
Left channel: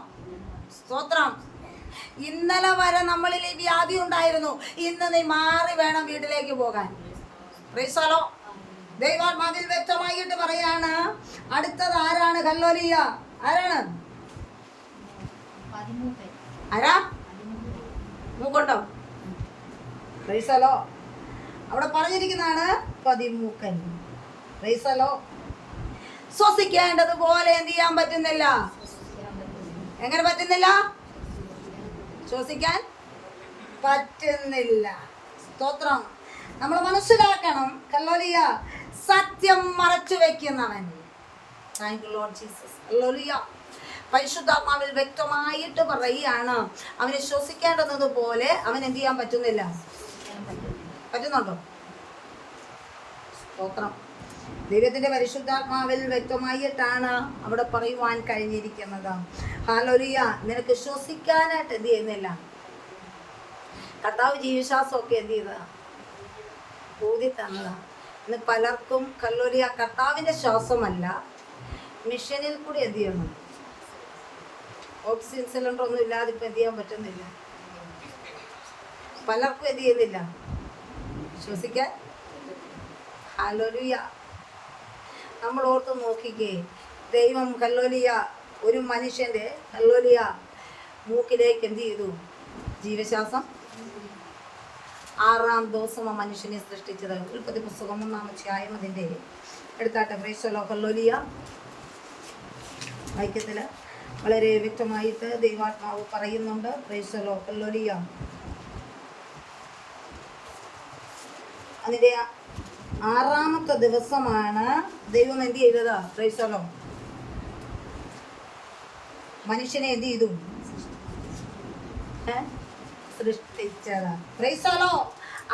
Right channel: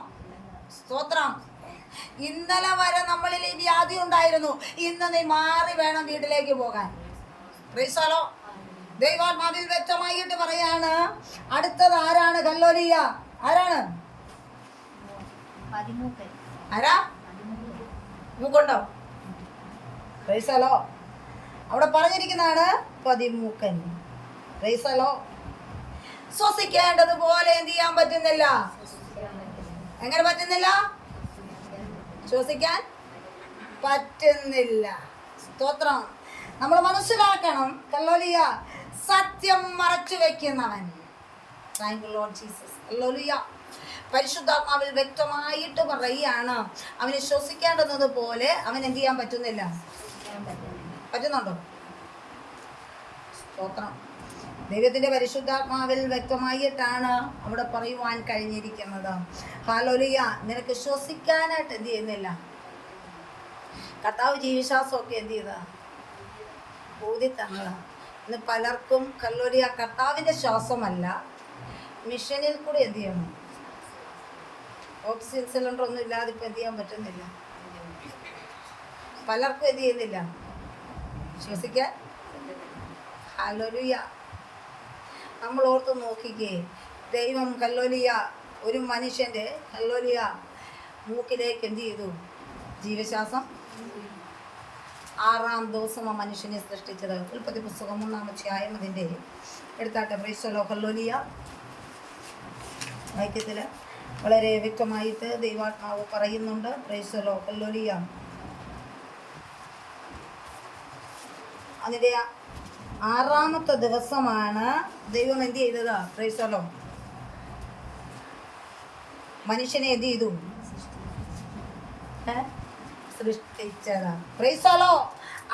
സ്തോത്രം. ഇന്നലെ വരെ നമ്മളിൽ ഈ വ്യാധി ഉണ്ടായിരുന്നു, ഇന്ന് നീ മാറി വേണം വീട്ടിലേക്ക് പോകാൻ. പ്രൈസലോ. ദൈവാത്മാവിൽ വ്യക്തമായിട്ട് പറയാണ്. അടുത്തത് ആരാണ്? ഹല്ലേലൂയ. ആരാണ്? ആരാ? മൂക്കുണ്ടോ? പ്രൈസലോ. അവിടെ പറഞ്ഞിരിക്കുന്നതാണ് പതിമൂക്കൻ. പ്രൈസലോ. ശ്വസിക്കേണ്ടതുപോലെ എന്ത് ചെയ്യാൻ പറ്റുന്നില്ല. എങ്ങനെ പറ്റുന്നില്ല? ശ്വസിക്കാൻ പറ്റുന്നില്ല. സ്തോത്രം. നമ്മൾ മനസ്സിലാക്കണം, ഹല്ലേലൂയ, സത്യം മറച്ചു വെക്കുന്നവൻ. Thank you lord Jesus. Hallelujah. പരിശുദ്ധാത്മാവിൽ വ്യക്തമായിട്ട് പറയുകയാണ്, അവന് ശ്വസിക്കേണ്ടുന്നത് പോലെ അവൻ എന്ത് ചെയ്യാൻ പറ്റുന്നില്ല. പറ്റുന്നുണ്ടോ? സ്തോത്രം. ദൈവത്തിന്റെ പരിശുദ്ധാത്മാവിൽ വ്യക്തമായിട്ടാണ് അവിടെ പറയുവാൻ കഴിഞ്ഞിരിക്കുന്നത്. ഹല്ലേലൂയ. നിനക്ക് ശ്വസിക്കാനായിട്ട് എന്ത് ചെയ്യുന്നില്ല. കർത്താവ് ജീവശ്വാസമൊക്കെ എന്ത് ചെയ്താ ഊതി തന്നതാ. ഇന്ന് പലർക്കും ഹല്ലേലൂയ കർത്താവിന്റെ ശ്വാസമല്ല, മിഷനിൽ കൂടെ എന്ത് ചെയ്യണം, ഓക്സിജൻ സിലിണ്ടർ ഒന്നും ഇല്ലാതെ ഇപ്പം എന്ത് ചെയ്യാൻ പറ്റുന്നില്ല. പലർക്കും എന്ത് ചെയ്യുന്നില്ല, ശ്വസിക്കാൻ. ഹല്ലേലൂയ. നമ്മൾ ഓർത്ത് നോക്കിക്കേ, ദൈവം ഹല്ലേലൂയ ഒരു മനുഷ്യൻ്റെ ഹല്ലേലൂയ മൂക്കിലേക്ക് എന്ത് ചെയ്തു, ജീവശ്വാസം. 6-ാം ദിവസം ആ മനുഷ്യനെ സൃഷ്ടിച്ചത്. ഉൽപ്പത്തി പുസ്തകം 1-ാം അധ്യായം അതിൻ്റെ എടുത്താട്ടെ. Praise the lord. ഹല്ലേലൂയ. വാക്യത്തിൽ വളരെ വ്യക്തമായിട്ട് ദൈവാത്മാവ് പറയുന്നുണ്ട്. Praise the lord. ഹല്ലേലൂയ. അതിൻ്റെ 6-ാമത്തെ ദിവസമാണ് ദൈവം എന്ത് ചെയ്തത്. Praise the lord. മനുഷ്യനെ എന്ത് ചെയ്തു, സൃഷ്ടിച്ചത്. Price the Lord.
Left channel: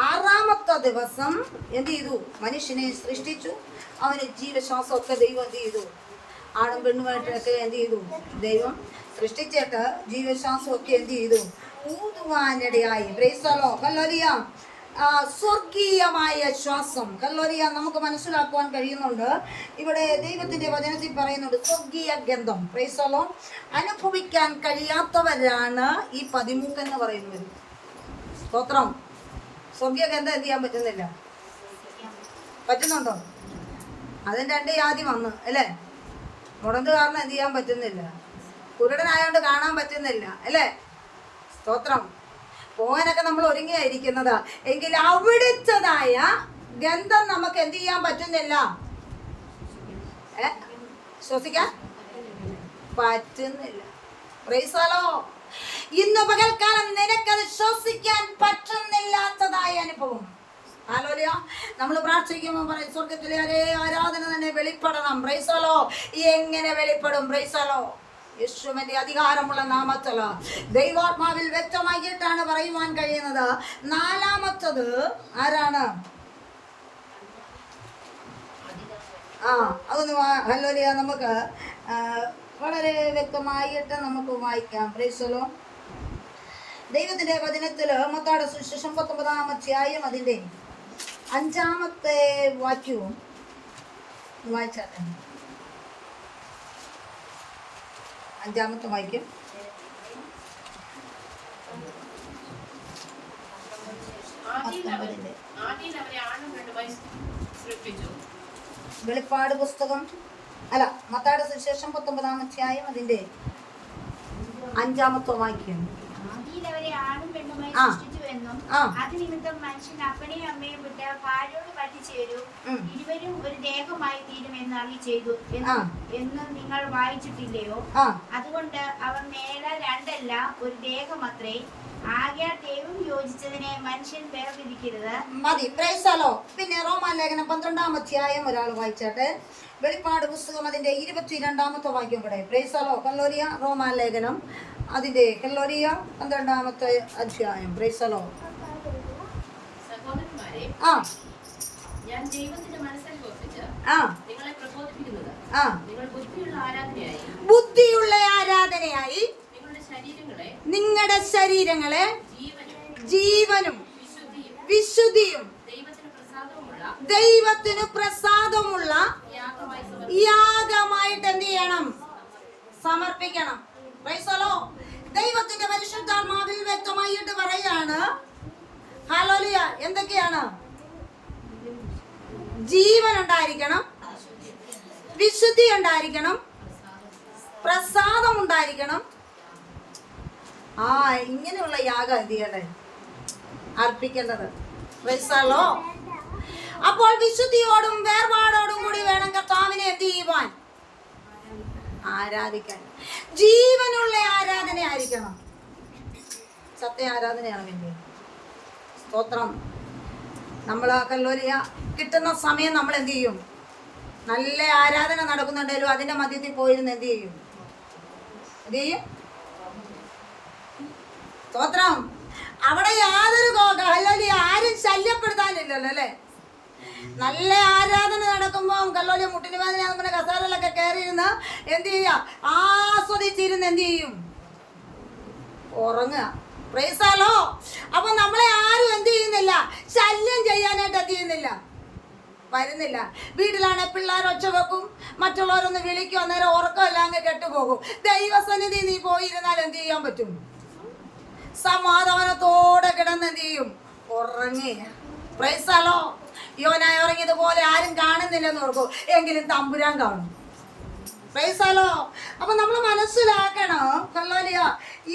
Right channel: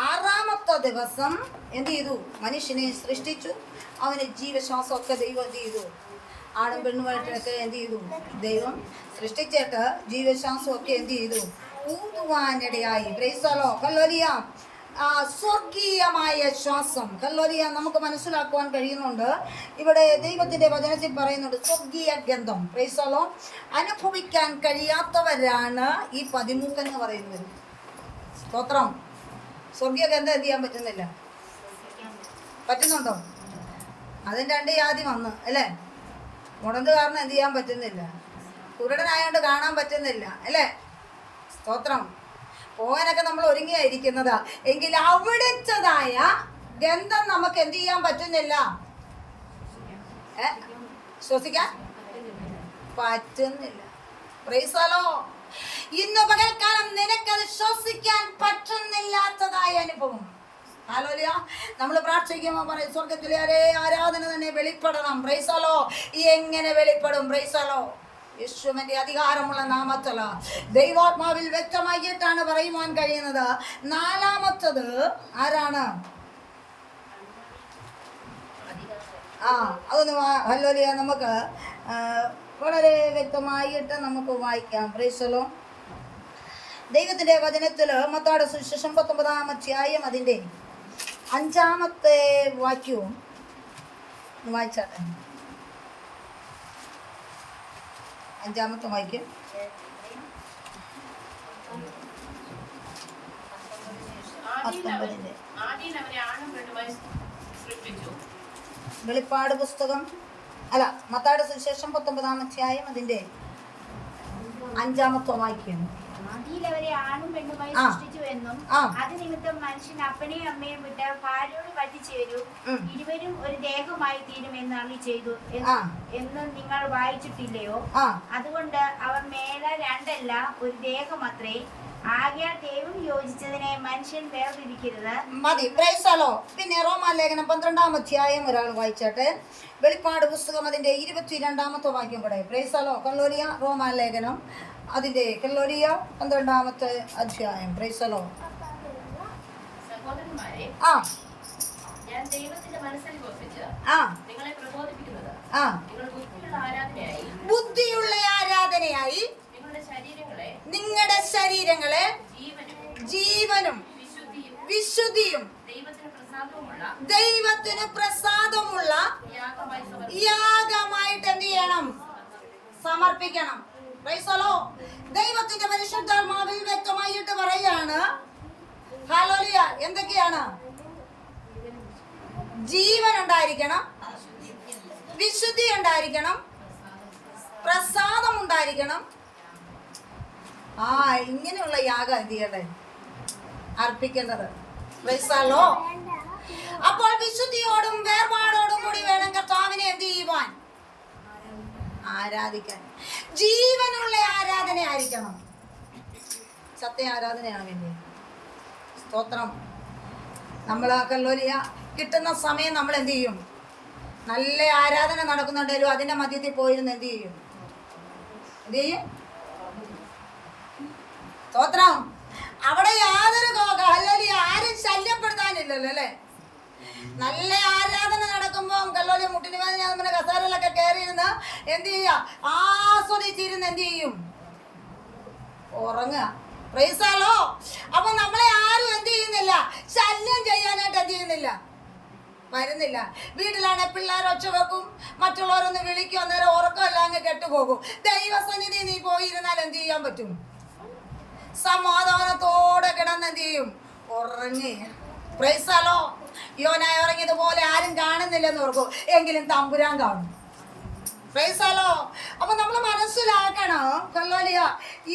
6-ാമത്തെ ദിവസം എന്ത് ചെയ്തു, മനുഷ്യനെ സൃഷ്ടിച്ചു. അവന് ജീവശ്വാസമൊക്കെ ദൈവം എന്ത് ചെയ്തു, ആണും പെണ്ണുമായിട്ടൊക്കെ എന്ത് ചെയ്തു, ദൈവം സൃഷ്ടിച്ചിട്ട് ജീവശ്വാസമൊക്കെ എന്ത് ചെയ്തു, ഊതുവാനിടയായി. Praise the lord. ഹല്ലേലൂയ. സ്വർഗീയമായ ശ്വാസം. ഹല്ലേലൂയ. നമുക്ക് മനസ്സിലാക്കുവാൻ കഴിയുന്നുണ്ട്. ഇവിടെ ദൈവത്തിന്റെ വചനത്തിൽ പറയുന്നുണ്ട് സ്വർഗീയ ഗന്ധം. Price the Lord. അനുഭവിക്കാൻ കഴിയാത്തവരാണ് ഈ പതിമൂക്കെന്ന് പറയുന്നത്. സ്തോത്രം. സ്വർഗീയ ഗന്ധം എന്ത് ചെയ്യാൻ പറ്റുന്നില്ല. പറ്റുന്നുണ്ടോ? അതിന് 2 ജാതി വന്ന് അല്ലേ. മുടന്ത് കാരണം എന്ത് ചെയ്യാൻ പറ്റുന്നില്ല, കുരുടനായോണ്ട് കാണാൻ പറ്റുന്നില്ല അല്ലേ. സ്തോത്രം. പോകാനൊക്കെ നമ്മൾ ഒരുങ്ങിയായിരിക്കുന്നത്, എങ്കിൽ അവിടുത്തതായ ഗന്ധം നമുക്ക് എന്ത് ചെയ്യാൻ പറ്റുന്നില്ല, ശ്വസിക്കാൻ പറ്റുന്നില്ല. Praise the lord. ഇന്ന് പകൽക്കാലം നിനക്കത് ശ്വസിക്കാൻ പറ്റുന്നില്ലാത്തതായ അനുഭവം. ഹല്ലേലൂയ. നമ്മൾ പ്രാർത്ഥിക്കുമ്പോൾ പറയും സ്വർഗത്തിലെ ആരാധന തന്നെ വെളിപ്പെടണം. Price the lord. എങ്ങനെ വെളിപ്പെടും? Praise the lord. യേശുവിന്റെ അധികാരമുള്ള നാമത്തില് ദൈവാത്മാവിൽ വ്യക്തമായിട്ടാണ് പറയുവാൻ കഴിയുന്നത്. 4-ാമത്തത് ആരാണ്? അതൊന്ന് ഹല്ലേലൂയ നമുക്ക് വളരെ വ്യക്തമായിട്ട് നമുക്ക് വായിക്കാം. Price the lord. ദൈവത്തിന്റെ വചനത്തിൽ മത്തായിയുടെ സുവിശേഷം 19-ാം അധ്യായം അതിൻ്റെ 5-ാമത്തെ വാക്യവും വായിച്ചാട്ടെ. 5-ാമത്തെ വാക്യം. വെളിപ്പാട് പുസ്തകം അല്ല, മത്തായിയുടെ സുവിശേഷം 19-ാം അധ്യായം അതിൻ്റെ 5-ാമത്തെ വാക്യം. ആദിയിൽ അവരെ ആണും പെണ്ണുമായി സൃഷ്ടിച്ചു എന്നും അത് നിമിത്തം മനുഷ്യൻ അപ്പനെയും അമ്മയും വിട്ട് ഭാര്യയോട് പറ്റിച്ചേരും, ഇരുവരും ഒരു ദേഹമായി തീരും എന്ന് അരുളി ചെയ്തു എന്ന് നിങ്ങൾ വായിച്ചിട്ടില്ലയോ? അതുകൊണ്ട് അവർ മേലെ രണ്ടല്ല ഒരു ദേഹമത്രേ. ആകയാൽ ദൈവം യോജിച്ചതിനെ മനുഷ്യൻ വേർതിരിക്കരുത്. മതി. Price the lord. പിന്നെ റോമാലേഖനം 12-ാം അധ്യായം ഒരാൾ വായിച്ചാട്ടെ. വെളിപ്പാട് പുസ്തകം അതിൻ്റെ 22-ാമത്തെ വാക്യം കൂടെ. Price the lord. ഹല്ലേലൂയ. റോമാലേഖനം അതിൻ്റെ ഹല്ലേലൂയ 12-ാമത്തെ അധ്യായം. Price the Lord. സഹോദരന്മാരെ, ഞാൻ ദൈവത്തിന്റെ മനസ്സനുസരിച്ച് നിങ്ങളെ പ്രബോധിപ്പിക്കുന്നത് നിങ്ങൾ ബുദ്ധിയുള്ള ആരാധനയായി നിങ്ങളുടെ ശരീരങ്ങളെ ജീവനും വിശുദ്ധിയും ദൈവത്തിന് പ്രസാദമുള്ള യാഗമായിട്ട് എന്ത് ചെയ്യണം? സമർപ്പിക്കണം. Price the lord. ദൈവത്തിന്റെ പരിശുദ്ധാത്മാവിൽ വ്യക്തമായിട്ട് പറയാണ്. ഹല്ലേലൂയ. എന്തൊക്കെയാണ്? ജീവൻ ഉണ്ടായിരിക്കണം, വിശുദ്ധി ഉണ്ടായിരിക്കണം, പ്രസാദം ഉണ്ടായിരിക്കണം. ഇങ്ങനെയുള്ള യാഗം എന്ത് ചെയ്യണ്ടേ? അർപ്പിക്കേണ്ടത്. Praise the lord. അപ്പോൾ വിശുദ്ധിയോടും വേർപാടോടും കൂടി വേണം കർത്താവിനെ എന്ത് ചെയ്യുവാൻ? ആരാധിക്കാൻ. ജീവനുള്ള ആരാധന ആയിരിക്കണം. സത്യ ആരാധനയാണ് വേണ്ടത്. സ്തോത്രം. നമ്മൾ ഹല്ലേലൂയ കിട്ടുന്ന സമയം നമ്മൾ എന്ത് ചെയ്യും? നല്ല ആരാധന നടക്കുന്നുണ്ടെങ്കിലും അതിൻ്റെ മധ്യത്തിൽ പോയിരുന്ന് എന്ത് ചെയ്യും? എന്ത് ചെയ്യും? സ്തോത്രം. അവിടെ യാതൊരു കല്ലോലി ആരും ശല്യപ്പെടുത്താനില്ലല്ലോ അല്ലേ? നല്ല ആരാധന നടക്കുമ്പോൾ കല്ലോലി മുട്ടിന് വേദന നമ്മുടെ കസാരയിലൊക്കെ കയറിയിരുന്ന് എന്ത് ചെയ്യുക? ആസ്വദിച്ചിരുന്ന് എന്ത് ചെയ്യും? ഉറങ്ങുക. പ്രൈസാലോ. അപ്പൊ നമ്മളെ ആരും എന്ത് ചെയ്യുന്നില്ല? ശല്യം ചെയ്യാനായിട്ട് എന്ത് ചെയ്യുന്നില്ല? വരുന്നില്ല. വീട്ടിലാണെ പിള്ളേർ ഒച്ച വെക്കും, മറ്റുള്ളവരൊന്ന് വിളിക്കും, അന്നേരം ഉറക്കമല്ല അങ്ങ് കെട്ടുപോകും. ദൈവസന്നിധി നീ പോയിരുന്നാൽ എന്ത് ചെയ്യാൻ പറ്റും? സമാധാനത്തോടെ കിടന്ന് എന്ത് ചെയ്യും? ഉറങ്ങി. പ്രൈസാലോ. യോനായി ഉറങ്ങിയതുപോലെ ആരും കാണുന്നില്ലെന്ന് ഓർക്കും, എങ്കിലും തമ്പുരാൻ കാണും. പ്രൈസാലോ. അപ്പൊ നമ്മൾ മനസ്സിലാക്കണം കല്ലോലിയ,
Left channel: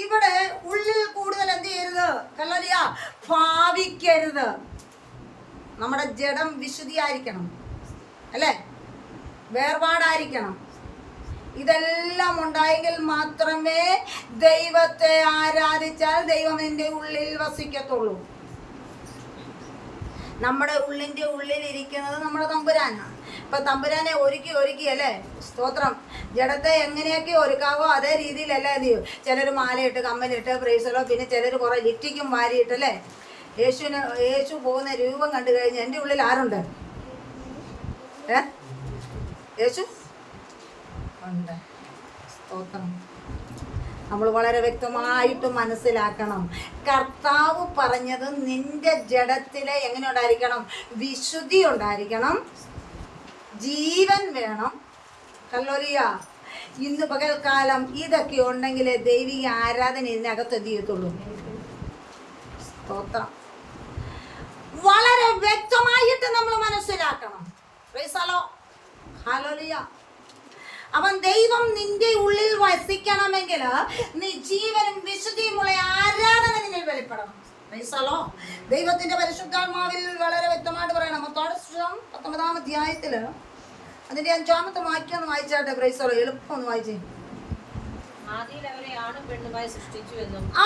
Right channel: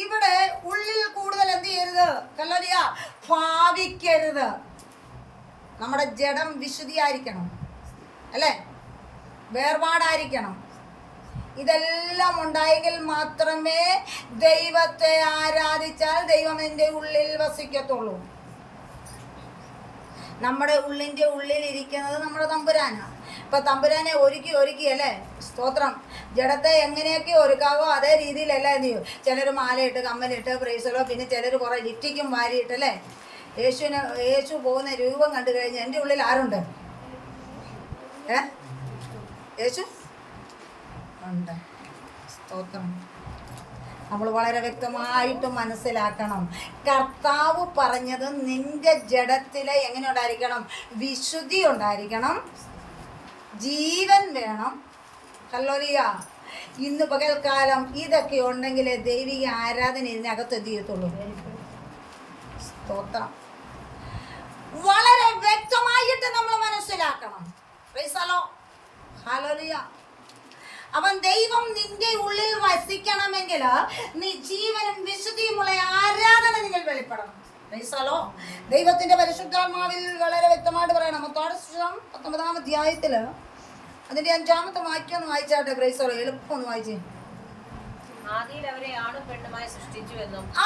ഇവിടെ ഉള്ളിൽ കൂടുതൽ എന്ത് ചെയ്യരുത്? കല്ലോലിയ, ഭാവിക്കരുത്. നമ്മുടെ ജഡം വിശുദ്ധിയായിരിക്കണം അല്ലേ? വേർപാടായിരിക്കണം. ഇതെല്ലാം ഉണ്ടായെങ്കിൽ മാത്രമേ ദൈവത്തെ ആരാധിച്ചാൽ ദൈവം എൻ്റെ ഉള്ളിൽ വസിക്കത്തുള്ളൂ. നമ്മുടെ ഉള്ളിൻ്റെ ഉള്ളിൽ ഇരിക്കുന്നത് നമ്മുടെ തമ്പുരാനാണ്. ഇപ്പം തമ്പുരാനെ ഒരുക്കി അല്ലേ? സ്തോത്രം. ജഡത്തെ എങ്ങനെയൊക്കെ ഒരുക്കാവോ അതേ രീതിയിലല്ല എന്ത് ചെയ്യും? ചിലർ മാലയിട്ട് കമ്മലിട്ട് പ്രൈസലോ, പിന്നെ ചിലർ കുറേ ലിറ്റിക്കും വാരിയിട്ടല്ലേ? യേശു പോകുന്ന രൂപം കണ്ടു കഴിഞ്ഞാൽ എൻ്റെ ഉള്ളിൽ ആരുണ്ട്? യേശു ഉണ്ട്. സ്തോത്രം. നമ്മൾ വളരെ വ്യക്തമായിട്ട് മനസ്സിലാക്കണം. കർത്താവ് പറഞ്ഞത് നിന്റെ ജഡത്തിലെ എങ്ങനെ ഉണ്ടായിരിക്കണം? വിശുദ്ധി ഉണ്ടായിരിക്കണം, ജീവൻ വേണം. ഹല്ലേലൂയ. ഇന്ന് പകൽക്കാലം ഇതൊക്കെ ഉണ്ടെങ്കിലേ ദൈവിക ആരാധന ഇതിനകത്ത് എന്ത് ചെയ്യത്തുള്ളൂ? സ്തോത്രം. വളരെ വ്യക്തമായിട്ട് നമ്മൾ മനസ്സിലാക്കണം. Price the lord. ഹല്ലേലൂയ. അവൻ ദൈവം നിന്റെ ഉള്ളിൽ വസിക്കണമെങ്കിൽ നീ ജീവനും വിശുദ്ധിയുമുള്ള ആരാധന നിങ്ങൾ വെളിപ്പെടണം. Price the lord. ദൈവത്തിന്റെ പരിശുദ്ധാത്മാവിൽ വളരെ വ്യക്തമായിട്ട് പറയണം. മത്തായി 19-ാം അധ്യായത്തില് അതിന്റെ 5-ാമത്തെ വാക്യം ഒന്ന് വായിച്ചാട്ടെ. Praise the Lord. എളുപ്പം ഒന്ന് വായിച്ചേ.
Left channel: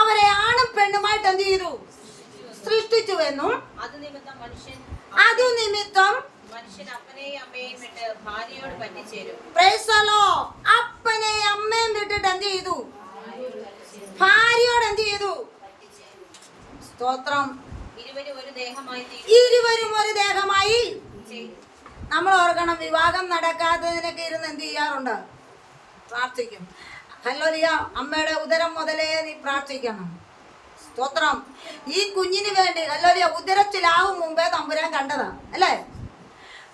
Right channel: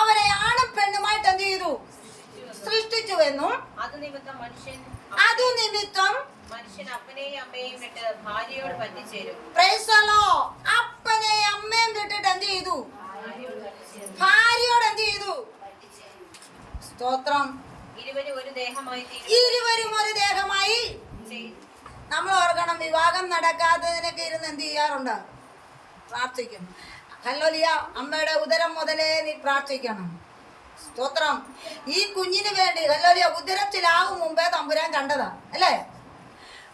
അവരെ ആണും പെണ്ണുമായിട്ട് എന്ത് ചെയ്തു? സൃഷ്ടിച്ചുവെന്നും അതു നിമിത്തം മനുഷ്യൻ അപ്പനെയും അമ്മയെയും വിട്ട് ഭാര്യയോട് പറ്റിച്ചേരും. Price the Lord. അപ്പനെയും അമ്മയും വിട്ടിട്ട് എന്ത് ചെയ്തു? ഭാര്യയോട് എന്ത് ചെയ്തു? സ്തോത്രം. ഇരുവരും ഒരു ദേഹമായി. നമ്മൾ ഓർക്കണം, വിവാഹം നടക്കാത്തതിനൊക്കെ ഇരുന്ന് എന്ത് ചെയ്യാറുണ്ട്? പ്രാർത്ഥിക്കും. ഹല്ലേലൂയ. അമ്മയുടെ ഉദരം മുതലേ നീ പ്രാർത്ഥിക്കണം. സ്തോത്രം. ഈ കുഞ്ഞിന് വേണ്ടി ഹല്ലേലൂയ ഉദരത്തിലാവും മുമ്പേ തമ്പുരാൻ കണ്ടതാ അല്ലേ?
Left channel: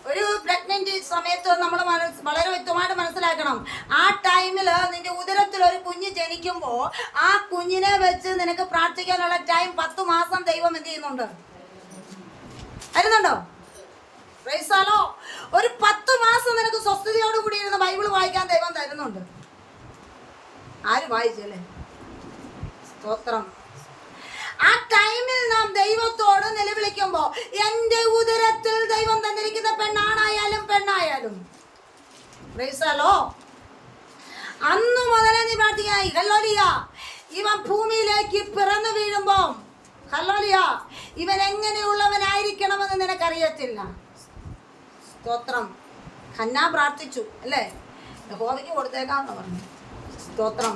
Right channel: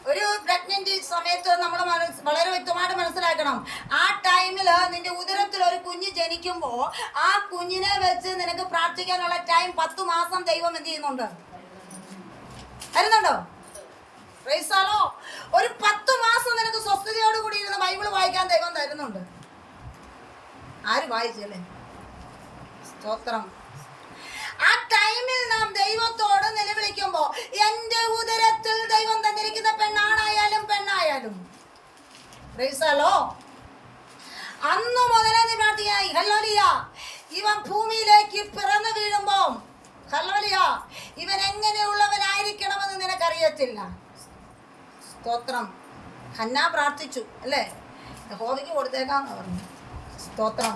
ഒരു പ്രഗ്നന്റ് സമയത്ത് നമ്മൾ വളരെ വ്യക്തമായിട്ട് മനസ്സിലാക്കണം. ആ ടൈമിൽ നിന്റെ ഉദരത്തിൽ ഒരു കുഞ്ഞ് ജനിക്കുമ്പോൾ ആ കുഞ്ഞിനെ വെച്ച് നിനക്ക് പ്രാർത്ഥിക്കാനുള്ള ടൈം 10 മാസം ദൈവം എന്ത് ചെയ്യുന്നുണ്ട്? വരുന്നുണ്ടോ? Price the Lord. ഒരു 10 മാസം നിനക്ക് സ്വസ്ഥതയോട് കൂടി ഇരുന്ന് ബൈബിൾ വായിക്കാൻ ദൈവം തരുന്നുണ്ട്. ആര് വായിച്ചല്ലേ? സ്തോത്രം. ആ ടൈമിൽ നാം ദൈവത്തോട് നിലവിളിക്കുമ്പോ എന്റെ ഉദരത്തിൽ ദൈവം തന്നിരിക്കുന്ന പെണ്ണായാലും പ്രൈസ് ദി ലോർഡ്. അന്നു മുതലേ നീ പ്രാർത്ഥിക്കായി. ഹല്ലേലൂയ. ഇവൻ ഭൂമിയിലേക്ക് പിറന്നു വീഴുമ്പോ ഹല്ലേലൂയ ഇവൻ എങ്ങനെയുള്ളവനായിരിക്കണമെന്ന് നിനക്കറിയത്തില്ല. സ്തോത്രം. ഹന്നാ പ്രാർത്ഥിച്ചു അല്ലേ? യഹോവയ്ക്ക് കൊടുത്തേക്കാന്ന് പറഞ്ഞു. സ്തോത്രം.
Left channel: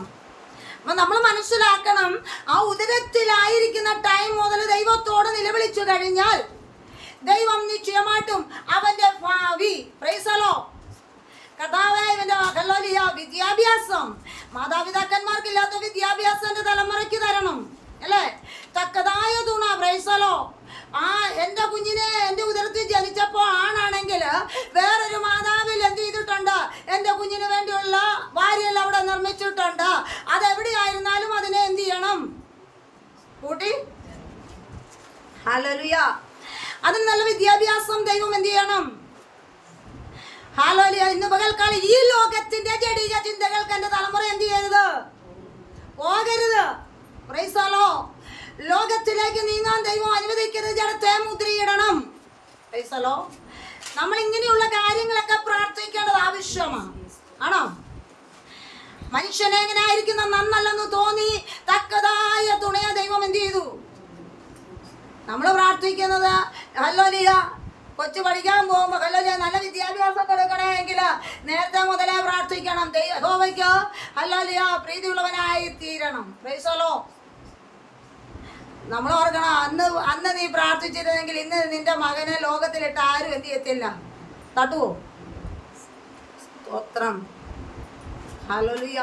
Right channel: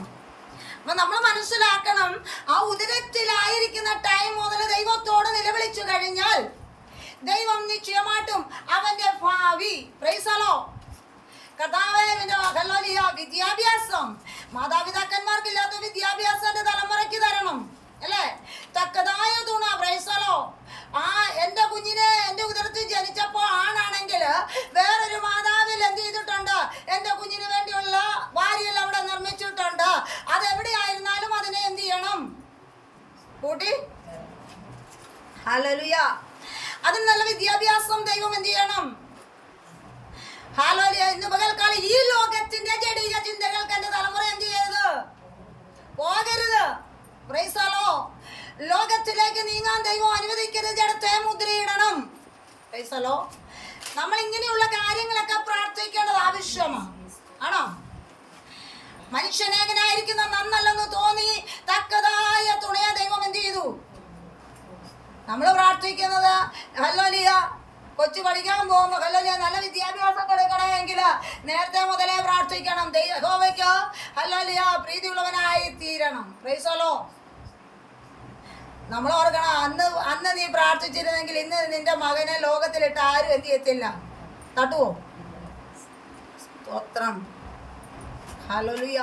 അപ്പം നമ്മൾ മനസ്സിലാക്കണം, ആ ഉദരത്തിലായിരിക്കുന്ന ടൈം മുതൽ ദൈവത്തോട് നിലവിളിച്ചു കഴിഞ്ഞാൽ ദൈവം നിശ്ചയമായിട്ടും അവന്റെ ഭാവി പ്രൈസ് ദി ലോർഡ്. കർത്താവേ, ഇവന്റെ ഹല്ലേലൂയ വിദ്യാഭ്യാസം മാതാപിതാക്കന്മാർക്കില്ലാത്ത വിദ്യാഭ്യാസം എൻ്റെ തലമുറയ്ക്ക് തരണം അല്ലേ? തക്കതായ തുണ. Price the lord. ആ എൻ്റെ കുഞ്ഞിനെ എൻ്റെ ഉദരത്തിൽ ജനിച്ചപ്പോൾ ആണാണെങ്കിൽ വേറൊരു മാതാവിൽ എന്ത് ചെയ്തിട്ടുണ്ട്? എൻ്റെ കുഞ്ഞിന് വേണ്ടിയുള്ള ഭാര്യയെല്ലാം അവിടെ നിർമ്മിച്ചിട്ടുണ്ട്. അതെവിടെയായിരുന്നാലും അതിനെ എന്ത് ചെയ്യണം? കൂട്ടി. ഹല്ലേലൂയ. അതിന് നല്ല വിദ്യാഭ്യാസം ദൈവം എന്ത് ചെയ്യണം? ഹല്ലേലൂയ. ഇന്ന് പകൽക്കാലം ഈ ലോകത്തിന്റെ ജഡീക ചിന്തകൾക്ക് എൻ്റെ തലമുറ എന്ത് ചെയ്യരുത്? പോകരുത്. Price the Lord. ലോകത്തിലേക്ക് നീങ്ങാൻ ദൈവം അനുവദിക്കരുത്. ജഡത്തെ മുദ്രയിടണം. Price the Lord. നമ്മൾ ഇങ്ങനെയുള്ള കാര്യങ്ങളൊക്കെ പ്രാർത്ഥിക്കേണ്ടത് ആവശ്യമാണ്. ആണോ? മനുഷ്യനെ എങ്ങനെ ആയിരിക്കുന്ന നന്നല്ലെന്ന് തോന്നി തക്കതായ തുണയെ ദൈവം എന്ത് ചെയ്തു? നമ്മൾ പ്രാർത്ഥിക്കുന്നത് ഹല്ലേലൂയ കൊച്ചു പഠിക്കാൻ പോകുമ്പോൾ ഹല്ലേലൂയ നല്ല വിദ്യാഭ്യാസം കൊടുക്കണമെങ്കിൽ നേരത്തെ മുതലേ പ്രാർത്ഥിക്കണം. യഹോവയ്ക്ക് ഹല്ലേലൂയ പ്രീതിയുള്ളവനായി തീരണം. Price the Lord. നമ്മൾ ഓർക്കണം, അന്ന് നീ പ്രാർത്ഥിച്ചിരുന്നെങ്കിൽ ഇന്ന് നിന്റെ മകനെ ലോകത്തിലിട്ട് ആരും എന്ത് ചെയ്യത്തില്ല, തട്ടുവോ? സ്തോത്രം. ഹല്ലേലൂയ.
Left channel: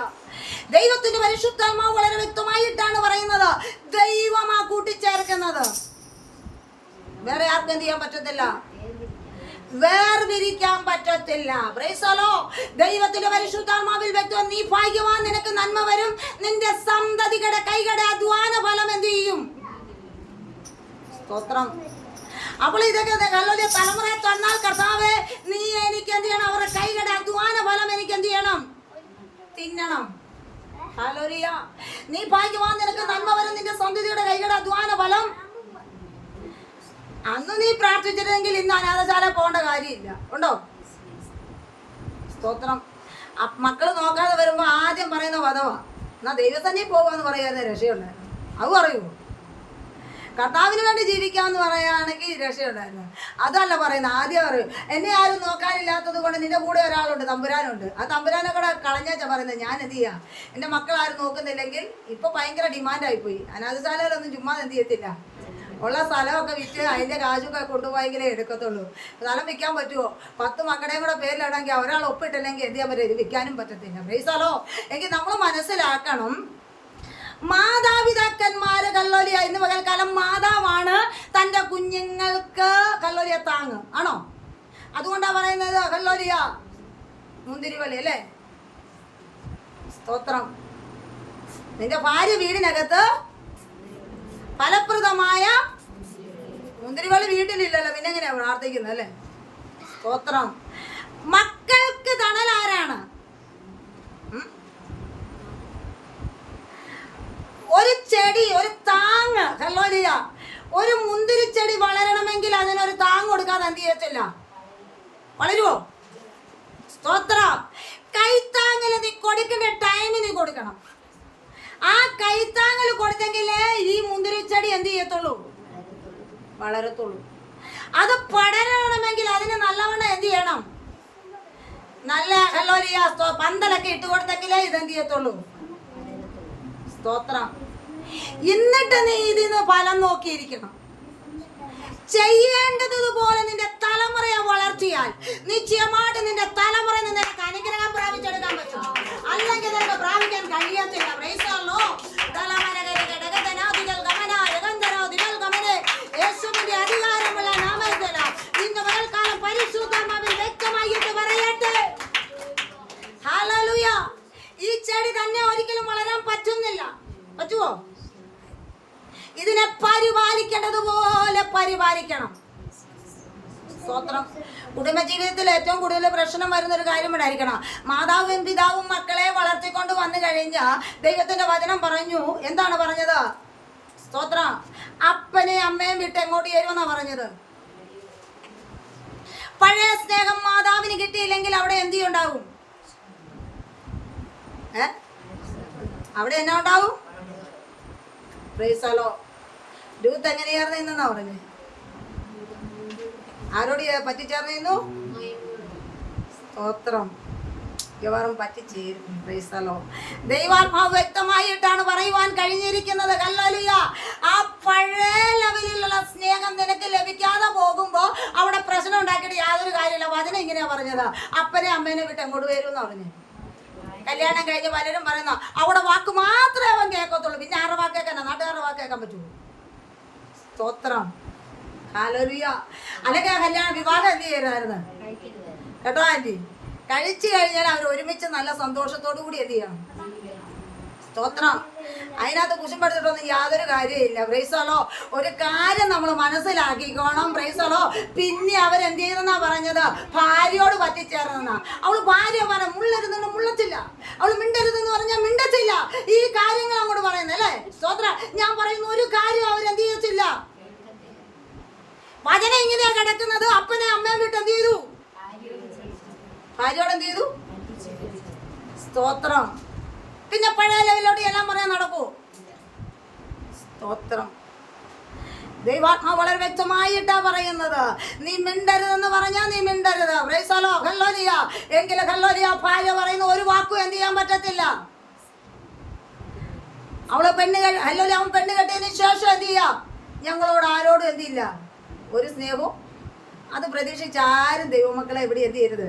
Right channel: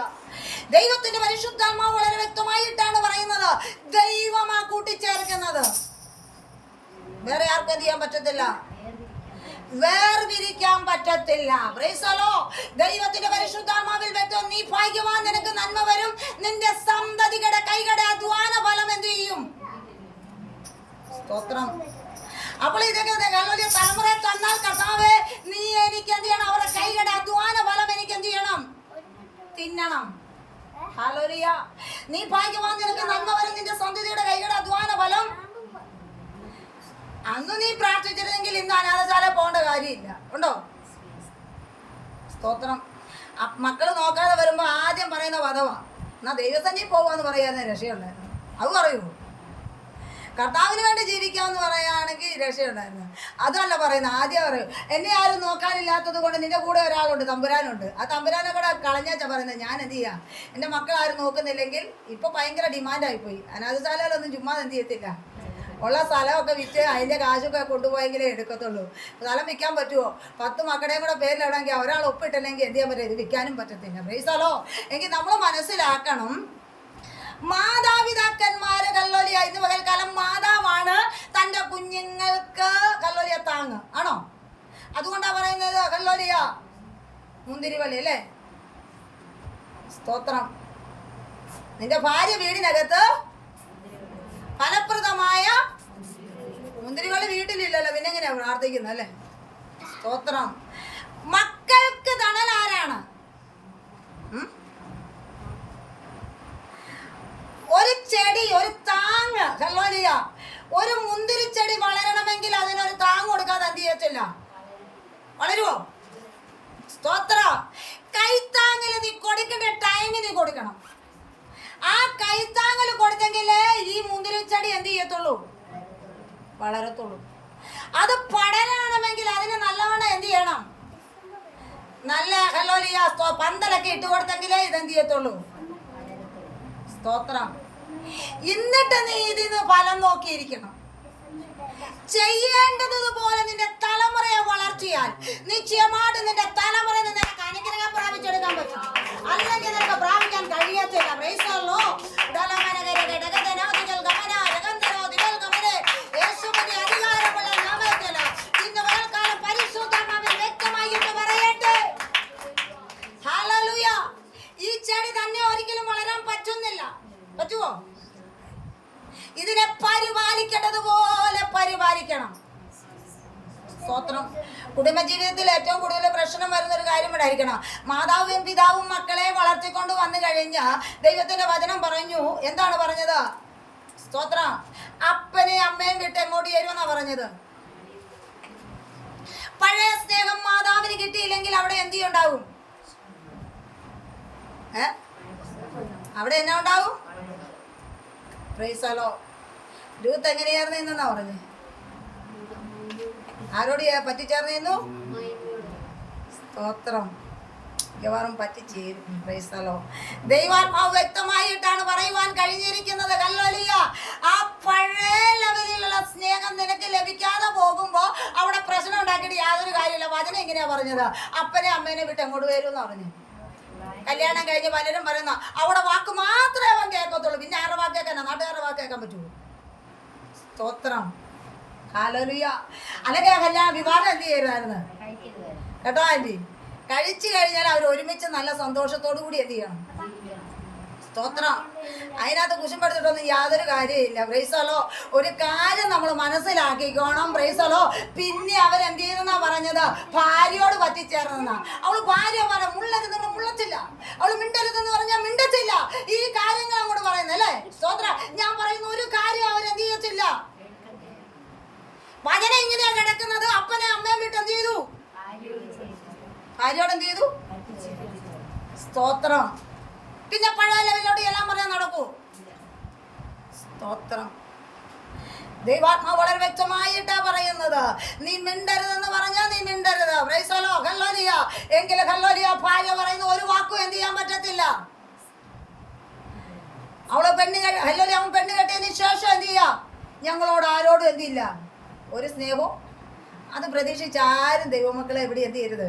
ദൈവത്തിന്റെ പരിശുദ്ധാത്മാവ് വളരെ വ്യക്തമായിട്ടാണ് പറയുന്നത്, ദൈവമാ കൂട്ടിച്ചേർക്കുന്നത്. വേറെ ആർക്കും എന്ത് ചെയ്യാൻ പറ്റത്തില്ല, വേർതിരിക്കാൻ പറ്റത്തില്ല. Price the lord. ദൈവത്തിന്റെ പരിശുദ്ധാത്മാവിൽ വ്യക്തം, നീ ഭാഗ്യവാൻ, നിനക്ക് നന്മ വരും, നിന്റെ സന്തതികളുടെ കൈകളുടെ അധ്വാന ഫലം എന്ത് ചെയ്യും? സ്തോത്രം. അപ്പോൾ ഇതൊക്കെ തലമുറയെ തന്നാൽ കർത്താവേ, നീ എനിക്ക് എന്ത് ചെയ്യണം? അവരുടെ കൈകളുടെ അധ്വാന ഫലം എനിക്ക് എന്ത് ചെയ്യണം? തിന്നണം. ഹല്ലേലൂയ. നീ ഭാഗ്യവാൻ, നിനക്ക് നന്മ വരും, നിന്റെ സന്തതിയുടെ കൈകളുടെ അധ്വാന ഫലം. അന്ന് നീ പ്രാർത്ഥിച്ചിരുന്നെങ്കിൽ ഇന്ന് അനാഥശാല പോകേണ്ട കാര്യമില്ല. ഉണ്ടോ? സ്തോത്രം. മക്കൾ നോക്കാതെ വരുമ്പോ ആദ്യം പറയുന്ന വധവാ, എന്നാ ദൈവസന്നിധി പോകാന്ന് പറയാതെ രക്ഷയുണ്ടായിരുന്നു. അത് പറയൂ. കർത്താവിന് വേണ്ടി ജീവിക്കാമെന്ന് പറയുകയാണെങ്കിൽ രക്ഷയുണ്ടായിരുന്നു. അതല്ല പറയുന്നത്. ആദ്യം പറയൂ, എന്നെ ആരും നോക്കാനില്ലാത്തത് കൊണ്ട് നിന്റെ കൂടെ ഒരാളുണ്ട്, തമ്പുരാനുണ്ട്. ആ തമ്പുരാനെ കൂടെ കളഞ്ഞാച്ചാ പറയുന്നത്. ഞാൻ എന്ത് ചെയ്യാം? എൻ്റെ മക്കൾ ആരും നോക്കുന്നില്ലെങ്കിൽ ഇപ്പൊ ഭയങ്കര ഡിമാൻഡായിപ്പോയി. അനാഥശാലയിലൊന്നും ചുമ്മാ എന്ത് ചെയ്യത്തില്ല, ഉള്ള സ്ഥലമൊക്കെ വിറ്റ് അതിൻ്റെ കാശൊക്കെ കൊണ്ടുപോയെങ്കിലേ എടുക്കത്തുള്ളൂ. സ്ഥലം വിൽക്കാൻ പറ്റുമോ? 10 മക്കളുടെയും കൂടെ പേരിലിടാമെങ്കിൽ ഒരാൾ ഒപ്പിട്ടില്ലെങ്കിൽ എന്ത് ചെയ്യാൻ പറ്റും? ഇത് വിൽക്കാനും പറ്റത്തില്ല. Price the lord. എങ്കിൽ നമ്മൾ മനസ്സിലാക്കണം, മാതാപിതാക്കന്മാര് കല്ലോലിയ ഇന്ന് പകൽക്കാലം മാതാവാണ് തൻ്റെ കുഞ്ഞുങ്ങൾക്ക് കല്ലോലിയ താങ്ങ് ആണോ? അതുകൊണ്ടാണ് പറയുന്നത് കല്ലോലിയ മുന്തിരിവള്ളി അല്ലേ? സ്തോത്രം. നിന്റെ ഭാര്യ വീടിനകത്ത് ഫലപ്രദമായ മുന്തിരിവള്ളി വീട്ടിലില്ലല്ലോ, പിന്നെ എങ്ങനെയാ പ്രാർത്ഥിക്കുന്നത് അല്ലേ? സ്തോത്രം. മക്കൾക്ക് തണൽ ആരാണ്? ഒരു ചെടി, ഒരു താങ്ങ്. ഹല്ലേലൂയ. ഒരു മുന്തിരിച്ചെടി വളരണമെങ്കിൽ അതിനൊരു താങ്ങ് കൊടുക്കാതെ എന്ത് ചെയ്യത്തില്ല, വളരുവോ? സ്തോത്ര. കൈത്താങ്ങിൽ നീ കൊടുക്കേണ്ട ടൈമിൽ നീ കൊടുക്കണം. ആ കൈത്താങ്ങിൽ കൊടുത്തെങ്കിലേ ഈ മുന്തിരിച്ചെടി എന്ത് ചെയ്യത്തുള്ളൂ, വളരത്തുള്ളൂ. അത് പടരണമെങ്കിൽ അതിന് നല്ലവണ്ണം എന്ത് ചെയ്യണം, നല്ല ഹല്ലേലൂയ പന്തലൊക്കെ ഇട്ട് കൊടുത്തെങ്കിലേ ഇതെന്ത് ചെയ്യത്തുള്ളൂ. സ്തോത്രം. എന്നിട്ട് നീ ഇതിന് ഫലം നോക്കിയിരിക്കണം. ചെയ്യേണ്ടതുപോലെ നിന്റെ തലമുറയെ വളർത്തിയാൽ നിശ്ചയമായിട്ട് നിന്റെ തലമുറയിൽ നിനക്ക് അനുഗ്രഹം പ്രാപിച്ചെടുക്കാൻ പറ്റും. അല്ലെങ്കിൽ നിനക്ക് പ്രാപിക്കാൻ കഴിയത്തില്ല. Price the lord. യേശുവിന്റെ അധികാരമുള്ള നാമത്തിൽ ഇന്ന് പകൽക്കാലം പരിശുദ്ധാത്മാവിൽ വ്യക്തമായിട്ട് പറയട്ടെ. ഹല്ലേലൂയ. ഈ ചെടി തന്നെ ഒരിക്കലും വളരാൻ പറ്റുന്നില്ല. പറ്റുമോ? ഇതിനെ പരിപാലിക്കേണ്ടതുപോലെ പരിപാലിക്കണം. സ്തോത്രം. കുടുംബജീവിതത്തിൽ ഏറ്റവും കൂടുതൽ പ്രശ്നം വരുന്നൊരു കാര്യം ഉണ്ടായിരിക്കണം. മാതാവും പിതാവും മക്കളെ വളർത്തിക്കൊണ്ട് വന്നു കഴിഞ്ഞാൽ ദൈവത്തിന്റെ വചനം പറഞ്ഞു. എന്താണ് പറഞ്ഞത്? സ്തോത്രം. അപ്പനെയും അമ്മയും വിട്ട് എങ്ങോട്ട് ചേരുമെന്നാ പറഞ്ഞത്. പഴയ സ്നേഹം മാതാവിന് കിട്ടിയില്ലെങ്കിൽ അവിടെ എന്ത് ഉണ്ടാവും? അവിടെ എന്നാ ഉണ്ടാവും? Price the Lord. രൂത്ത് എങ്ങനെയായിരുന്നു ഇന്നെന്നാ പറഞ്ഞേ? ആരോട് പറ്റിച്ചേർന്നു? സ്തോത്രം. മിക്കവാറും പറ്റിച്ചേരും. Price the Lord. ദൈവാത്മാവ് വ്യക്തമായിട്ടാണ് പറയുവാൻ കഴിഞ്ഞിരിക്കുന്നത്. ഹല്ലേലൂയ. ആ പഴയ ലെവലിലുള്ള സ്നേഹം നിനക്ക് ലഭിക്കാതെ പോകുമ്പോ അവിടെ പ്രശ്നം ഉണ്ടാക്കിയിട്ട് യാതൊരു കാര്യമില്ല. വചനം ഇങ്ങനെയാ പറഞ്ഞത്, അപ്പനെ അമ്മേനെ വിട്ട് എങ്ങോട്ട് വരും എന്ന് പറഞ്ഞു. കല്യാണം കഴിഞ്ഞ് പലരും പറയുന്ന അവിടെ വാക്ക് മാത്രമേ അവൻ കേൾക്കത്തുള്ളൂ, പിന്നെ ആരുടെ വാക്ക് കേൾക്കാൻ, നാട്ടുകാരുടെ വാക്ക് കേൾക്കാൻ പറ്റുമോ? സ്തോത്രം. ഹല്ലേലൂയ. അല്ലെങ്കിൽ ആ കല്യാണം വിവാഹം എന്ത് ചെയ്യരുതായിരുന്നു കേട്ടോ ആൻറ്റി? കഴിച്ചു കഴിഞ്ഞാൽ അവർ ഒരുമിച്ച് നല്ല സന്തോഷത്തോടു കൂടി എന്ത് ചെയ്യണം? സ്തോത്രം. അതിനകത്ത് കുശുമ്പെടുത്തിട്ടൊന്നും യാതൊരു കാര്യമില്ല. Price the Lord. ഒരു കാര്യം നമ്മൾ മനസ്സിലാക്കിക്കോണം. Price the lord. പിന്നെ അവരെന്ത് ചെയ്തെന്നാ പറഞ്ഞത്? ഭാര്യയോട് പറ്റിച്ചേർന്നെന്നാ. അവൾ ഭാര്യ പറഞ്ഞ മുള്ളരുതെന്ന് മുള്ളത്തില്ല, അവൾ മിണ്ടരുതെന്ന് പറഞ്ഞാൽ മിണ്ടത്തില്ല. ഈ കാര്യങ്ങൾ അങ്ങോട്ട് പറയുന്നത് അല്ലേ? സ്തോത്രം. ഞാൻ പറയുന്ന ഒരു കാര്യം അവരെന്ത് ചെയ്യത്തില്ല. വചനം ഇങ്ങനെയാ കിടക്കുന്നത്. അപ്പനെ അമ്മയും വിട്ട് എന്ത് ചെയ്തു? ഭാര്യയോട് എന്ത് ചെയ്തു? സ്തോത്രം. പിന്നെ പഴയ ലെവലോട് എല്ലാം പറയാൻ നടക്കൂ. സ്തോത്രം. ദൈവാത്മാവ് വളരെ വ്യക്തമായിട്ടാ പറയുന്നത്. നീ മിണ്ടരുതെന്ന് പറഞ്ഞാൽ നീ മിണ്ടരുത്. Price the lord. ഹല്ലേലൂയ. എങ്കിലും ഹല്ലേലൂയ ഭാര്യ പറയുന്ന ഒരു വാക്കും എന്ത് ചെയ്യാൻ പറ്റത്തില്ല. അവള് ഹല്ലേലൂയ, അവൻ പെണ്ണ് കെട്ടിയതിന് ശേഷം എന്ത് ചെയ്യാ? ഞങ്ങളോട് ആരോടും എന്തില്ല, ഒരു സ്നേഹവും. അത് പ്രതീക്ഷിച്ച് ആരും ദൈവമക്കളെ ഇവിടെ എന്ത് ചെയ്യരുത്.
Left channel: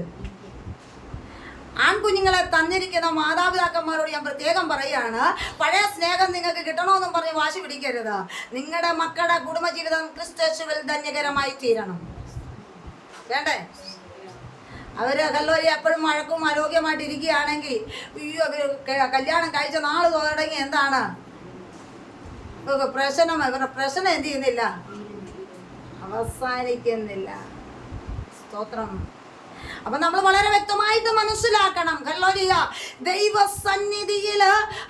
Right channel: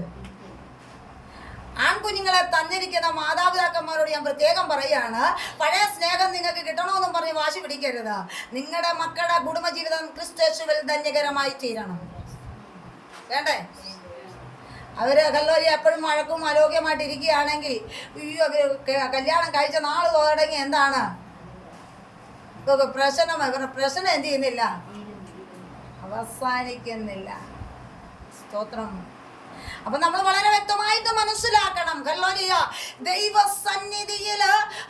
ആൺകുഞ്ഞുങ്ങളെ തന്നിരിക്കുന്ന മാതാപിതാക്കന്മാരോട് ഞാൻ പ്രത്യേകം പറയാണ്, പഴയ സ്നേഹം നിങ്ങൾക്ക് കിട്ടണമെന്നും പറഞ്ഞ് വാശി പിടിക്കരുത്. നിങ്ങളുടെ മക്കളുടെ കുടുംബജീവിതം ക്രിസ്തുയേശുവിൽ ധന്യകരമായി തീരണം. വേണ്ടേ? അവര് ഹല്ലേലൂയ എപ്പോഴും വഴക്കും ആരോഗ്യമായിട്ട് ഇരിക്കുകയാണെങ്കിൽ, അയ്യോ കല്യാണം കഴിച്ച നാൾ തുടങ്ങി എന്താണ് പ്രശ്നം? ഇവരുടെ പ്രശ്നം എന്ത് ചെയ്യുന്നില്ല, അവസാനിക്കുന്നില്ല. സ്തോത്രം. അപ്പൊ നമ്മൾ വളരെ വ്യക്തമായിട്ട് മനസ്സിലാക്കണം, ഹല്ലേലൂയ ദൈവസന്നിധിയിൽ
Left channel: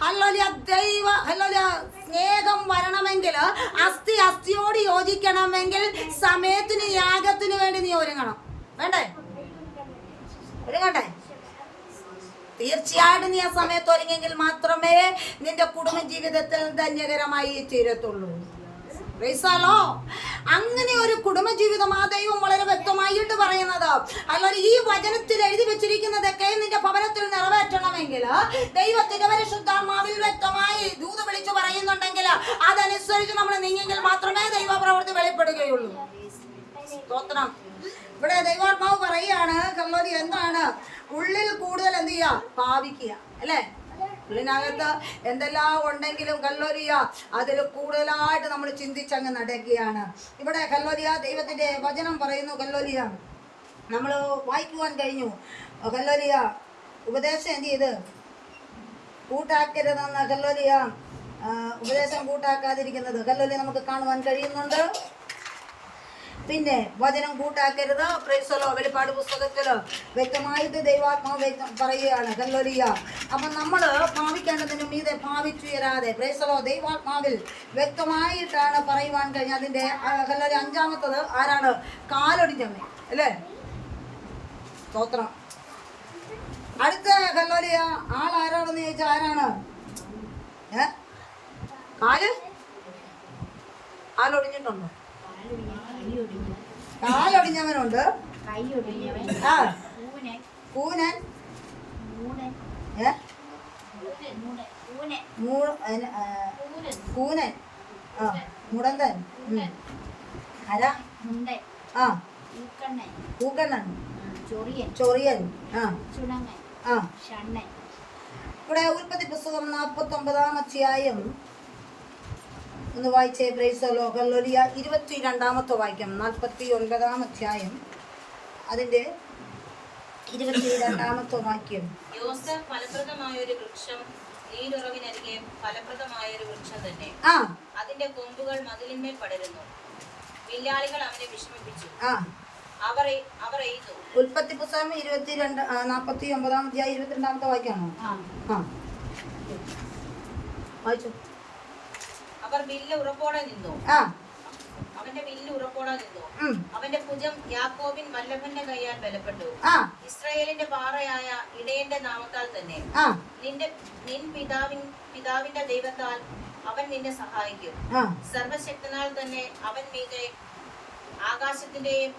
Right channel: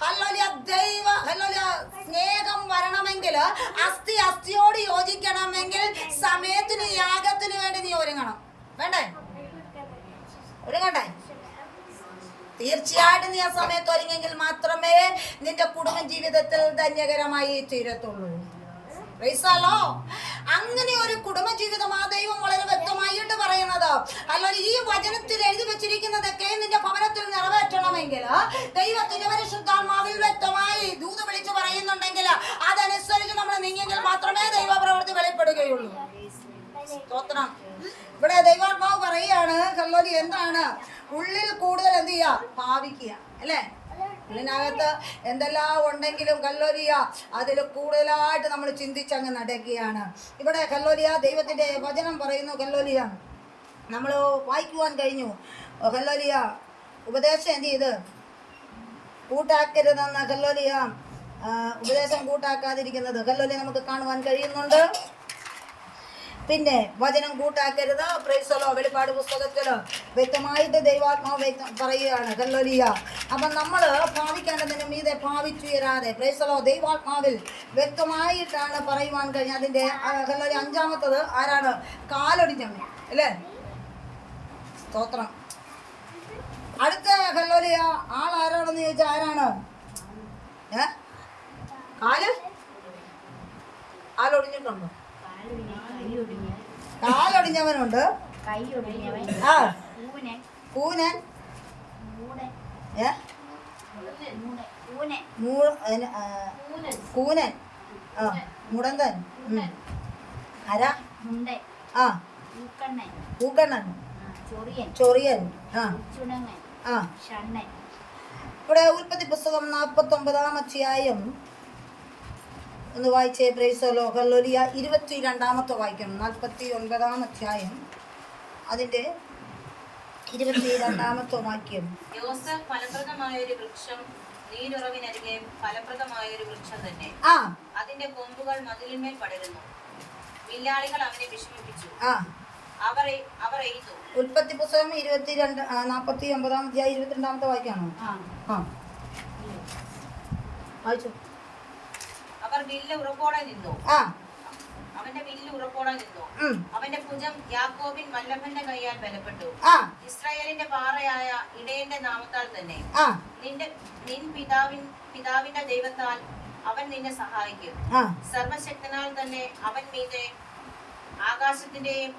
ഹല്ലേലൂയ സ്നേഹം വരണമെങ്കിൽ, അസ്ഥിയോട് യോജിക്കണമെങ്കിൽ സമയത്തിന് യാഗത്തിന് വേണ്ടി നീ ഒരുങ്ങണം. വേണ്ടേ? ഒരുങ്ങട്ടെ? തീർച്ചയായിട്ടും നീ ആ സമയത്ത് ഒരുങ്ങെങ്കിൽ മാത്രമേ നിന്റെ കുടുംബ ജീവിതത്തിൽ ധന്യകരമായി തീരത്തുള്ളൂ. അങ്ങനെ ഒരു കുടുംബജീവിതം ആ ദൈവം വളരെ വ്യക്തമായിട്ട് പറയുന്നത്. അല്ലാതെ ഈ വചനത്തിൽ എഴുതി വെച്ചിരിക്കുന്നതൊക്കെ നിന്റെ ഭവനത്തിൽ നിറവേറ്റണമെങ്കിൽ, ദൈവത്തിന്റെ പരിശുദ്ധാത്മാവിൽ വ്യക്തമായി ദൂത് വിളിച്ചു പറയുന്നുണ്ടെങ്കിൽ, അതനുസരിച്ച് നമ്മൾ നീങ്ങെങ്കിൽ മാത്രമേ ദൈവപ്രവൃത്തി വെളിപ്പെടുകയുള്ളൂ. സ്തോത്രം. ഇവിടെ ദൈവാത്മാവ് പറയുകയാണ്, ഹല്ലേലൂയ എന്താണ്? ഉള്ളിൽ കൂടുതൽ എന്ത് ചെയ്യുക? ഭാവിക്കുക. അല്ലേ? ഉള്ളിനകത്ത് എന്തെല്ലാം ഉണ്ടെങ്കിലും ഹല്ലേലൂയ അതിൽ കൂടുതലായിട്ട് നമ്മൾ ചിന്തിച്ചങ്ങ് നടക്കുകയാണ്. ഇവിടെ ഹല്ലേലൂയ ദൈവത്തിന്റെ വചനം പറയുന്നു. ഹല്ലേലൂയ നമ്മൾ വായിക്കുവാൻ കഴിഞ്ഞു. ഹല്ലേലൂയ ഉപദേശം എന്ത് ചെയ്ത് കൂട്ടാക്കരുതെന്ന്, ഹല്ലേലൂയ ഉപദേശം കൂട്ടാക്കാതിരിക്കുന്നത് ഹല്ലേലൂയ നമുക്ക് കാണുവാൻ കഴിയുന്നുണ്ട്. പിന്നെ വചനം കൂട്ടാക്കരുത്. Price the Lord. വെളിപ്പാട് പുസ്തകത്തില് വ്യക്തമായിട്ട് ദൈവാത്മാവ് പറയുകയാണ്. ഹല്ലേലൂയ. അപ്പം നമ്മൾ ഭാവിക്കേണ്ടതിന് മീതെ ഭാവിച്ചുയരാതെ, പ്രൈസ് ദി ലോർഡ്, ദൈവാത്മാവിൽ വ്യക്തമായിട്ടാണ് പറയുവാൻ കഴിഞ്ഞ. അതിൻ്റെ ഹല്ലേലൂയ 5-ാമത്തത് ആരാണ്? കാലൊടിഞ്ഞവൻ. അല്ലേ? സ്തോത്രം. അടുത്ത ഹല്ലേലൂയ ആളാരാണെന്ന് ചോദിച്ചാൽ ആരാണ്? കാലൊടിഞ്ഞിട്ടുണ്ടോ? കാലൊടിഞ്ഞവനുണ്ട്. ആ കൂനൻ. കൂനൻ. ആ മുടന്തൻ. ആരാ? ആ പൂക്കണ്ണൻ. ചൊറിയൻ. ആ ആ. ഇവിടെ ഉൽപ്പത്തി പുസ്തകം 49-ാം അധ്യായം ഒന്ന് വായിച്ചേ. Price the lord. ഹല്ലേലൂയ 22-ാമത്തെ വാക്യം. 49-ാം അധ്യായം അതിന്റെ 22-ാമത്തെ വാക്യം. യോസേഫ് ഫലപ്രദമായൊരു വൃക്ഷം, നീരുറവിനരികെ ഫലപ്രദമായൊരു വൃക്ഷം തന്നെ. അതിന്റെ കൊമ്പുകൾ മതിലിന്മേൽ പടരുന്നു. വില്ലാളികൾ അവനെ വിഷമിപ്പിച്ചു. അവർ എയ്തു. ഉൽപ്പത്തി പുസ്തകം 49-ാം അധ്യായം 22-ാമത്തെ വാക്യമാണോ? വായിച്ചു. അവർ വില്ല് ഉറപ്പോടെ നിന്നു. അവന്റെ വില്ല് ഉറപ്പോടെ നിന്നു. അവന്റെ ഭുജം യാക്കോബിൻ വല്ലഭന്റെ കൈയാൽ ബലപ്പെട്ടു. ഇസ്രായേലിന്റെ പാറയായ ഇടയന്റെ നാമത്താൽ തന്നെ. നിൻ പിതാവിന്റെ ദൈവത്താൽ അവൻ നിന്നെ സഹായിക്കും. സർവശക്തനാൽ തന്നെ അവൻ മീതെ ആകാശത്തിന്റെയും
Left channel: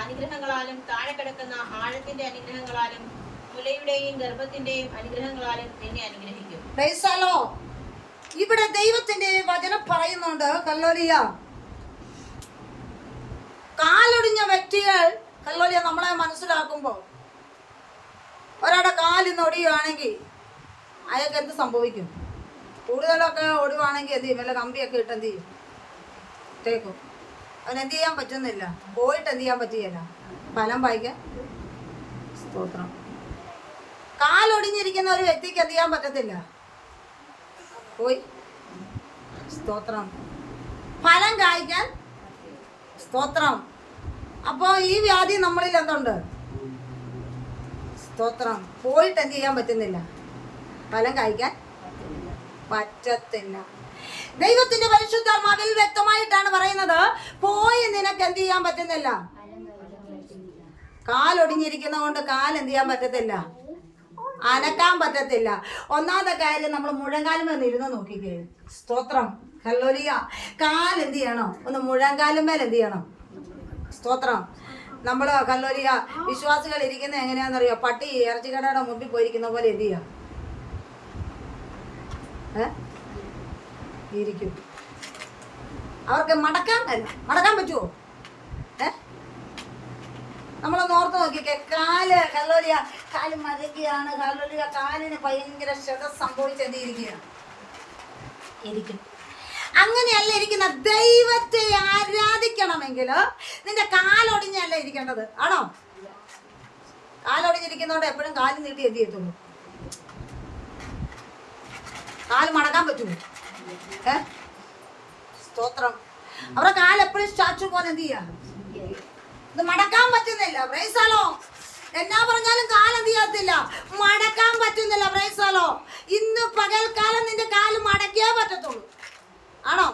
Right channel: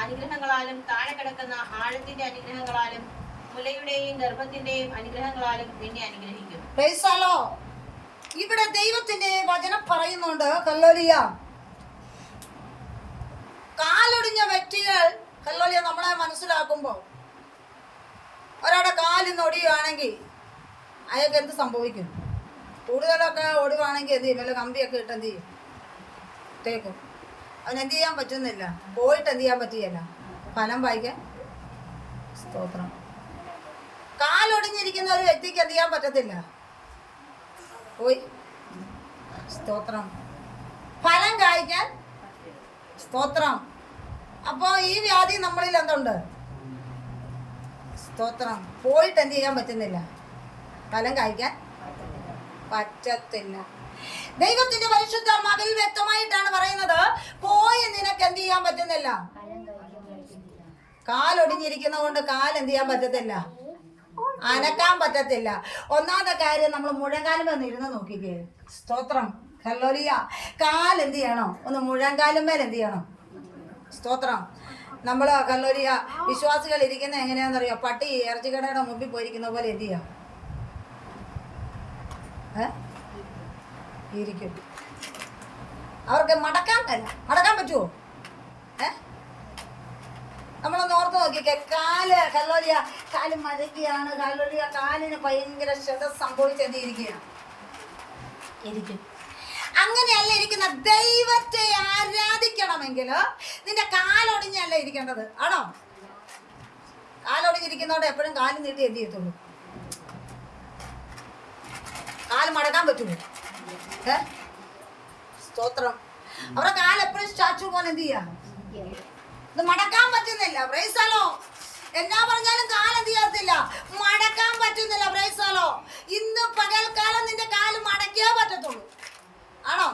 അനുഗ്രഹങ്ങളാലും താഴെ കിടക്കുന്ന ആഴത്തിന്റെ അനുഗ്രഹങ്ങളാലും മുലയുടെയും ഗർഭത്തിന്റെയും അനുഗ്രഹങ്ങളാലും നിന്നെ അനുഗ്രഹിക്കും. Price the Lord. ഇവിടെ ദൈവത്തിന്റെ വചനം പറയുന്നുണ്ട്. ഹല്ലേലൂയ കാലൊടിഞ്ഞ വ്യക്തികൾ, ഹല്ലേലൂയ നമ്മളെ മനസ്സിലാക്കുമ്പോൾ, ഒരാളുടെ കാലിന്ന് ഒടിയുകയാണെങ്കിൽ അയാൾക്ക് എന്ത് സംഭവിക്കും? കൂടുതലൊക്കെ ഒടിവാണെങ്കിൽ എന്ത് ചെയ്യും? വല്ല കമ്പിയൊക്കെ ഇട്ട് എന്ത് ചെയ്യും? തേക്കും. അവനെന്ത് ചെയ്യാൻ പറ്റുന്നില്ല, പോയിട്ട് എന്ത് ചെയ്യാൻ പറ്റുകയില്ല, ഫലം വായിക്കാൻ. സ്തോത്രം. കാലൊടിഞ്ഞിരിക്കുന്ന ഒരു വ്യക്തിക്ക് എന്ത് ചെയ്യാൻ പറ്റത്തില്ല, പോയി. സ്തോത്രം. ഫലം കായ്ക്കാൻ. സ്തോത്രം. അപ്പോൾ ഈ വ്യാധി നമ്മളിൽ എന്തുണ്ട്? സ്തോത്രം. പോയിട്ട് എന്ത് ചെയ്യാൻ പറ്റുന്നില്ല, ഫലം കായ്ക്കാൻ പറ്റത്തില്ല. ദൈവത്തിന്റെ പരിശുദ്ധാത്മാവിൽ വ്യക്തമായിട്ടാണ് പറയുന്നത്, പോയി നിനക്ക് എന്ത് ചെയ്യാൻ പറ്റുന്നില്ല. കാലൊടിഞ്ഞിരിക്കുന്ന കൊണ്ട് കാലെന്ത് ചെയ്യാൻ പറ്റത്തില്ല, അനക്കാൻ പറ്റത്തില്ല. ഒന്നാമത്തെ കാര്യം, നമ്മൾ മുഴങ്കാലും ഒന്ന് ഇരുന്ന് നോക്കിക്കേ. സ്തോത്രം. ഹല്ലേലൂയ. കാലെന്ത് ചെയ്യണം? ഒന്ന് മുഴങ്കാലുമേൽ എന്ത് ചെയ്യണം? സ്തോത്രം. നമ്മൾ ഹല്ലേലൂയ വിശ്വാസികൾ ഇരിക്കുന്നത് എങ്ങനെയാണെന്നറിയോ? പട്ടി ഇറച്ചിക്കടയുടെ മുമ്പിൽ പോയിരിക്കുന്ന പോലെ എന്ത് ചെയ്യാം? ഇരിക്കും. അവർക്ക് മടക്കാൻ പറ്റുമോ? നമ്മളൊന്ന് ഓർത്ത് നോക്കിക്കേ. കാല് മരക്കുകയാണ്. കാലിന് ഭയങ്കര ക്ഷതം സംഭവിച്ചെന്തിരിക്കുകയാണ്. ഇരിക്കും. അങ്ങനെയല്ല ഇരിക്കുന്ന. ദൈവത്തെ ആരാധിക്കണമെങ്കിൽ നിന്റെ കാലൊടിഞ്ഞല്ല ഇരിക്കേണ്ടത്. ആണോ? കാലൊടിഞ്ഞിരിക്കുന്നതുകൊണ്ട് എപ്പോഴും കാല് നീട്ടി എന്ത് ചെയ്യത്തുള്ളൂ? കാല് മടക്കാൻ പറ്റുമോ? സ്തോത്രം. അവരുടെ കാലെപ്പോഴും സ്റ്റാച്ചു പോലെ എന്ത് ചെയ്യാം? ഇത് മടക്കാൻ പറ്റുന്നില്ല. പ്രൈസാലോ. എന്നാ പറഞ്ഞാലും കാലെന്ത് ചെയ്യത്തില്ല, മടക്കാൻ പറ്റുന്നില്ല. പ്രൈസാലോ. ഇന്ന് പകൽക്കാലം നിന്റെ കാല് മടക്കിയേ പറ്റത്തുള്ളൂ. ആണോ?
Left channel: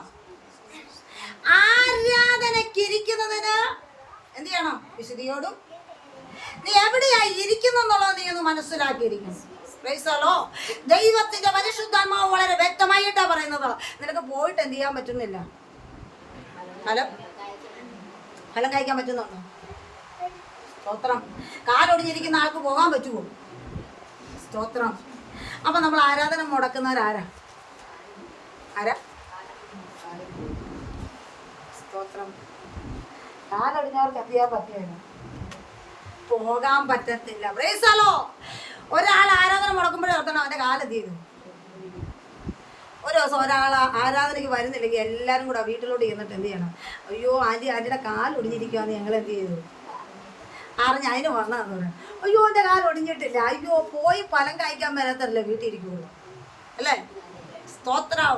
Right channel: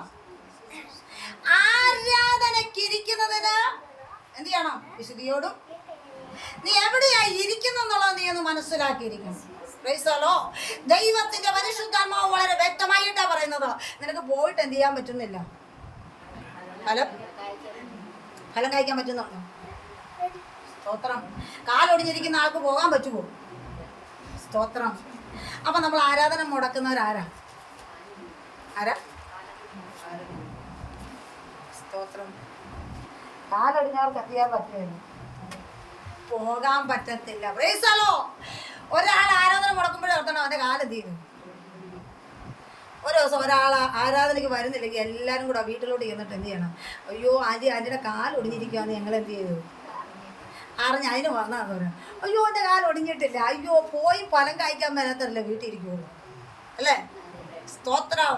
ആരാധനയ്ക്കിരിക്കുന്നതിന് എന്ത് ചെയ്യണം? വിശുദ്ധിയോടും. നീ എവിടെയായി ഇരിക്കുന്നുള്ളത് നീ ഒന്ന് മനസ്സിലാക്കിയിരിക്കണം. പ്രൈസാലോ. ദൈവത്തിന്റെ പരിശുദ്ധാത്മാവ് വളരെ വ്യക്തമായിട്ടാ പറയുന്നത്. നിനക്ക് പോയിട്ട് എന്ത് ചെയ്യാൻ പറ്റുന്നില്ല? ഫലം കഴിക്കാൻ പറ്റുന്നുണ്ടോ? സ്തോത്രം. കാലൊടിഞ്ഞിരിക്കുന്ന ആൾക്ക് പോകാൻ പറ്റുമോ? സ്തോത്രം. അപ്പൊ നമ്മൾ ആരാധന മുടക്കുന്നവരാരാ? സ്തോത്രം. കാലൊടിഞ്ഞവർക്ക് എന്ത് ചെയ്യാൻ പറ്റുമോ? പോകാൻ പറ്റത്തില്ല. പ്രൈസാലോ. ഒരാൾ ആരാധന മുടക്കുമ്പോഴേ ഓർത്തണം അവന്റെ കാലെന്ത് ചെയ്യും. ഒരു ദിവസം ഒരാൾ ആരാധനയ്ക്ക് വരുന്നില്ലെങ്കിൽ എല്ലാവരും കൂടെ വീട്ടിലോട്ട് ചെന്നിട്ട് എന്ത് ചെയ്യണം? അയ്യോ ആൻറ്റിയുടെ കാലൊടിഞ്ഞിരിക്കുകയെന്ന് ഞങ്ങൾ എന്ത് ചെയ്തു അറിഞ്ഞ് അതിന് പറഞ്ഞതെന്ന് പറയാം. അയ്യോ എൻ്റെ കാലൊടിഞ്ഞിട്ടില്ല. അയ്യോ പോയി ഫലം കഴിക്കാൻ വരാത്തല്ലേ വീട്ടിൽ ഇരിക്കുള്ളൂ അല്ലേ? സ്തോത്രം.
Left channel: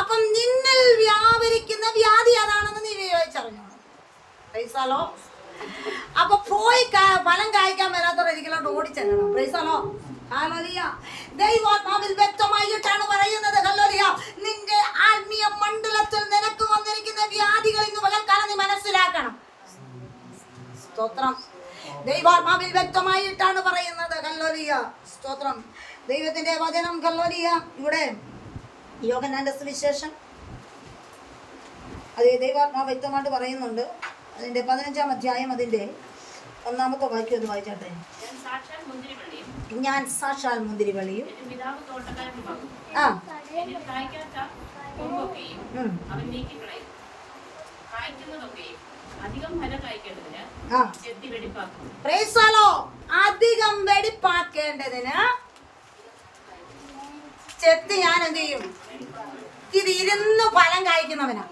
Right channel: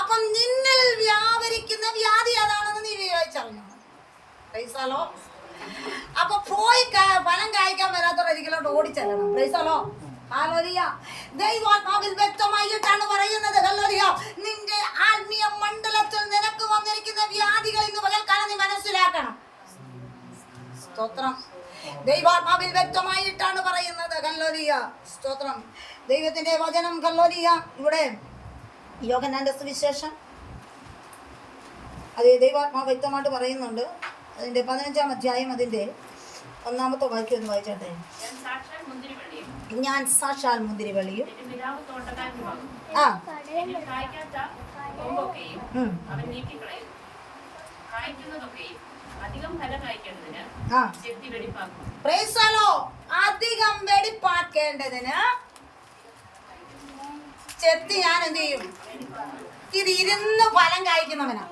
അപ്പം നിന്നിൽ വ്യാപരിക്കുന്ന വ്യാധി അതാണെന്ന് നീ വിചാരിച്ചറിഞ്ഞോ? പ്രൈസാലോ. അപ്പൊ പോയി ഫലം കായ്ക്കാൻ വരാത്തവർ ഒരിക്കലോട്ട് ഓടിച്ചെല്ലണം. പ്രൈസാലോ. ഹല്ലേലൂയ. ദൈവാത്മാവിൽ വ്യക്തമായിട്ടാണ് പറയുന്നത്. ഹല്ലേലൂയ. നിന്റെ ആത്മീയ മണ്ഡലത്തിൽ നിനക്ക് വന്നിരിക്കുന്ന വ്യാധികൾ ഇന്ന് പകൽക്കാലം നീ മനസ്സിലാക്കണം. സ്തോത്രം. ദൈവാത്മാവിൽ വ്യക്തമായിട്ടാണ് പറയുന്നത്. ഹല്ലേലൂയ. സ്തോത്രം. ദൈവത്തിന്റെ വചനം. ഹല്ലേലൂയ. ഇവിടെ യോഹന്നാന്റെ സുവിശേഷം അത് ദൈവാത്മാവ് വ്യക്തമായിട്ട് പറയുന്നുണ്ട്. അതിന്റെ 15-ാം അധ്യായം അതിന്റെ 1-ാമത്തെ വാക്യം ഒന്ന് വായിച്ചോട്ടെ. ഞാൻ സാക്ഷാൽ മുന്തിരിവള്ളിയും അധികം വെടിപ്പാക്കേണ്ടതിന് ചെത്തി ഞാൻ എന്ത് ചെയ്യും? ഇത് ഇരുന്ന് ഫലം കായ്ക്കുന്നവനാ.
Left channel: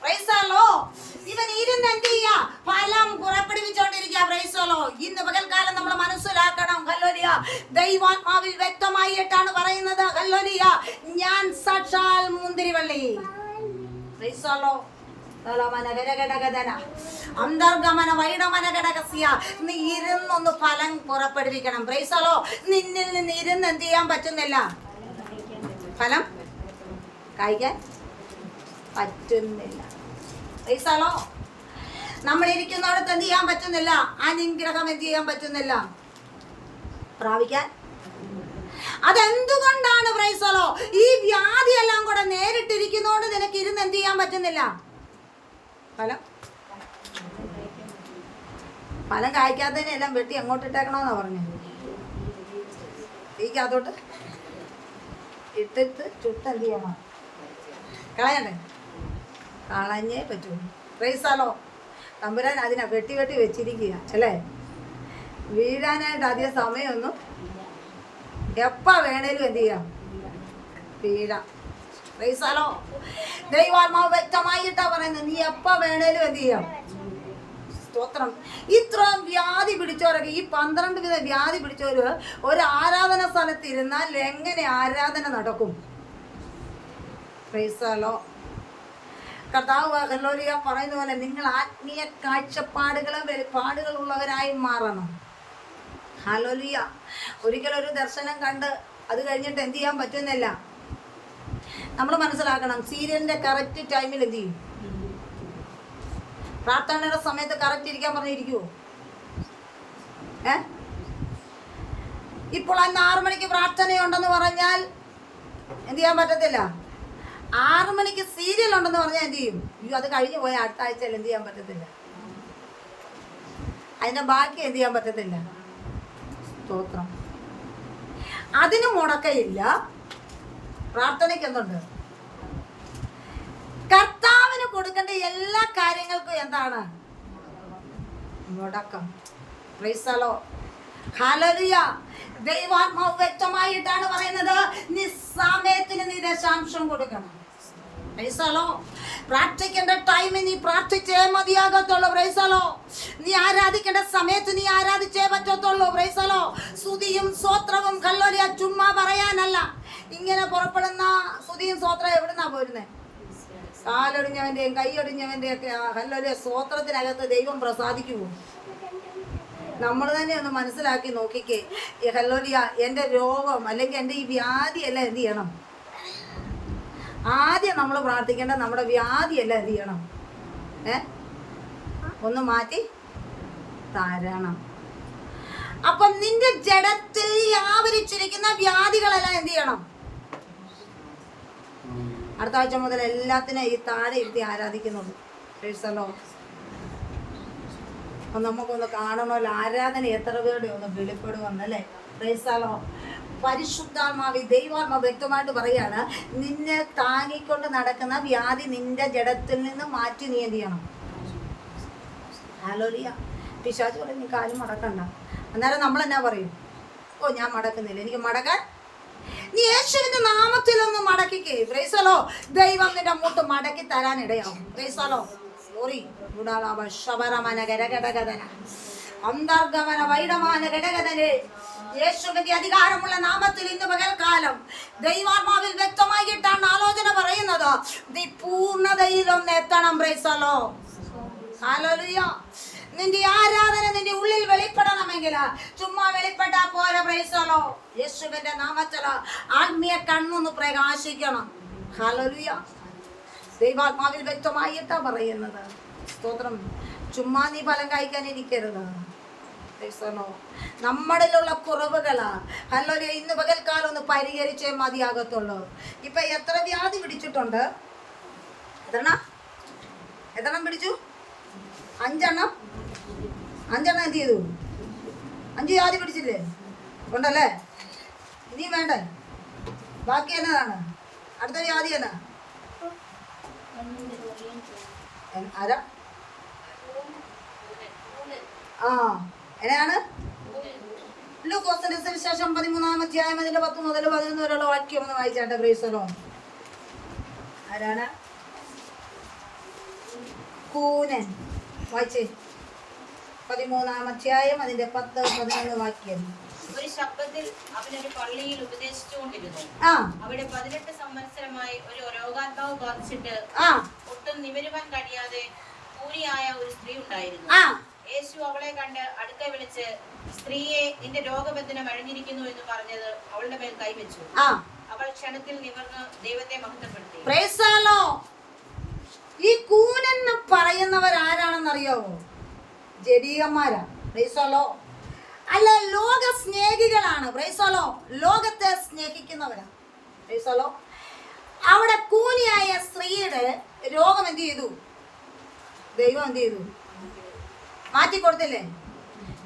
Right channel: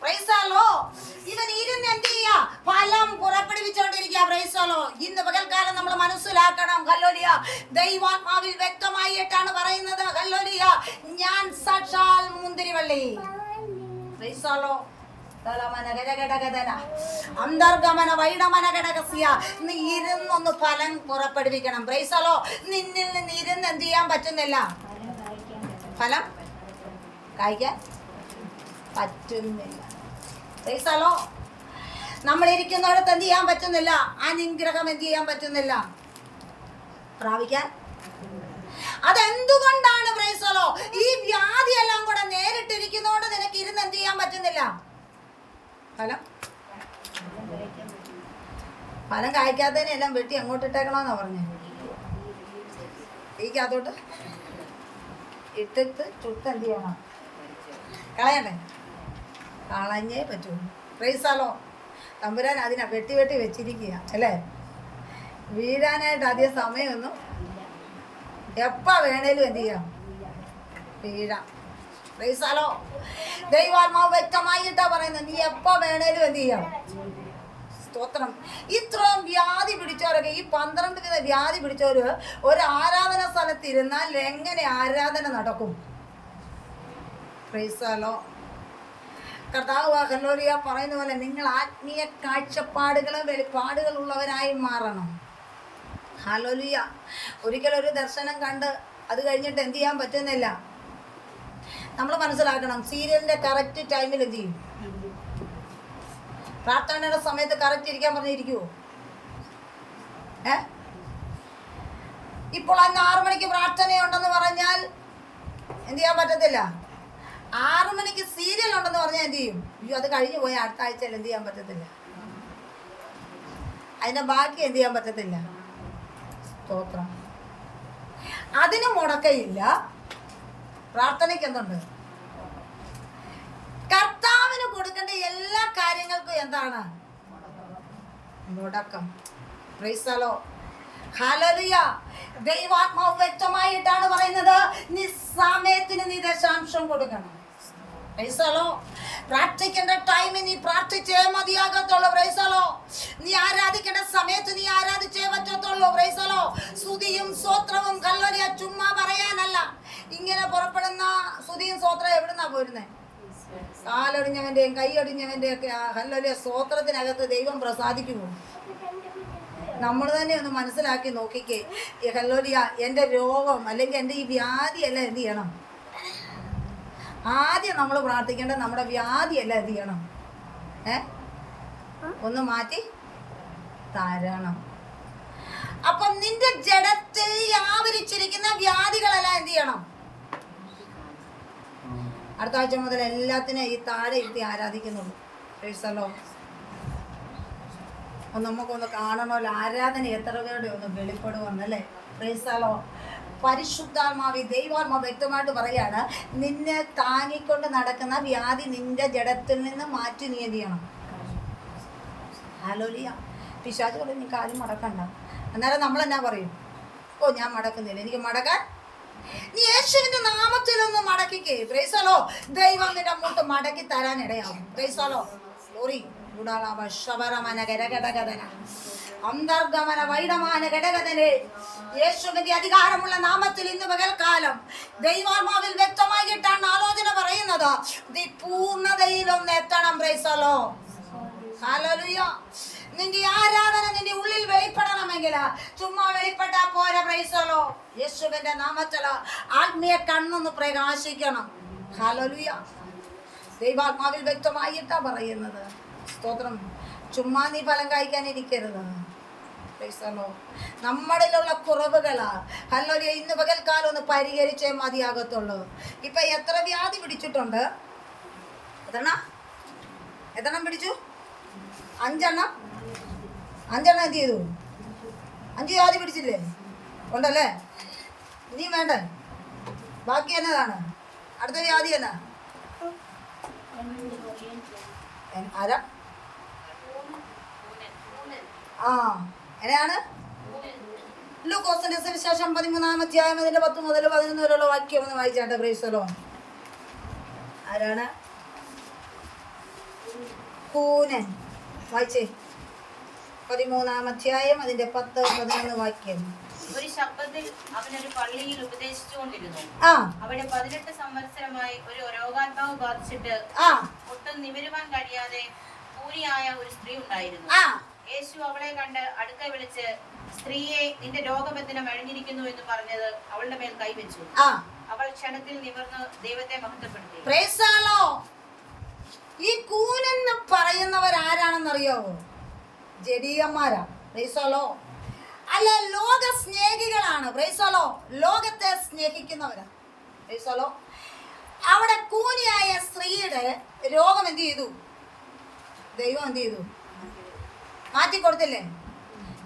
പ്രൈസാലോ. ഇവൻ ഇരുന്ന് എന്ത് ചെയ്യാ? ഫലം പുറപ്പെടുവിച്ചോണ്ടിരിക്കുക. പ്രൈസാലോ. ഇന്ന് പകൽക്കാലം നമ്മൾ മനസ്സിലാക്കണം. ഹല്ലേലൂയ. ദൈവാത്മാവിൽ വ്യക്തമായിട്ടാണ് പറയുന്നത്. ഹല്ലേലൂയ. ഞാൻ സാക്ഷാൽ മുന്തിരിവള്ളി. പ്രൈസാലോ. അന്തർഗമന വൈഡമന ഘടകസ്യ. നീ ഇരുന്നൊന്ന് ഫലം പുറപ്പെടുവിക്കണം. പ്രൈസാലോ. നിന്നിൽ നിന്ന് ഇരുന്ന് എന്ത് ചെയ്യാൻ പറ്റുന്നില്ല? ഫലം കഴിക്കാൻ പറ്റുന്നില്ല. പ്രൈസാലോ. നമ്മൾ ഇരിക്കുന്നിടത്ത് എന്ത് ചെയ്യാൻ പറ്റുന്നില്ല? അനുഗ്രഹം എന്ത് ചെയ്യാൻ പറ്റുന്നില്ല? പ്രാപിക്കാൻ. അതെന്തുകൊണ്ടാണ്? പ്രൈസാലോ. ഈ വ്യാധി എല്ലാം കൂടെ നേരിട്ടിരിക്കുന്നോണ്ട് നിനക്ക് ഇരുന്ന് എന്ത് ചെയ്യാൻ പറ്റുന്നില്ല? ഫലം കായ്ക്കാത്തതിനെല്ലാം വെട്ടി അങ്ങോട്ടിട്ടേക്കണമെന്നാ പറഞ്ഞത്. തീക്കകത്തോട്ട് ഇട്ടിട്ട് ചുട്ട് എന്ത് ചെയ്യണം? കളയണ്ടേ? കളഞ്ഞേ പറ്റുള്ളൂ. പ്രൈസാലോ. തമ്പുരാൻ അതിനെ വെട്ടി വെച്ചിരിക്കുക അല്ലേ? വീഴാനായിട്ട് അധികം സമയമൊന്നും എപ്പോൾ വേണേലും എന്ത് ചെയ്യാം? വീഴാം. പ്രൈസാലോ. ദൈവാത്മാവ് വ്യക്തമായിട്ടാ പറയുന്നത്. നീ എപ്പോൾ വേണേലും എന്ത് ചെയ്യാം? സ്തോത്രം. ഇത്രയും വ്യാധി പിടിച്ചവരൊക്കെ, ഈ 12 വിധ വ്യാധി പിടിച്ചവര് ഒരു ആരാധന സ്ഥലത്തിരുന്നാൽ എങ്ങനെ ആരാധന നടക്കും? പ്രൈസാലോ. കർത്താവ് ഹല്ലേലൂയ പറയുന്ന പോലെ നിങ്ങൾ ആത്മീയ കാഴ്ചപ്പാടുകളും വെളിപ്പാടുകളുള്ളവരായി മാറണം. ഹല്ലേലൂയ. ഒരിക്കലൊരു ദർശനം കണ്ട് അത് കഴിഞ്ഞിട്ട് എന്ത് ചെയ്യാൻ പറ്റുന്നില്ല? നമ്മൾ മനസ്സിലാക്കണം. സീരിയലിന്റെ കറക്റ്റ് ടൈമിൽ എന്ത് ചെയ്യും? പ്രാർത്ഥനയുടെ സമയത്ത് കറക്റ്റ് ഇരിക്കാൻ പറഞ്ഞിരിക്കുവോ? ഇപ്പോൾ അന്ന് 6 മണിക്ക് പ്രാർത്ഥനയുണ്ടെന്ന് പറഞ്ഞാൽ എന്ത് ചെയ്യാൻ പറ്റത്തില്ല? 6 മണിക്ക് സീരിയൽ ഉണ്ടെന്ന് പറഞ്ഞാൽ എന്ത് ചെയ്യും? അയ്യോ അത് കഴിഞ്ഞു പോയ അടുത്ത ആഴ്ചയിൽ എന്ത് ചെയ്യാൻ പറ്റത്തില്ല? അതിന്റെ ബാക്കി എന്ത് ചെയ്യാൻ പറ്റത്തില്ല? സ്തോത്രം. അതിന് മുടക്കയില്ല. പ്രാർത്ഥനയ്ക്ക് എന്തുണ്ട്? കർത്താവിന് കൊടുക്കേണ്ട എല്ലാ കാര്യങ്ങൾക്കും എന്താണ്? മുടക്കം. Praise the lord. ഹല്ലേലൂയ. ദൈവാത്മാവ് വ്യക്തമായിട്ടാണ് പറയുന്നത്, നീ സമയത്തിന് നീ ദശാംശം കൊടുക്കണം. Praise the lord. പ്രാർത്ഥിക്കേണ്ട ടൈമിൽ നീ പ്രാർത്ഥിച്ചേ മതിയാകത്തുള്ളൂ. Praise the lord. നീ ആരാധിക്കേണ്ട സമയത്ത് നീ ആരാധിച്ചേ പറ്റത്തുള്ളൂ. Praise the lord. സ്തുതിയും സ്തോത്രവും ഹല്ലേലൂയ ചുമ്മാ പറയാനല്ല. ഇങ്ങനെ പുറപ്പെടുന്ന സ്തുതിയും സ്തോത്രം എവിടുന്നാ പോരുന്നേ? കാലൊടിഞ്ഞവന്റെയും കൈയൊടിഞ്ഞവന്റെയും ഒക്കെ ഹല്ലേലൂയ സ്തോത്രത്തിനകത്ത് ദൈവം പ്രസാദിക്കുമോ? നമ്മൾ തന്നെ ഒന്ന് മനസ്സിലാക്കി നോക്കിക്കേ. ഹല്ലേലൂയ, എൻ്റെ രോഗം അല്ലെങ്കിൽ എൻ്റെ ഈ വ്യാധിയല്ല എന്ത് ചെയ്യണം? ആദ്യം നമ്മൾ പ്രാർത്ഥിക്കേണ്ട നമ്മുടെ വ്യാധിയല്ല എന്ത് ചെയ്യണം? ഒന്ന് മാറ്റി തരണം. അപ്പം നിന്റെ ജഡത്തിൽ ആവരിച്ചിരിക്കുന്ന വ്യാധികളെല്ലാം എന്ത് ചെയ്യണം? അടുത്ത ആഴ്ച മുതൽ എല്ലാത്തിനും ഈ താഴെ ഇരുത്തി ആരാധിക്കുന്നുള്ളൂ. Price the Lord. നമുക്കൊന്ന് കാണണമല്ലോ, ആരാധന എത്ര പേരുടെ ഒന്ന് വെളിപ്പെടുവന്നല്ലേ. Price the Lord. പരിശുദ്ധാത്മാവ് ദൈവാത്മാവ് വ്യക്തമായിട്ട് പറയാണ്, നിന്നെ താങ്ങിക്കൊണ്ട് നടക്കുന്ന വ്യാധി നിന്റെ ജഡത്തിൽ നിന്ന് മാറ്റി നീ എന്ത് ചെയ്യണം? ഹല്ലേലൂയ. പിശാച് പറയും നീ കാലും മടക്കണ്ട. അന്നേരം നമ്മൾ എന്നാ പറയും? ഓ ഞാൻ മടക്കുന്നില്ല, എനിക്ക് മടക്കാൻ. നീ യേശുവിന്റെ നാമത്തിലൊന്ന് മടക്കിക്കേ. Praise the lord. ദൈവം നിന്റെ മുട്ട് മടക്കി തരാൻ ഇടയാവും. Praise the lord. സോറി ശബരമന ഗരഗടഗദന അന്തർഗമന വൈഡമാന ഘടകതനെ യേശുവിന്റെ അധികാരമുള്ള നാമത്തിൽ ഇന്ന് പകൽക്കാലം ദൈവാത്മാവിൽ വ്യക്തമായിട്ടാണ് ആലോചന പറയുന്നത്. നീ പൂർണ്ണതയിലൊന്ന് എത്തണം. Price the lord. ഹല്ലേലൂയ. നിന്റെ ആരാധന നിന്റെ ഉള്ളിൽ വെളിപ്പെടണമെങ്കിൽ ചുമ്മാ വെളിപ്പെട്ടാ പോരാ. Price the lord. യേശുവിന്റെ നാമത്തിൽ ആത്മീയ കണ്ണൊന്ന് പ്രകാശിക്കണം. ഹല്ലേലൂയ. ദൈവാത്മാവിൽ വ്യക്തമായിട്ടാ പറയുന്നത്. സ്തോത്രം. ചുമ്മാ നീ ഫലം കഴിക്കാനിരിക്കരുത്. നമ്മളിലുള്ള കുറവുകളാ ഹല്ലേലൂയ ഇന്ന് പകൽക്കാലം ഒന്ന് പരിഹരിച്ചേ മതിയാകത്തുള്ളൂ. ഇപ്പൊ എത്ര വ്യാധി പിടിച്ചിട്ടുണ്ട്? എത്രണ്ണം പിടിച്ചു? 5 എണ്ണം എന്ത് ചെയ്തു? 5 വ്യാധി പിടിച്ചില്ലേ? ഉണ്ടല്ലേ? ഇനിയും വേണ്ടേ? ബാക്കി എന്നതാണ്? അടുത്ത വ്യാധി എന്നാ? ആരാ? എങ്ങനെയാണ്? ലൂക്കോസിന്റെ സുവിശേഷം 13-ാം അധ്യായം അതിന്റെ 10 മുതൽ 11 വരെയുള്ള വാക്യം ഒന്ന് വായിച്ചാട്ടെ. Praise the Lord. ആരാണ്? കൂനൻ. വായിച്ചേ. 13-ാം അധ്യായം അതിന്റെ 10-11 വാക്യം. ഒരു ശബ്ദത്തിൽ അവനൊരു പള്ളിയിൽ ഉപദേശിച്ചുകൊണ്ടിരുന്നു. അവിടെ 18 സംവത്സരമായി ഒരു രോഗാത്മാവ് ബാധിച്ചിട്ട് ഒട്ടും നിവരുവാൻ കഴിയാതെ കൂനിയായ ഒരു സ്ത്രീ ഉണ്ടായിരുന്നു. യേശു അവളെ കണ്ട് അടുക്ക വിളിച്ച്, സ്ത്രീയെ, നിന്റെ രോഗബന്ധനം അഴിഞ്ഞിരിക്കുന്നു എന്ന് പറഞ്ഞത് അവളുടെ മേൽ കൈവച്ചു. അവൾ ക്ഷണത്തിൽ നിവർന്ന് ദൈവത്തെ മഹത്വപ്പെടുത്തി. Price the lord. ഈ കൂനെന്ന് പറയുന്നവർ ആരാണെന്നറിയാവോ? ജഡീയന്മാരാ. Praise the lord. അല്ല, ലോക സ്നേഹികളാണ്. Price the Lord. ലോകത്തെ സ്നേഹിക്കുന്നവരാ. Price the Lord. അവിടെ കൂനിയായ സ്ത്രീയുടെ രോഗം എന്ത് ചെയ്തു? ദൈവം എന്ത് ചെയ്തു? മാറ്റിക്കൊടുത്തില്ലേ?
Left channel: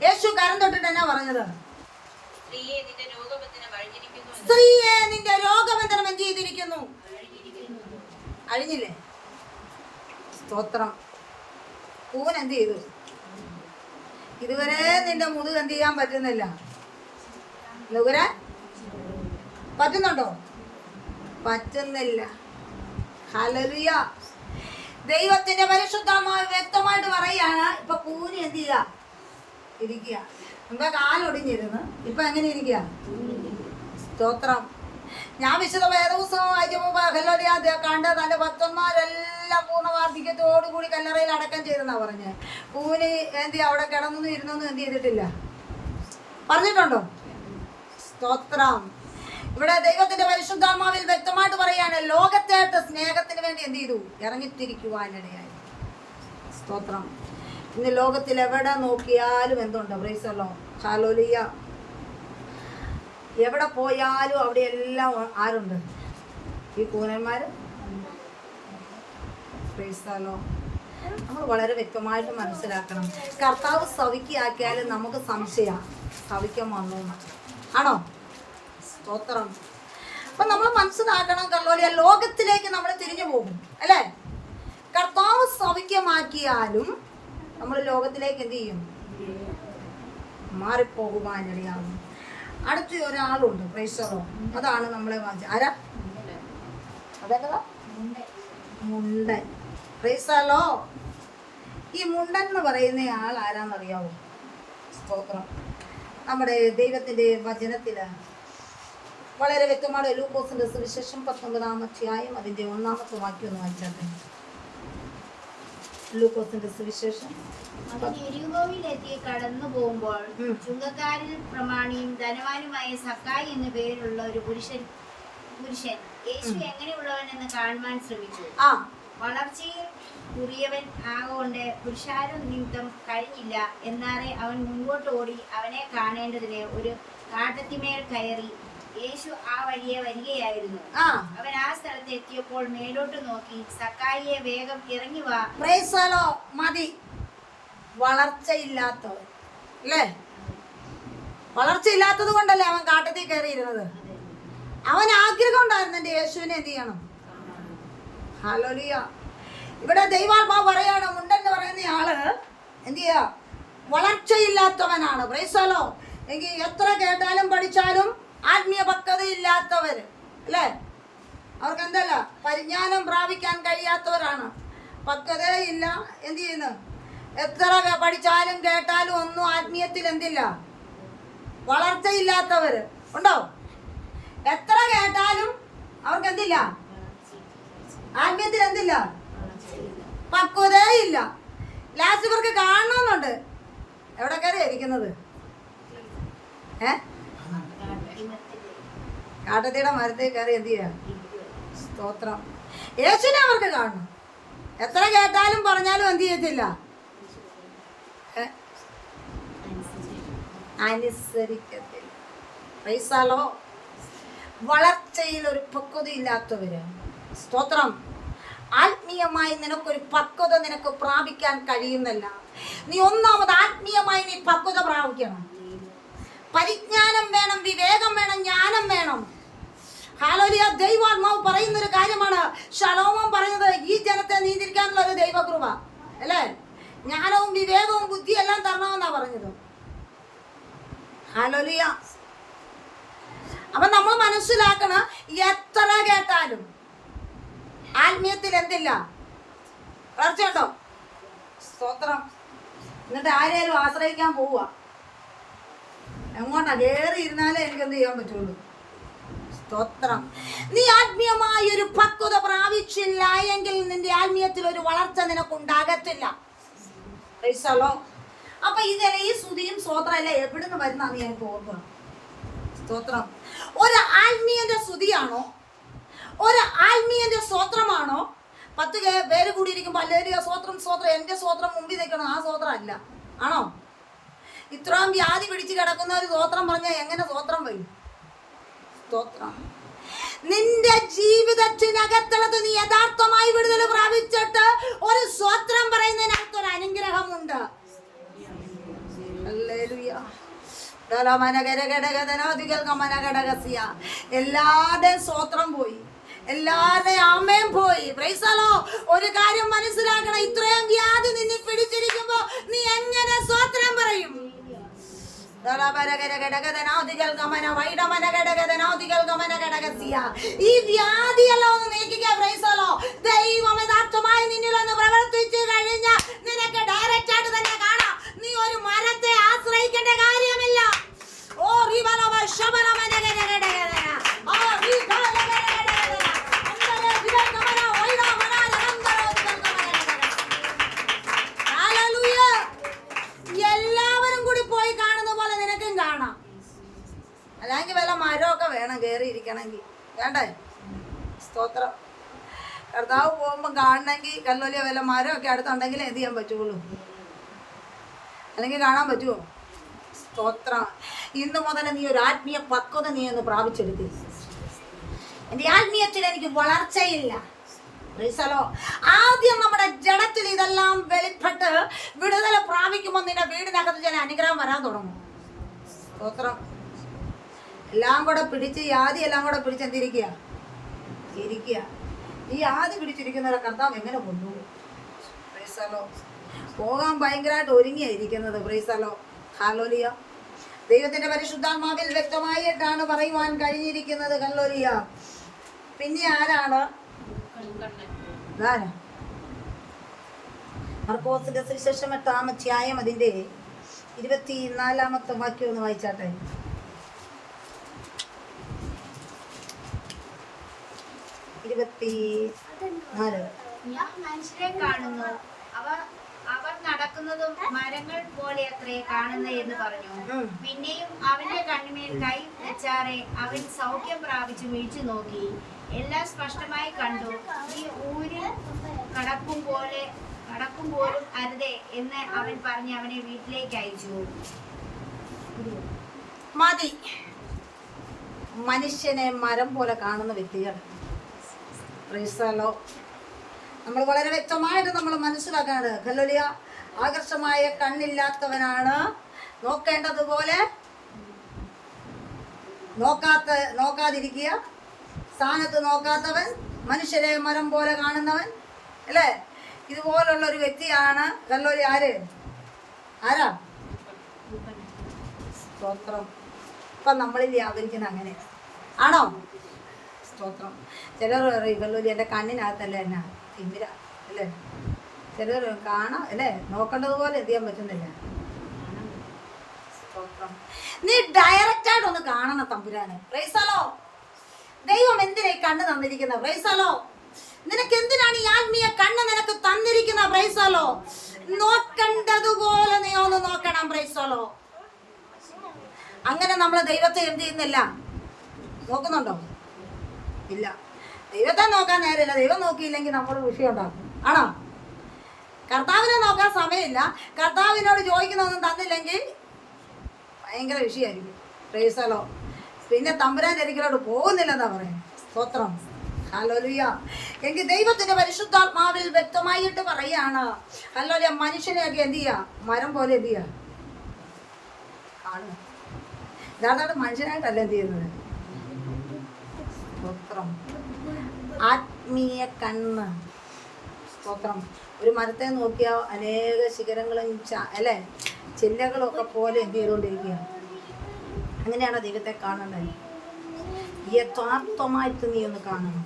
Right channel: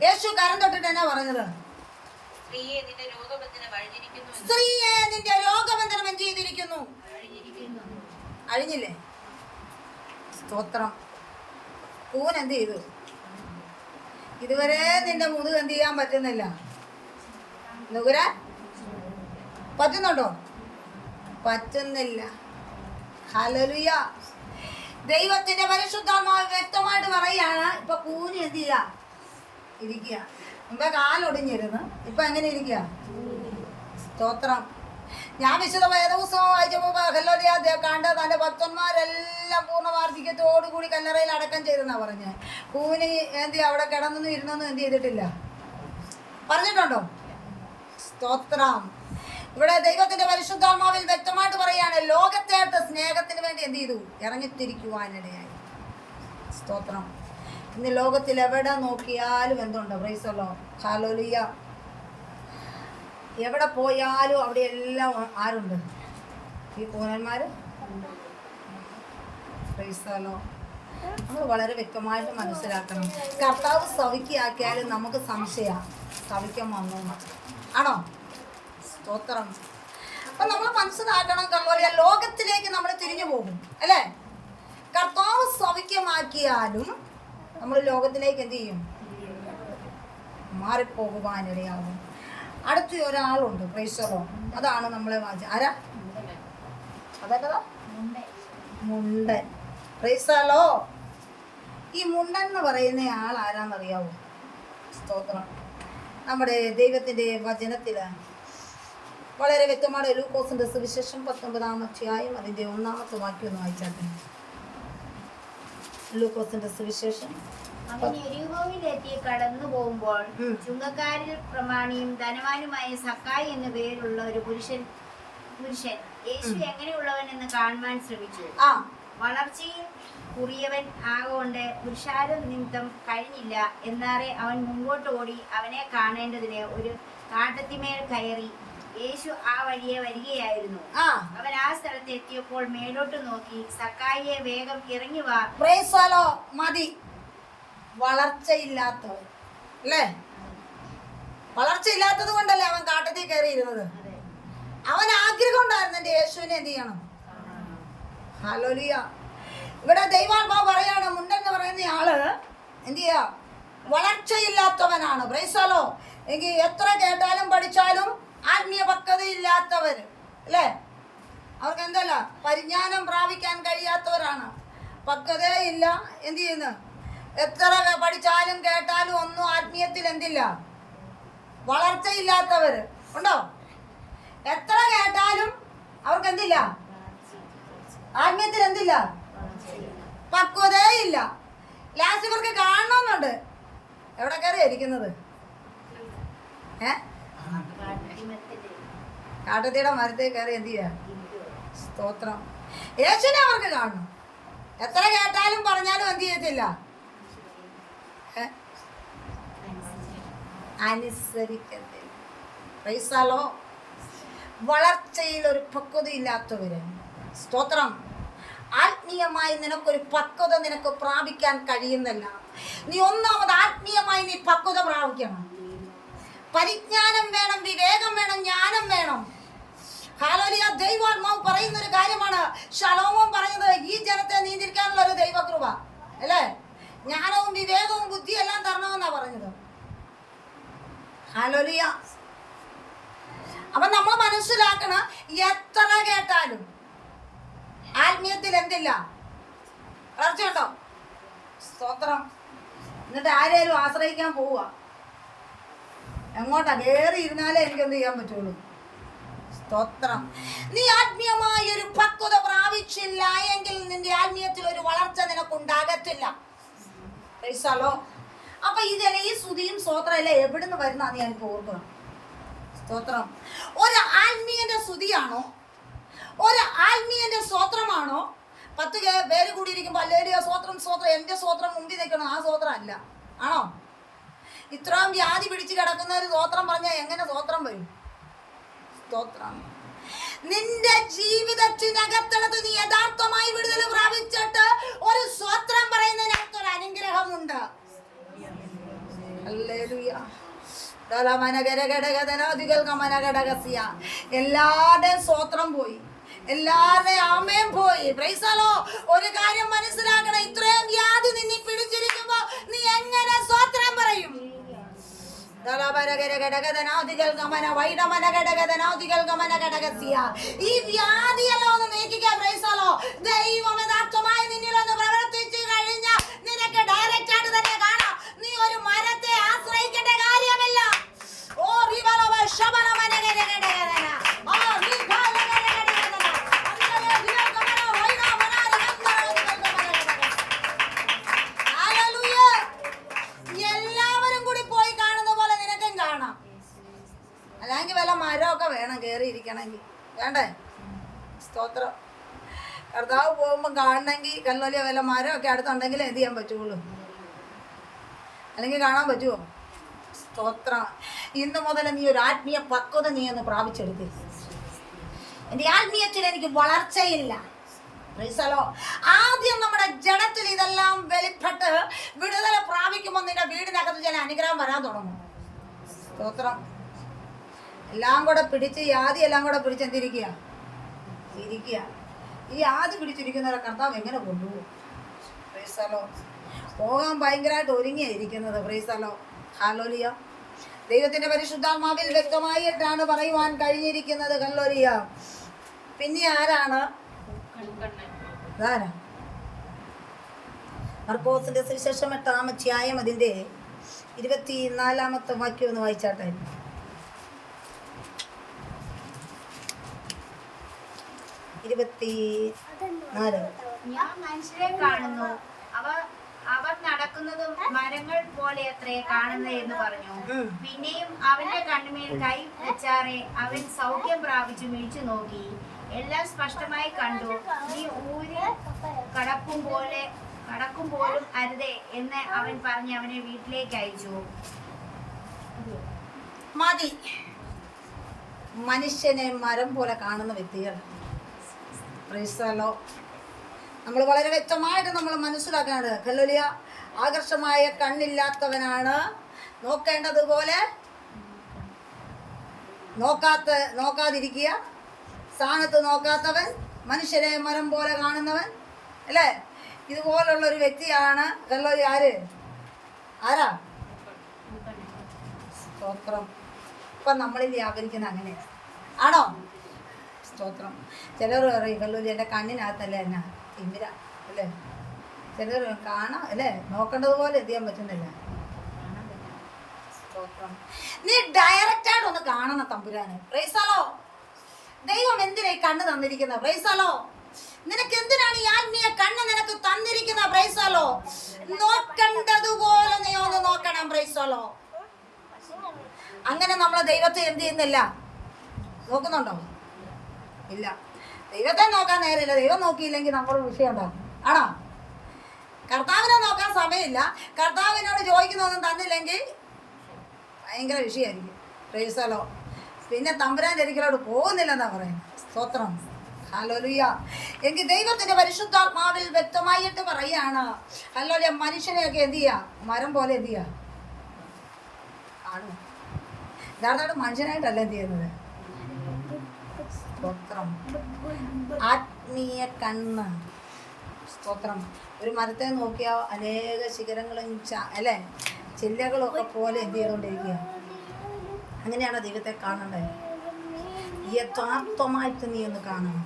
യേശു കരം തൊട്ടിട്ട് എന്നാ പറഞ്ഞത്? സ്ത്രീയെ, നിന്റെ രോഗബന്ധനം എന്ത് ചെയ്തിരിക്കുന്നു? അഴിഞ്ഞില്ലേ? സ്തോത്രം. കൂൻ എന്ത് ചെയ്തു? ഇതുവരെ നിന്റെ മുതുക് എന്ത് ചെയ്യാൻ പറ്റുന്നില്ല. നുകരാൻ പറ്റുന്നുണ്ടോ? പറ്റുന്നില്ല. ഹല്ലേലൂയ. ദൈവത്തിന്റെ പരിശുദ്ധാത്മാവ് വ്യക്തമായിട്ട് പറയാണ്, ഇപ്പൊ കൂനി എന്ത് ചെയ്യുക? ഇരിക്കുക. മുമ്പേ കാലൊടിഞ്ഞിരുന്നു, ഇപ്പൊ എങ്ങനെ ഇരിക്കുക? സ്തോത്രം. ഞാൻ വിശുദ്ധ വേദപുസ്തകം വായിച്ചപ്പോൾ ഹല്ലേലൂയ കണ്ട തന്റെ ഭക്തന്മാരെല്ലാം പൂർണ്ണ വാർദ്ധക്യത്തോടുകൂടി കല്ലറയിൽ അടക്കം ചെയ്തെന്നാ പറഞ്ഞത്. കൂവിന് എന്ത് അവിടെ കിടന്നു ഇരുന്നൊന്നും എന്ത് ചെയ്തിട്ടില്ല, പറഞ്ഞിട്ടുണ്ടോ? സ്തോത്രം. ഇവിടെ ദൈവത്തിന്റെ പരിശുദ്ധാത്മാവിൽ വ്യക്തമായിട്ട് പറയാണ്, ലോകത്തേട്ട് സ്നേഹത്തിന് വേണ്ടി എന്ത് ചെയ്തു? ഇറങ്ങിത്തിരിക്കുവാനിടയായി. സ്തോത്രം. ഇന്ന് ലോകത്തിൽ എവിടെ നോക്കിയാലും എന്തുണ്ട്? Price the lord. ഹല്ലേലൂയ. എവിടെ പോയാലും അവിടെ എല്ലാം ആരുണ്ട്? ഈ കൂനന്മാർ. Price the Lord. നമ്മൾ വളരെ വ്യക്തമായിട്ട് മനസ്സിലാക്കണം. കർത്താവ് സവിക്കാക്കിയാലും നമുക്ക് സംശയമാണ് സവിക്കാൻ വന്നു ആണോ? സ്തോത്രം. അപ്പൊ നമ്മൾ മനസ്സിലാക്കണം, ഹല്ലേലൂയ, ലോകത്തിലേക്ക് നമ്മൾ തിരിഞ്ഞു പോകും അല്ലേ? കർത്താവ് സൗഖ്യമാക്കിയാലും നമ്മൾ ലോകത്തിലേക്ക് എന്ത് ചെയ്യും? മാറിപ്പോകുവാനിടയാകും. അടുത്ത ഒരാളുണ്ട്, പ്രൈസ് ദി ലോർഡ്. അതാണ് നമ്മളെ ആരാ? അതല്ലതാ മുണ്ടൻ. Praise the lord. ഈ മുണ്ടൻ എന്ന് പറയുന്ന ആൾ ആരാന്നറിയാവോ? സ്തോത്രം. നമ്മുടെ ദൈവത്തിൻ്റെ വചനത്തിൽ വളരെ വ്യക്തമാണ്. ലൂക്കോസിന്റെ സുവിശേഷം 19-ാം അധ്യായം അതിൻ്റെ 1-ാമത്തെ വാക്യം ഒന്ന് വായിച്ചാട്ടെ. ലൂക്കോസിന്റെ സുവിശേഷം. അവൻ യെരിഹോവിലെത്തി കടന്നു പോകുമ്പോൾ ചുങ്കക്കാരിൽ പ്രമാണിയും ധനവാനുമായ സക്കായി എന്നു പേരുള്ള ഒരു പുരുഷൻ യേശു എങ്ങനെയുള്ളവനെന്ന് കാണുവാൻ ശ്രമിച്ചു. വളർച്ചയിൽ കുറിയവൻ ആകൊണ്ട് പുരുഷാരം നിമിത്തം കഴിഞ്ഞില്ല. എന്നാറെ അവൻ മുമ്പോട്ട് ഓടി അവനെ കാണേണ്ടതിന് ഒരു കാട്ടത്തിമേൽ കയറി. യേശു ആ വഴിയെ വരികയായിരുന്നു. അവൻ ആ സ്ഥലത്ത് എത്തിയപ്പോൾ മേലോട്ട് നോക്കി, സക്കായിയെ വേഗം ഇറങ്ങി വാ. Price the Lord. മതി. വളർച്ചയില്ലാത്തവൻ അല്ലേ? വളർച്ചയില്ലാത്തത് കൊണ്ടല്ലേ അവൻ കാട്ടത്തിൽ കയറിയിരുന്നത്. അവൻ ആഗ്രഹം ഉണ്ടായിരുന്നു എൻ്റെ യേശുവിനെ എന്ത് ചെയ്യണം. ഹല്ലേലൂയ. ഇവിടെ ദൈവാത്മാവ് പറയാണ്, മുണ്ടൻ എന്ന് പറയുന്ന ആള് എന്ത് ചെയ്യാ? വളർച്ചയില്ലാത്തവനാണ്. Praise the lord. എങ്കിൽ എത്ര കേട്ടാലും പഠിച്ചാലും ആത്മീയ പക്വതയില്ലാത്തവർ അല്ലേ? അവർക്ക് എന്തല്ല, പരിജ്ഞാനം പ്രാപിക്കാൻ കഴിയാത്തവരാണ്. പക്വതയില്ല. എന്ത് ചെയ്യുന്നു? എത്ര പഠിച്ചാലും കേട്ടാലും ഒന്നും ആത്മീയത്തിൽ എന്തില്ല, വളർച്ചയില്ലാത്തവർ ഉണ്ടോ? എത്ര കേട്ടാലും അവർക്ക് എന്തില്ല, ആത്മീയത്തിൽ എന്തില്ല, പക്വതയില്ല. ലാസ്റ്റ് ഇവർക്ക് കാണണമെന്നുണ്ട്. എവിടെ കയറി ഇരിക്കുന്നത്? കാട്ടത്തിയുടെ മരത്തിൽ കയറി എന്ത് ചെയ്യാ? സ്തോത്രം. യേശുവിനെ അവർക്ക് കാണണം. എത്ര കേട്ടാലും പറഞ്ഞാലും എന്ത് ചെയ്യത്തില്ല, അനുസരിക്കത്തില്ല. Price the Lord. വളർച്ചയിൽ ഒരു പക്വതയില്ലാത്തവര്. സ്തോത്രം. ആത്മീയമായി നിനക്കൊരു പക്വത നിനക്ക് പ്രാപിക്കാൻ കഴിയുന്നില്ല. നീ ഒന്നാമത് ആത്മീയമായി നീ പക്വത പ്രാപിക്കണം. പരിജ്ഞാനം വേണം, വിവേകം വേണം, ജ്ഞാനം വേണം. ഹല്ലേലൂയ. ദൈവാത്മാവ് പറയുന്നൊരു കാര്യമാണ്. ശലോമോൻ പറഞ്ഞത് ഈ ജനത്തെ നിയന്ത്രിക്കാനുള്ള ഒരു ദൈവകൃപ അല്ലേ? ജ്ഞാനവും വിവേകവും ബുദ്ധിയും എല്ലാം തരണമെന്നാ പറഞ്ഞത്. ഹല്ലേലൂയ. അപ്പൊ നമ്മൾ മനസ്സിലാക്കണം, എത്ര കേട്ടാലും ആത്മീയത്തിൽ എന്തില്ല, വളർച്ചയുണ്ടോ? സ്തോത്രം. എന്നിട്ട് ആരെയും ആശ്രയിക്കാൻ പോവുക. എങ്ങോട്ടാ? കയറി ഇരുന്നാലേ എനിക്ക് എന്ത് ചെയ്യാൻ പറ്റുള്ളൂ. സ്തോത്രം. നീ ആത്മീയമായ ഒരു പക്വത പ്രാപിച്ചില്ല എങ്കിൽ നിന്റെ ആത്മീയത്തിൽ ഒരു വളർച്ച നിനക്കുണ്ടാകത്തില്ല. Price the Lord. അപ്പൊ ഇതെല്ലാം ഈ സ്തുതിയും സ്തോത്രമല്ല എവിടുന്ന് വരുന്നതെന്ന് ഞാൻ ഓർക്കണം. സ്തോത്രം. ഒരു ആത്മീയന്റെ സ്തുതിയാണോ, ഒരു ആത്മീയന്റെ സ്തോത്രമാണോ? 10 പേര് കൂടിയിരിക്കുമ്പോൾ അല്ലേലൂയ സ്തോത്രം സ്തോത്രം, എൻ്റെ സ്തോത്രം മുമ്പിൽ നിൽക്കണം, ആ സ്തോത്രം അല്ല. ആണോ? ഇത്രയും വ്യാധി പിടിച്ച് കിടക്കുന്ന ഒരു സ്തോത്രം പറഞ്ഞാൽ എങ്ങനെ സ്തോത്രം വരും? സ്തോത്രം. നിന്റെ ജീവിതത്തിനകത്തുള്ളത് നീ യഥാർത്ഥമായി വിടുതൽ പ്രാപിച്ചിട്ട് ഒരു സ്തോത്രം പറയുന്നതിനകത്ത് ഒരു അനുഗ്രഹമുണ്ട്. ഹല്ലേലൂയ. എല്ലാവരുടെയും സ്തോത്രം പോയി, എല്ലാവരുടെയും ആമേൻ പോയി. Price the Lord. ഒരു കാര്യം മനസ്സിലാക്കണം, ഇത്രയും വ്യാധി നിന്നെ പിടിച്ചിരിക്കുമ്പോ നീ എങ്ങനെ സ്തോത്രം പറയും? ഈ വ്യാധിയെല്ലാം ഒന്ന് നീക്കുക. Price the lord. ദൈവം യഥാർത്ഥമായി നിന്നിൽ ഒന്ന് പ്രവർത്തിച്ചു കഴിഞ്ഞാൽ നിനക്ക് ഡയറക്റ്റ് ആയിട്ട് തന്നെ കാണാം. നീ ഒരു മരത്തെ ആശ്രയിക്കേണ്ട കാര്യമില്ല. ഓ എല്ലാവരും കൂടി പോയി കാണുന്ന പോലെ നിനക്കും കാണാം. അല്ലെങ്കിൽ വല്ല മരമൊക്കെ വേണം കയറി ഇരിക്കണമെങ്കിൽ, വേണ്ടേ? സ്തോത്രം. കർത്താവ് പോകുമ്പോൾ കാണണമെങ്കിൽ കല്ലോലിയ വല്ല മരമൊക്കെ അടുത്തുണ്ടെങ്കിൽ എന്ത് ചെയ്യാൻ പറ്റുള്ളൂ, അല്ലെങ്കിൽ കാണാൻ പറ്റുമോ? സ്തോത്രം. ഇന്ന് മുതൽ നീ ഒരു ആത്മീയ പക്വത നീ ഒന്ന് പ്രാപിച്ചെടുക്കുക. എൻ്റെ ആത്മീയത്തിൽ എനിക്ക് വളർച്ചയില്ല. Price the Lord. ആദ്യം നമ്മുടെ ജഡത്തിൽ ഇതെല്ലാം വെളിപ്പെട്ട് വിടുതൽ പ്രാപിക്കുമ്പോൾ നിന്റെ വീടിനകത്ത് ചില അനുഗ്രഹം വരാൻ തുടങ്ങും. സ്തോത്രം. എല്ലാം കൂടെ പിടിച്ച് ആദ്യം എല്ലാം കൂടെ പിടിച്ച് എന്തിരിക്കുക, ഇരിക്കുക. ഈ ആദ്യം പിടിച്ചിരിക്കുന്നവരെ കർത്താവ് എങ്ങനെ കൊണ്ടുപോകും? പ്രൈസലോ. പോകാൻ ഭയങ്കരമായിട്ട് ഒരുങ്ങിയിരിക്കുന്നത്. പ്രൈസലോ. ഹല്ലേലൂയ. ദൈവത്തിന്റെ പരിശുദ്ധാത്മാവിൽ വ്യക്തമായിട്ടാണ് പറയുവാൻ കഴിഞ്ഞിരിക്കുന്നത്. ഹല്ലേലൂയ. പിന്നെ ആരാണ്? ആരാ? മർക്കോസിന്റെ സുവിശേഷം 8-ാം അധ്യായം അതിന്റെ 24-ാമത്തെ വാക്യം ഒന്ന് വായിച്ചാട്ടെ. 24. ഞാൻ മനുഷ്യരെ കാണുന്നു, അവർ നടക്കുന്നതും മരങ്ങൾ പോലെ അത്രേ കാണുന്നത് എന്ന് പറഞ്ഞു. പിന്നെയും അവന്റെ കണ്ണുമേൽ കൈ വെച്ചാറെ അവൻ സൗഖ്യം പ്രാപിച്ചു മിഴിച്ചു നോക്കി. എല്ലാം സ്പഷ്ടമായി കണ്ടു. നീ ഊരിൽ കടക്കുമ്പോഴും അരുതേ എന്ന് അവൻ പറഞ്ഞ് അവനെ വീട്ടിലേക്ക് അയച്ചു. മതി. മനുഷ്യനെ മരം പോലെ കാണുന്ന വ്യക്തികൾ. പ്രൈസലോ. നമ്മൾ വളരെ വ്യക്തമായിട്ട് നമ്മൾ മനസ്സിലാക്കാണ്. ഹല്ലേലൂയ. ആകർഷമായ കണ്ണില്ലാത്തവനാണ് നോക്കേണ്ടതുപോലെ നോക്കാതിരിക്കുക. സ്ഥാനത്ത് നോക്കാത്തവൻ, മനുഷ്യരെ മരം പോലെ കാണുന്നവൻ, അല്ലേ? ഇതുപോലുള്ള ഒരു വ്യക്തിയാണ് ഹല്ലേലൂയ. ആരാ? സ്തോത്രം. ഇപ്പം നമ്മളിൽ വ്യാപരിക്കുന്ന അങ്ങനെ ആണോ? സ്തോത്രം. ചിലർ പറയും ഹല്ലേലൂയ എൻ്റെ കണ്ണിനകത്തല്ലേ എന്നാ തിമിര, അല്ലേ? ചിലർ കാണാം, അല്ലേ? നോക്കേണ്ടതുപോലെ എന്ത് ചെയ്യാൻ പറ്റുന്നില്ല. സ്തോത്രം. നീ ഡയറക്റ്റായിട്ടൊന്ന് കാണണം തമ്പുരാനെ. പ്രൈസലോ. ദൈവം എന്തിനാ ഈ കണ്ണ് തന്നിരിക്കുന്ന? പ്രൈസലോ. നിനക്ക് എന്തിനാണ് ഈ ആത്മീയ കണ്ണ് നിനക്ക് തന്നിരിക്കുന്ന? പ്രൈസലോ. നോക്കേണ്ടതുപോലെ നീ ഒന്ന് നോക്കണം. പ്രൈസലോ. അങ്ങനെ നമ്മൾ ദൈവത്തെ എന്ത് ചെയ്യുന്നില്ല? നോക്കുന്നുണ്ടോ? ഇല്ല. ദൈവത്തെ നോക്കാൻ നേരമില്ല. ദൈവം നോക്കിയില്ലെങ്കിൽ നമ്മളൊരു വിഷയം ഉണ്ടാക്കും. ആണോ? കർത്താവിനെ നോക്കാൻ സമയമില്ല. കർത്താവിനോട് ചോദിക്കുന്നൊന്നും തന്നില്ലെങ്കിൽ ഭയങ്കര വിഷയമായിരിക്കും. പ്രൈസലോ. പിന്നെ തമ്പുരാൻ്റെ ഒരിക്കലോട് പോകുന്നില്ലെന്നാ പറയുന്നത്. സ്തോത്രം. ഹല്ലേലൂയ. എങ്കിൽ ദൈവത്തിന്റെ പരിശുദ്ധാത്മാവിൽ വ്യക്തമായിട്ട് പറയാണ് ഹല്ലേലൂയ. മനുഷ്യനെയൊക്കെ എന്ത് ചെയ്യാ? മരം പോലെ എന്ത് ചെയ്യാ? കാണുക. യഥാർത്ഥമായിട്ട് മനുഷ്യനായിട്ടല്ല എന്ത് ചെയ്യുന്നത്. സ്തോത്രം. ആത്മീയ കണ്ണ്. സ്തോത്രം. ഒരു മരത്തെ നോക്കിയാൽ അനേക ശിഖരങ്ങളും അല്ലേ ചില്ലകളും ഒക്കെ പോലെ എന്ത് ചെയ്തുകൊണ്ടിരിക്കുക. അങ്ങനെയാണ് ദൈവത്തെ കാണേണ്ടത്. യഥാർത്ഥമായിട്ട് നീ ഒന്ന് കാണണം.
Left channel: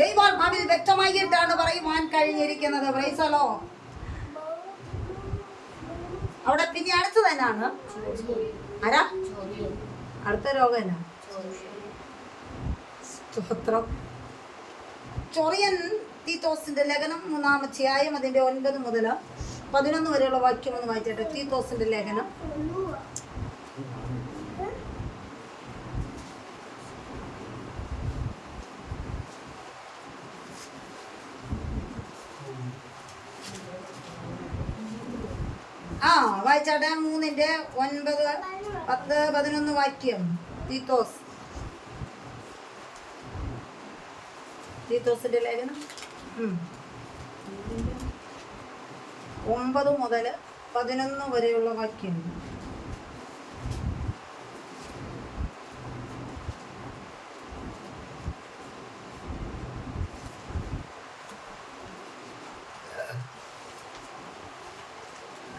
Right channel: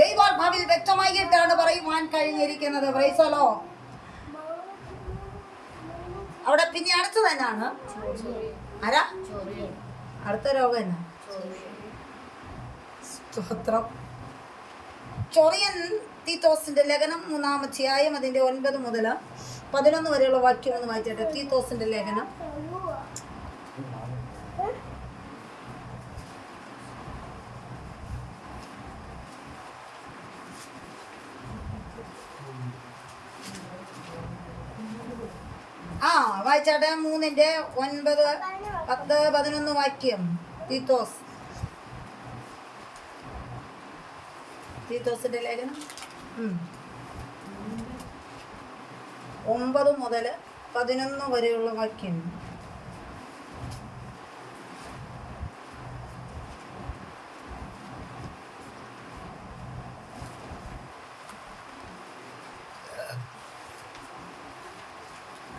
ദൈവാത്മാവിൽ വ്യക്തമായിട്ടാണ് പറയുവാൻ കഴിഞ്ഞിരിക്കുന്നത്. പ്രൈസലോ. അവിടെ പിന്നെ അടുത്ത് തന്നെയാണ് ആരാ? അടുത്ത രോഗം എന്നാ? സ്തോത്രം. ചൊറിയൻ തീത്തോസിന്റെ ലേഖനം 3-ാം അധ്യായം അതിന്റെ 9 മുതൽ 11 വരെയുള്ള വാക്യം ഒന്ന് വായിച്ചേട്ടെ. തീത്തോസിന്റെ ലേഖനം. വായിച്ചാട്ടെ. 3-ന്റെ 9, 10, 11 വാക്യം. തീത്തോസിന്റെ ലേഖനം 9 മുതൽ 11 വരെയുള്ള വാക്യം.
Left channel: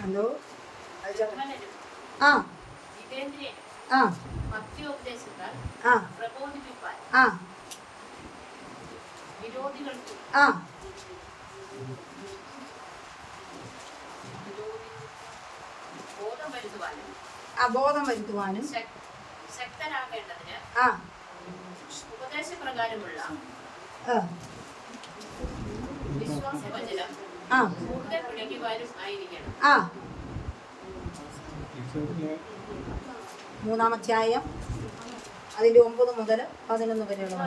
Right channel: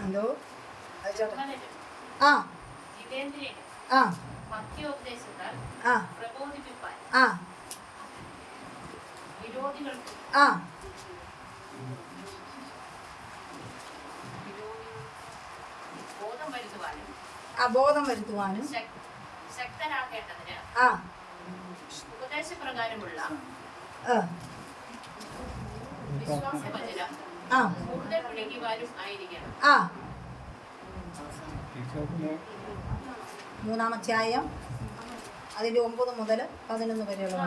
എന്തോ ആ ആ ആ ആ ആ ബോധം വരുത്തുവാനും ശക്തനാകേണ്ടതിന് ആ ഉപദേശപ്രകാരമുള്ള വിശ്വാസവചനം കൂടുതൽ പിടിക്കുവാനും ആയിരിക്കണം. 3-ാം അധ്യായം അതിന്റെ 9 മുതൽ 11 വരെയുള്ള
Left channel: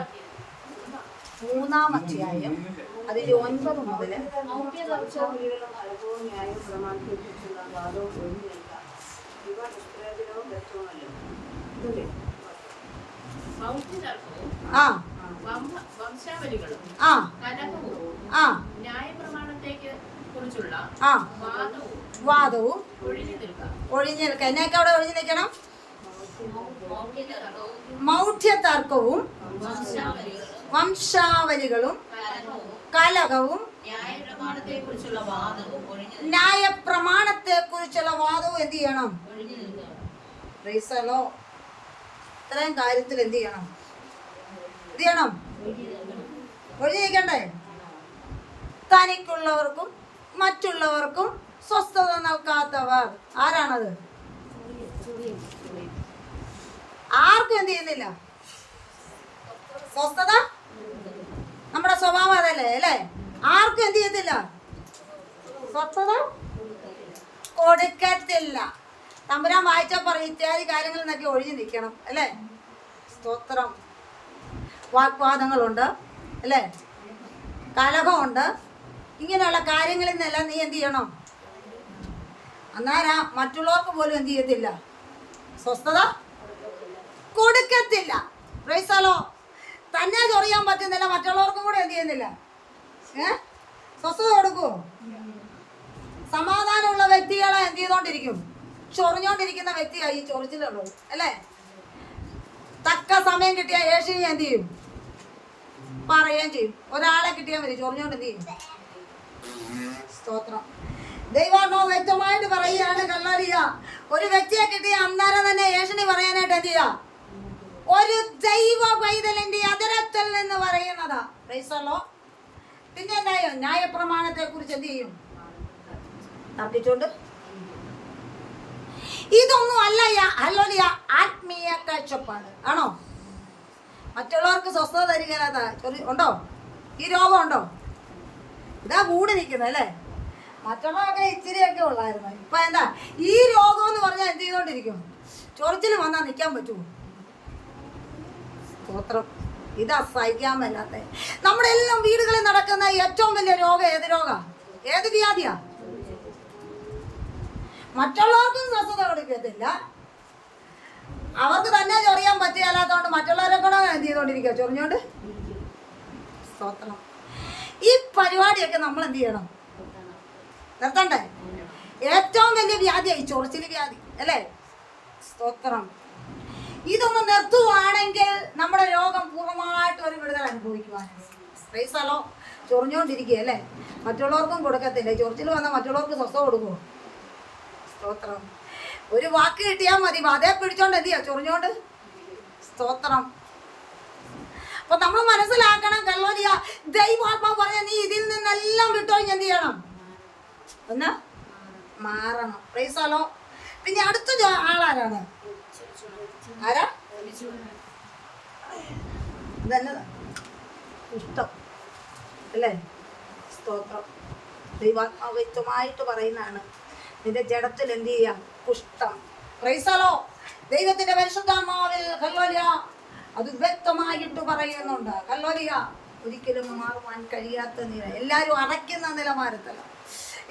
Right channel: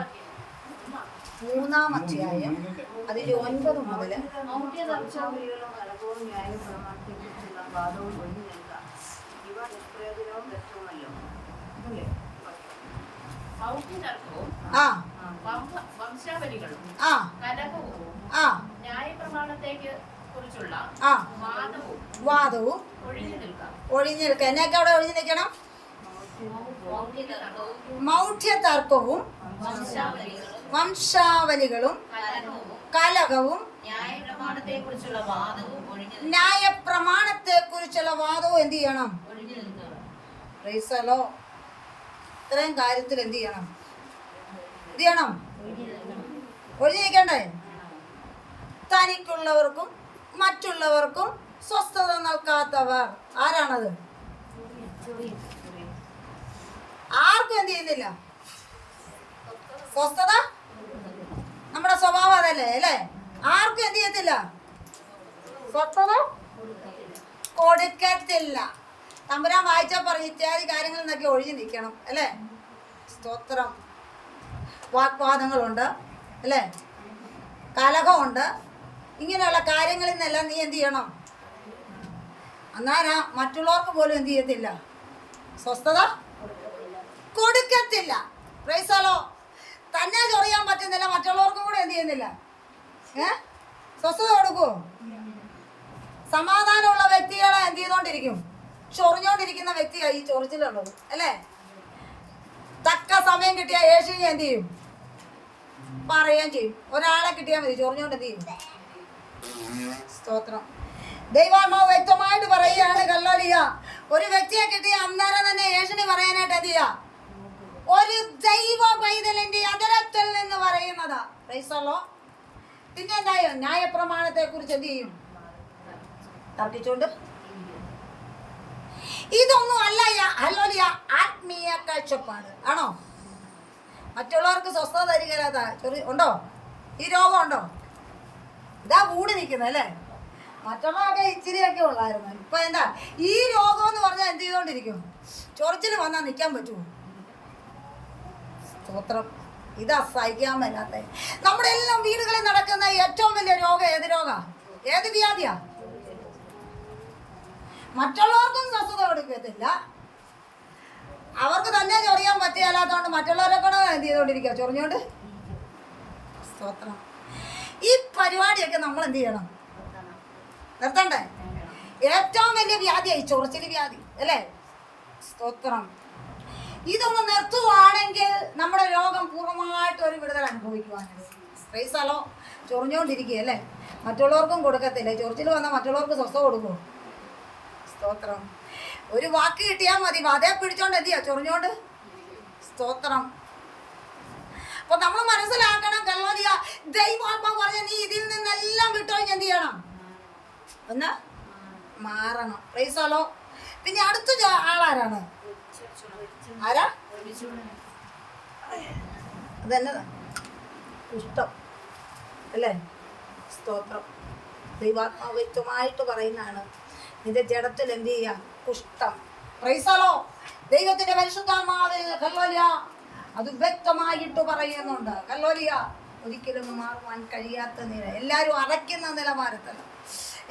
3-ാം അധ്യായം അതിന്റെ 9 മുതൽ വംശാവലികളും കലഹവും ന്യായപ്രമാണത്തേക്ക് കുറിച്ചുള്ള വാദവും ഒഴിഞ്ഞു നിൽക്കാം. എന്നൊക്കെ അവിടെ ഒഴിഞ്ഞു നിൽക്കണം. മൗഢ്യതർക്കവും വംശാവലികളും കലഹവും ന്യായപ്രമാണത്തെക്കുറിച്ചുള്ള വാദവും ഒഴിഞ്ഞു വാദവും എന്ത് ചെയ്യണം? നിൽക്കുക. Praise the Lord. ഇത്രയും കാര്യത്തിൽ എന്ത് ചെയ്യണം? ഒഴിഞ്ഞിരിക്കണ്ടേ? തനിക്കുള്ളവർക്കും മറ്റുള്ളവർക്കും സ്വസ്ഥത നൽകാത്തവർ ആരാണത്? ആർക്കും എന്ത് ചെയ്യുന്നില്ല? സ്വസ്ഥത നമ്മുടെ സ്വഭാവം അതല്ലേ അല്ലേ? ആർക്കും എന്ത് ചെയ്യത്തില്ല? സ്വസ്ഥത കൊടുക്കത്തില്ല. തമ്പുരാൻ വായിച്ചാൽ പറയും ഇത്യാദി കാര്യങ്ങളിൽ നിന്നൊക്കെ ഒഴിഞ്ഞു നിൽക്കണം അല്ലേ? സ്തോത്രം. വാഗ്വാദങ്ങളുണ്ട് അല്ലേ? കലഹമുണ്ട്. ഇങ്ങനെയുള്ള കാര്യങ്ങളിൽ നിന്നെല്ലാം നീ എന്ത് ചെയ്യണം? അന്നേരം മറ്റുള്ളവർക്ക് പോലും എന്ത് ചെയ്യത്തില്ല? സ്വസ്ഥത കൊടുക്കത്തില്ല. Price the Lord. തന്നെ ചൊറിയാൻ പറ്റുന്നില്ല, മറ്റുള്ളവർക്കും കൂടെ എന്ത് ചെയ്യുന്നില്ല? സ്വസ്ഥത കൊടുക്കുമോ? സമാധാനമുള്ള വ്യക്തികളെ എന്ത് ചെയ്തോണ്ടിരിക്കും? ചൊറിഞ്ഞോണ്ടിരിക്കുന്ന വ്യക്തിയായി ഈ ചൊറിച്ചിലുള്ളത് അല്ലേ? തക്ക സമയം കിട്ടിയാൽ യേശുവിനെ എന്ത് ചെയ്യും? പറയുകയും ചെയ്യും. ഒരാളെ കിട്ടിയാൽ മതി, ചൊറിഞ്ഞോണ്ട് എന്ത് ചെയ്യും? സ്തോത്രം. ദൈവാത്മാവ് വ്യക്തമായിട്ട് പറയുകയാണ് കല്ലോലിയ, ഒരു വ്യക്തിയെ കിട്ടിയ അന്നേരം തന്നെ യേശുവിനെ പറയാനായിട്ട് എന്ത് ചെയ്യാ? ഒരു ദൈവ പൈതലിന്റെ അതരത്തിൽ നിന്ന് പറയുന്നതാ. Praise the lord. പിന്നെ എന്തായോ? ന്യായപ്രമാണത്തെ കുറിച്ച് എന്ത് ചെയ്യും? തർക്കിച്ചോണ്ട്. ഇതൊന്നും അല്ല ഹല്ലേലൂയ ആത്മീയ കാഴ്ചപ്പാട് ആണോ? മറ്റുള്ളവർക്ക് സ്വസ്ഥത തരികയില്ലാത്ത ഉണ്ടോ? ഈ രോഗം ഉണ്ടോ? ഇതാ കൂടി നിൽക്കുന്നത് അല്ലേ? മറ്റുള്ളവരൊക്കെ ഇച്ചിരിയൊക്കെ ഉള്ളായിരുന്നു. ഇപ്പൊ എന്താ ഈ രോഗം എന്ന് പറഞ്ഞാൽ എന്ത് ചെയ്തോണ്ടിരിക്കും? ചൊറിച്ചിൽ വന്നാൽ നിൽക്കാൻ പറ്റുമോ? സ്തോത്രം. ഇതാ സഹിക്കാൻ മേലാത്ത നമ്മുടെ എല്ലാം വീടുകളിൽ നടക്കുന്ന ഏറ്റവും വലിയ രോഗം ഏത് രോഗാ? ഏത് വ്യാധിയാ? മറ്റുള്ളവർക്കും സ്വസ്ഥത കൊടുക്കത്തില്ല, അവർക്ക് തന്നെ ചൊറിയാൻ പറ്റുകയല്ലാത്തതുകൊണ്ട് മറ്റുള്ളവരെ കൂടെ എന്ത് ചെയ്തോണ്ടിരിക്കുക? ചൊറിഞ്ഞോണ്ട്. സ്തോത്രം. ഈ പരിപാടിയൊക്കെ നമ്മൾ എന്ത് ചെയ്യണം? നിർത്തണ്ടേ? ഏറ്റവും വലിയ വ്യാധിയായി ചൊറിച്ചിൽ വ്യാധി അല്ലേ? സ്തോത്രം. ഇതൊന്ന് നിർത്തുവാണെങ്കിൽ നമ്മുടെ രോഗം പൂർണ്ണമായിട്ട് ഒരു വിടുതൽ അനുഭവിക്കുവാനാണ്. Praise the lord. ചൊറിഞ്ഞോണ്ടിരിക്കുക അല്ലേ? മറ്റുള്ളവർക്കും കൊടുക്കത്തില്ല. ചൊറിച്ചിൽ വന്നാൽ മറ്റുള്ളവർക്ക് സ്വസ്ഥത കൊടുക്കുമോ? സ്തോത്രം. ഒരു വാക്ക് കിട്ടിയാൽ മതി, അതേ പിടിച്ചോണ്ട് എന്ത് ചെയ്യാ? ചൊറിഞ്ഞോണ്ട്. സ്തോത്രം. അപ്പൊ നമ്മൾ മനസ്സിലാക്കണം കല്ലോലിയ, ദൈവാത്മാവ് പറഞ്ഞ നീ ഇതിൽ നിന്നെല്ലാം വിട്ടോഞ്ഞ് എന്ത് ചെയ്യണം? ഒന്ന് മാറണം. Price the lord. പിന്നെ അടുത്ത ആളാരാണ്? ആരാ? അതെന്നതാ? കുഷ്ഠം അല്ലേ? സ്തോത്രം. ദൈവാത്മാവ് വ്യക്തമായിട്ട് പറയുന്നതാണ്, നിന്റെ ജഡത്തിൽ എന്ത് ചെയ്യാം? കുഷ്ഠം. Praise the lord. ദൈവത്തിന്റെ പരിശുദ്ധാത്മാവിൽ ഹല്ലേലൂയ അത് വ്യക്തമായിട്ട് പറയുന്നുണ്ട്. ഹല്ലേലൂയ. ഒരിക്കലും മാറുവാൻ കഴിയാത്ത നില, എല്ലാവരും അടയ്ക്കുന്ന നിലവാരത്തില.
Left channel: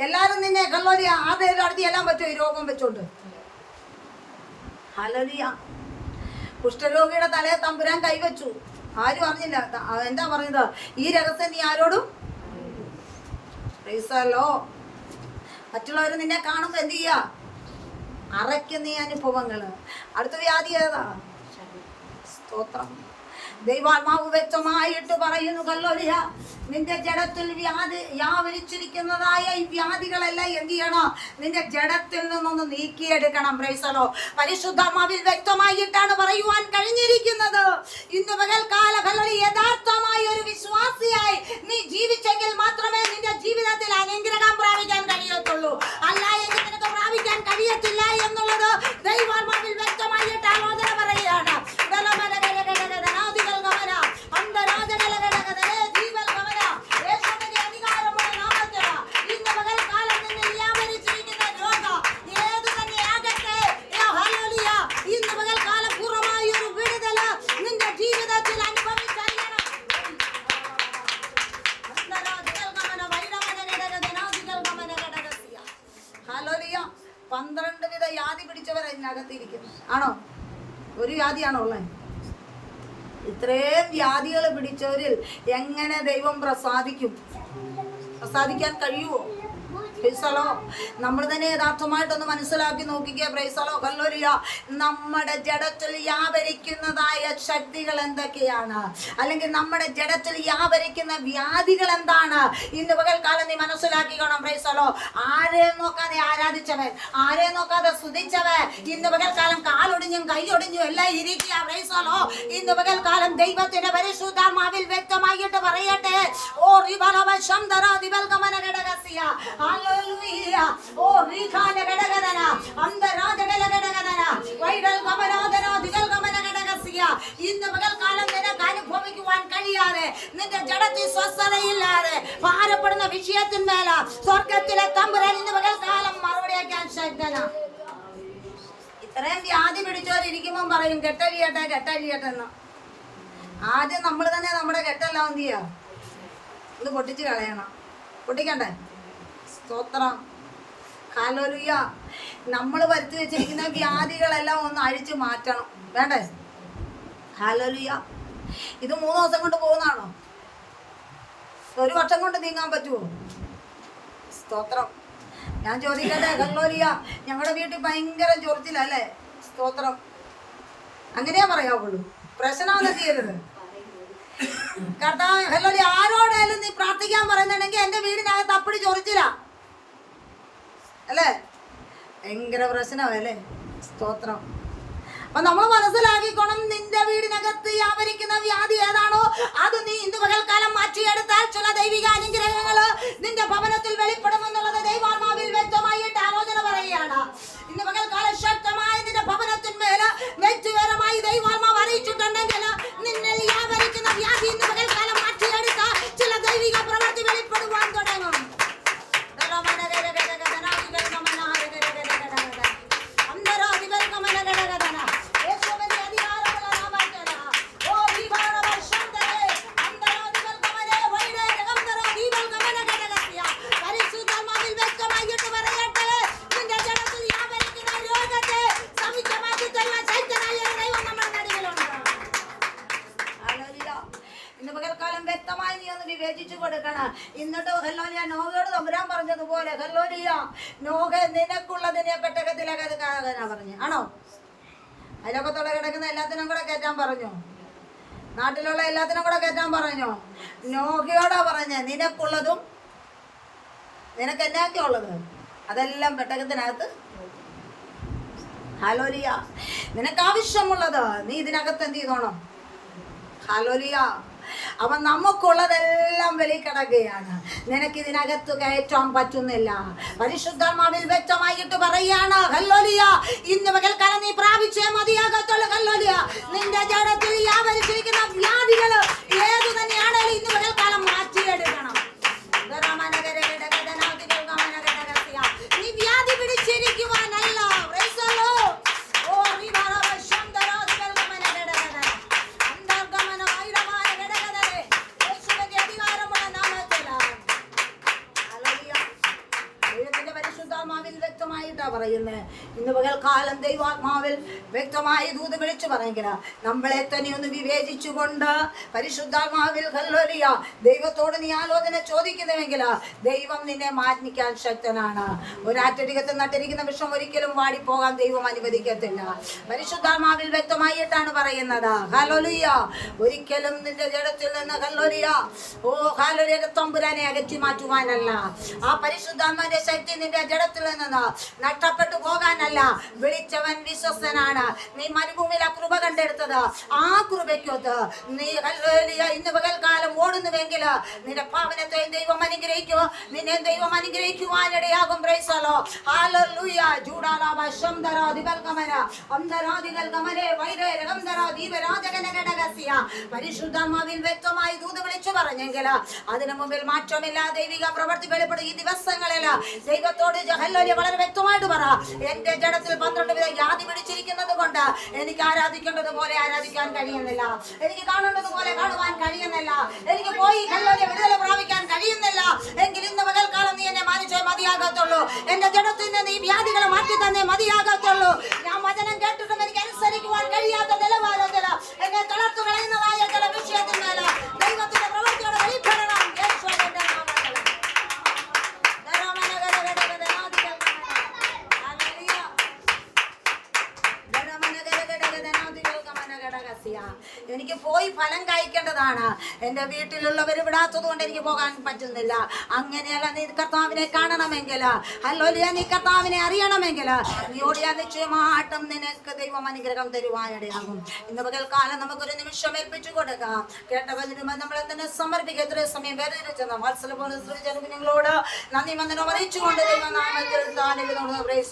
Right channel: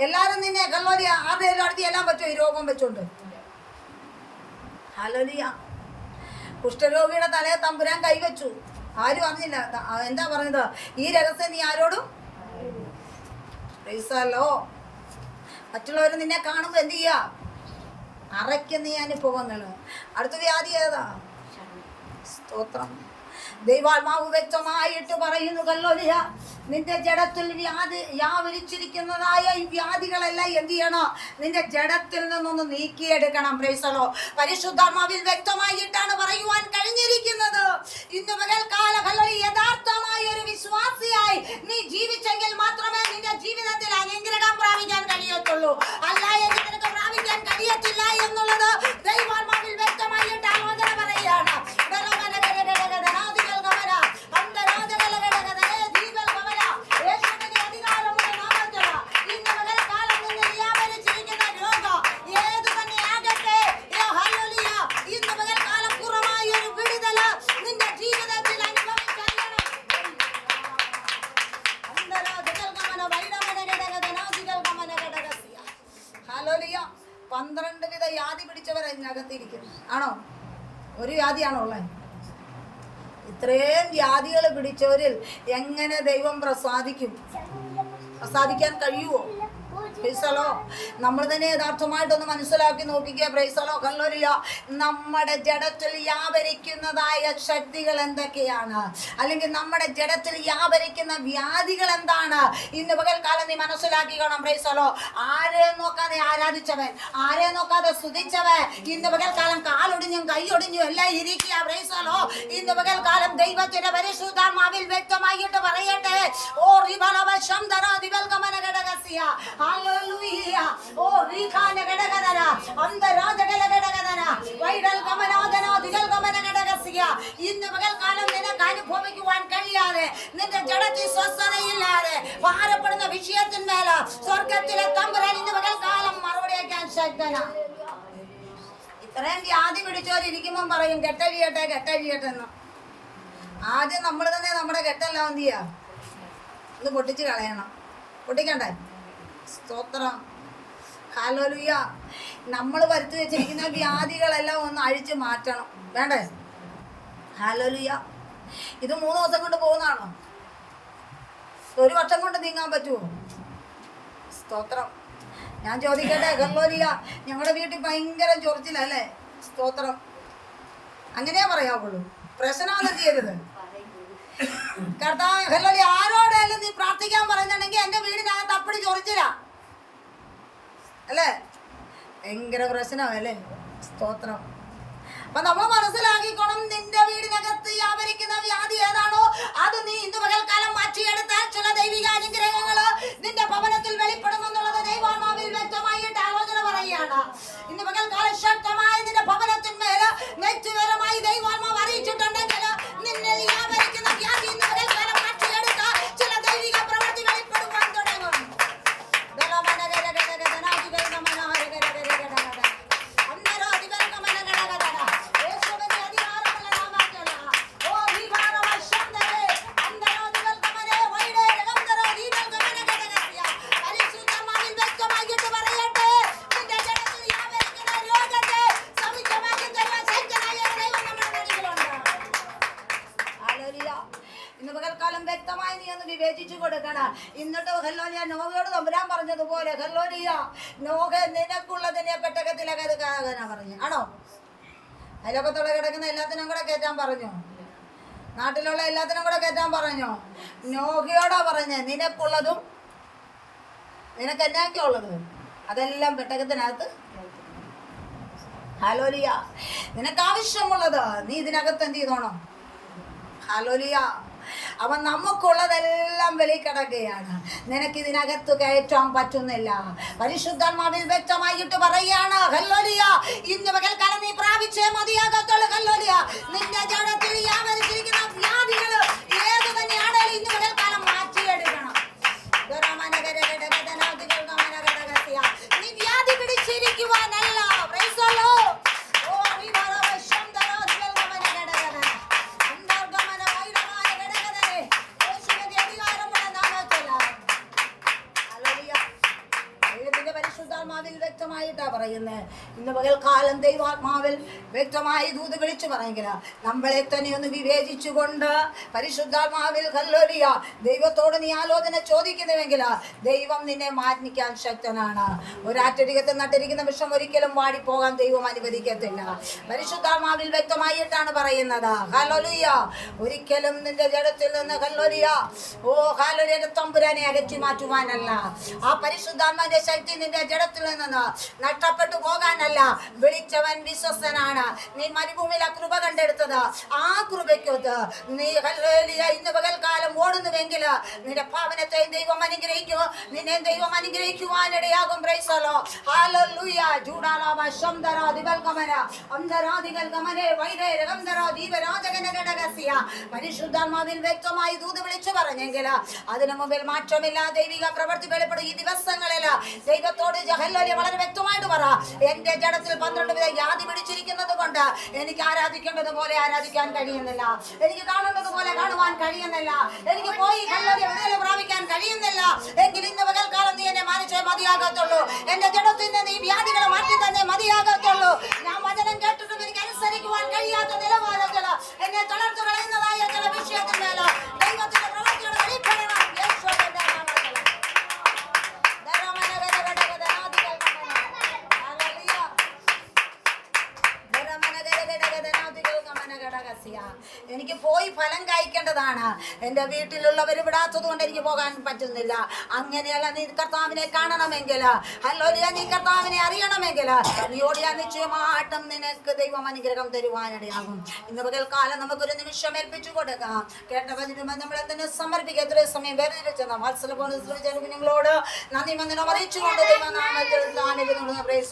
എല്ലാവരും നിന്നെ ഹല്ലേലൂയ ആരുടെയും അടുത്ത് എല്ലാം പറ്റുമോ ഈ രോഗം വെച്ചോണ്ട്? ഹല്ലേലൂയ. കുഷ്ഠരോഗിയുടെ തലയെ തമ്പുരാൻ കൈവച്ചു, ആരും അറിഞ്ഞില്ല. എന്താ പറയുന്നത്? ഈ രഹസ്യം നീ ആരോടും? Price the Lord. മറ്റുള്ളവർ നിന്നെ കാണുമ്പോൾ എന്ത് ചെയ്യുക? അറയ്ക്കുന്ന ഈ അനുഭവങ്ങൾ. അടുത്ത വ്യാധി ഏതാ? സ്തോത്രം. ദൈവാത്മാവ് വ്യക്തമായിട്ട് പറയുന്നു കല്ലോലിയ, നിന്റെ ജഡത്തിൽ വ്യാപരിച്ചിരിക്കുന്നതായ ഈ വ്യാധികളെല്ലാം എന്ത് ചെയ്യണം? നിന്റെ ജഡത്തിൽ നിന്നൊന്ന് നീക്കിയെടുക്കണം. Price the lord. പരിശുദ്ധാത്മാവിൽ വ്യക്തമായിട്ടാണ് പറയുവാൻ കഴിഞ്ഞിരിക്കുന്നത്. ഇന്ന് പകൽക്കാല കല്ലോലിയ യഥാർത്ഥമായ ഒരു വിശ്വാസിയായി നീ ജീവിച്ചെങ്കിൽ മാത്രമേ നിന്റെ ജീവിതത്തിൽ അനുഗ്രഹം പ്രാപിക്കാൻ കഴിയത്തുള്ളൂ. അല്ല എങ്കിൽ നിനക്ക് പ്രാപിക്കാൻ കഴിയത്തില്ല എന്നുള്ളത് ദൈവാത്മാവിൽ വ്യക്തമായിട്ട് ആലോചന പറയുകയാണ്. ആണോ? ഒരു വ്യാധിയാണോ ഉള്ളത്? ഇത്രയും വ്യാധികൾ പിടിച്ചവരിൽ എങ്ങനെ ദൈവം പ്രസാദിക്കും? പ്രസാദിക്കാൻ കഴിയുമോ? പ്രൈസലോ. നമ്മൾ തന്നെ യഥാർത്ഥമായിട്ടൊന്ന് മനസ്സിലാക്കി നോക്കിക്കുക. പ്രൈസലോ. ഹല്ലേലൂയ. നമ്മുടെ ജഡത്തിൽ വ്യാപരിക്കുന്നതായ ശക്തികൾ എന്തൊക്കെയാണ്, അല്ലെങ്കിൽ നമ്മുടെ ജഡത്തിൽ വ്യാപരിക്കുന്ന വ്യാധികൾ എന്താണ്? ഇന്ന് പകൽക്കാലം നീ മനസ്സിലാക്കിക്കണം. പ്രൈസലോ. ആരെ നോക്കാതെ ആരാധിച്ചവൻ, ആരെ നോക്കാതെ സ്തുതിച്ചവൻ ഇന്ന് പകൽക്കാലം കാലൊടിഞ്ഞും കൈയൊടിഞ്ഞും എല്ലാം ഇരിക്കുക. പ്രൈസലോ. ഇന്ന് പകൽക്കാലം ദൈവത്തിന്റെ പരിശുദ്ധാത്മാവിൽ വ്യക്തമായിട്ട് പറയട്ടെ. ഓ റിബലവശംദര ദിബൽകമനഗടഗസിയ. ഹല്ലേലൂയ. ഓ റിഖാനഗടഗദന അന്തരാജഗലഗടഗദന വൈഡൽകമനാദന ദിബൽകമനഗടഗസിയ. ഇന്ന് പകൽക്കാലം നിനക്ക് അനുഭവിക്കുവാൻ കഴിയാതെ, നിന്റെ ജഡത്തിൽ സ്വസ്ഥതയില്ലാതെ ഭാരപ്പെടുന്ന വിഷയത്തിന്മേൽ സ്വർഗത്തിലെ തമ്പുരാൻ ഇന്ന് പകൽക്കാലം മറുപടി അയക്കാൻ ശക്തനാ. ഇത്രയും വ്യാധി പിടിച്ചോരിക്കുമ്പം പറയും കെട്ടഴിയട്ടെ കെട്ടഴിയട്ടെ എന്ന്. ആദ്യം നമ്മൾ തന്നെ നമ്മുടെ കെട്ടെല്ലാം എന്ത് ചെയ്യാ, ഇത് പൊട്ടിച്ച് കളയണം. പൊട്ടിക്കണ്ടേ? സ്തോത്രം. ഹല്ലേലൂയ. നമ്മൾ വരുത്തി വെച്ചിരിക്കുന്ന വ്യാധികളെല്ലാം ഒന്ന് അഴിച്ചു മാറ്റണം. വേണ്ടേ? ഹല്ലേലൂയ. ഇത് 3 ദിവസം കൊണ്ട് പോകുന്നതാണോ? 1 വർഷം കൊണ്ട് നീങ്ങാൻ പറ്റുമോ? സ്തോത്രം. ഞാൻ ചോദിക്കട്ടെ. ഹല്ലേലൂയ. ഞങ്ങളുടെ വീട്ടിൽ ഭയങ്കര ചൊറിച്ചിലല്ലേ? സ്തോത്രം. അങ്ങനെയാ പറയാവുള്ളൂ. പ്രശ്നമൊന്നും ചെയ്യരുത്. കർത്താവ് ഹല്ലേലൂയ. ആരോടെങ്കിലും നീ പ്രാർത്ഥിക്കാൻ പറയുന്നുണ്ടെങ്കിൽ എൻ്റെ വീടിനകത്ത് അപ്പടി ചൊറിച്ചില്ല അല്ലേ? ഭയങ്കര പ്രശ്നമല്ലേ? സ്തോത്രം. അപ്പൊ നമ്മൾ മനസ്സിലാക്കിക്കണം, നിന്റെ വീടിനകത്ത് വ്യാപരിക്കുന്ന വ്യാധി ഏതാണോ അത് നീ ഇന്ന് പകൽക്കാലം മാറ്റിയെടുത്താൽ ചില ദൈവിക അനുഗ്രഹങ്ങള് നിന്റെ ഭവനത്തിൽ വെളിപ്പെടുമെന്നുള്ളത് ദൈവാത്മാവിൽ വ്യക്തമായിട്ട് ആലോചന പറയുകയാണ്. ഇന്ന് പകൽക്കാലം ശക്തമായ നിന്റെ ഭവനത്തിന്മേല് വ്യക്തിപരമായി ദൈവാത്മാവ് അറിയിച്ചിട്ടുണ്ടെങ്കിൽ നിന്നെ വ്യാപരിക്കുന്ന വ്യാധി ഇന്ന് പകൽക്കാലം മാറ്റിയെടുത്താൽ ചില ദൈവിക പ്രവൃത്തി വെളിപ്പെടുവാൻ തുടങ്ങും. ഇന്ന് പകൽക്കാലം വ്യക്തമായി നീ ഒന്ന് വിവേചിച്ചു കൊടുക്കണം. എന്നിട്ട് ഹല്ലേലൂയ നോഹയോട് തമ്പുരാൻ പറഞ്ഞതുപോലെ ഹല്ലേലൂയ നോഹ നിനക്കുള്ളതിനെ പെട്ടകത്തിലകത് കാണാനാ പറഞ്ഞു. ആണോ? അയലോകത്തുള്ള കിടക്കുന്ന എല്ലാത്തിനും കൂടെ കയറ്റാൻ പറഞ്ഞു. നാട്ടിലുള്ള എല്ലാത്തിനും കൂടെ കയറ്റാൻ പറഞ്ഞു. നോഹയോടാ പറഞ്ഞേ നിനക്കുള്ളതും നിനക്ക് എന്നാക്കിയ ഉള്ളത് അതെല്ലാം പെട്ടകത്തിനകത്ത്. ഹല്ലേലൂയ. നിനക്ക് ആവശ്യമുള്ളത് നീ ഇതിനകത്ത് എന്ത് ചെയ്തോണം? ഹല്ലേലൂയ. അവൻ നമുക്കുള്ളതെല്ലാം വെളിക്കിടക്കുകയാണ്. നിനക്ക് ഇതിനകത്ത് കയറ്റാൻ പറ്റുന്നില്ല. പരിശുദ്ധാത്മാവിൽ വ്യക്തമായിട്ട് പറയാണ് ഹല്ലേലൂയ. ഇന്ന് പകൽക്കാലം നീ പ്രാപിച്ചേ മതിയാകത്തുള്ളൂ. ഹല്ലേലൂയ. നിന്റെ ജഡത്തിൽ വ്യാപരിച്ചിരിക്കുന്ന വ്യാധികൾ ഏതു തന്നെയാണെങ്കിലും ഇന്ന് പകൽക്കാലം മാറ്റിയെടുക്കണം. നീ വ്യാധി പിടിച്ചിരിക്കുവാനല്ല. Praise the lord. വ്യക്തമായിട്ടാ പറയുന്നത്. ഇന്ന് പകൽക്കാലം ദൈവാത്മാവിൽ വ്യക്തമായി ദൂത് വിളിച്ചു പറയെങ്കിൽ നമ്മളെ തന്നെ ഒന്ന് വിവേചിച്ചുകൊണ്ട് പരിശുദ്ധാത്മാവിൽ ഹല്ലേലൂയ ദൈവത്തോട് നീ ആലോചന ചോദിക്കുന്നുവെങ്കിൽ ദൈവം നിന്നെ മാനിക്കാൻ ശക്തനാണ്. ഒരാറ്റരികത്ത് നട്ടിരിക്കുന്ന വിഷം ഒരിക്കലും വാടിപ്പോകാൻ ദൈവം അനുവദിക്കത്തില്ല. പരിശുദ്ധാത്മാവിൽ വ്യക്തമായിട്ടാണ് പറയുന്നത്. ഹല്ലേലൂയ. ഒരിക്കലും നിന്റെ ജഡത്തിൽ നിന്ന് ഹല്ലേലൂയ ഓ ഹല്ലേലൂയ തമ്പുരാനെ അകറ്റി മാറ്റുവാനല്ല. ആ പരിശുദ്ധാത്മാവിന്റെ ശക്തി നിന്റെ ജഡത്തിൽ നിന്ന് നഷ്ടപ്പെട്ടു പോകാനല്ല. വിളിച്ചവൻ വിശ്വസ്തനാണ്. നീ മരുഭൂമിയിൽ ആ കൃപ കണ്ടെടുത്തത് ആ കൃപയ്ക്കൊത്ത് നീ ഹല്ലേലൂയ ഇന്ന് പകൽക്കാലം ഓടുന്നുവെങ്കിൽ നിന്റെ പാവനത്തെ ദൈവം അനുഗ്രഹിക്കും. നിന്നെ ദൈവം അനുഗ്രഹിക്കുവാനിടയാകും. Praise the lord. ഹല്ലേലൂയ. ജൂഡാലാബ ശംദര ദിബൽകമന അന്തരാദികൾ ഗമനെ വൈരേ രഗംദര ദീപരാജകനഗടഗസിയ. പരിശുദ്ധാത്മാവിൽ വ്യക്തമായി ദൂത് വിളിച്ചു പറഞ്ഞെങ്കിൽ അതിനു മുമ്പിൽ മാറ്റമില്ല. ദൈവിക പ്രവൃത്തി വെളിപ്പെടും. ഈ ദിവസങ്ങളിൽ ദൈവത്തോട് ഹല്ലേലൂയ വളരെ വ്യക്തമായിട്ട് പറ. എന്റെ ജഡത്തിൽ 12 വിധ വ്യാധി പിടിച്ചിരിക്കുന്നത് കൊണ്ട് എനിക്ക് ആരാധിക്കേണ്ടത് പോലെ ആരാധിക്കാൻ കഴിയുന്നില്ല. എനിക്ക് കാണേണ്ടത് പോലെ കാണുവാൻ കഴിയുന്നില്ല. എനിക്ക് പോയി ഹല്ലേലൂയ വിടുതല പ്രാപിക്കാൻ കഴിയുന്നില്ല. എങ്കിൽ ഇന്ന് പകൽക്കാലം നീ എന്നെ മാനിച്ചേ മതിയാകത്തുള്ളൂ. എന്റെ ജഡത്തിൽ നിന്ന് ഈ വ്യാധികളെ മാറ്റി തന്നെ മതിയാകത്തുള്ളൂ. ഞാൻ വചനം കേട്ടിട്ടും എനിക്ക് അനുസരിക്കുവാൻ കഴിയാത്ത നിലവാരത്തിൽ എന്നെ തളർത്തു കളയുന്നതായ ചില വിഷയത്തിന്മേൽ ദൈവത്തിന്റെ പ്രവൃത്തിയുടെ വെളിപ്പെടണം. യേശുവിന്റെ നാമത്തിൽ എനിക്ക് പോയി ഫലം കഴിക്കേണ്ടതാണ്. എൻ്റെ വീട്ടിലുള്ളവർ വിടാത്തത് കൊണ്ട് എനിക്ക് പോകാൻ പറ്റുന്നില്ല. അങ്ങനെയല്ല, നീ കർത്താവിനെ കാണണമെങ്കിൽ, ഹല്ലേലൂയ, നീ കർത്താവിനെ അറിയണമെങ്കിൽ നീ ഓടിയാൽ നിശ്ചയമായിട്ടും നിനക്ക് ദൈവം അനുഗ്രഹം തരുവാനിടയാകും. ഇന്ന് പകൽക്കാലം നമുക്കൊരു നിമിഷം ഏൽപ്പിച്ചു കൊടുക്കാം. കേട്ട വചനം നമ്മളെ തന്നെ സമർപ്പിക്കുക. എത്ര സമയം വേദനിച്ചെന്ന മത്സരങ്ങളോട് നന്ദി വന്ദനം അറിയിച്ചുകൊണ്ട് ദൈവനാമത്തിൽ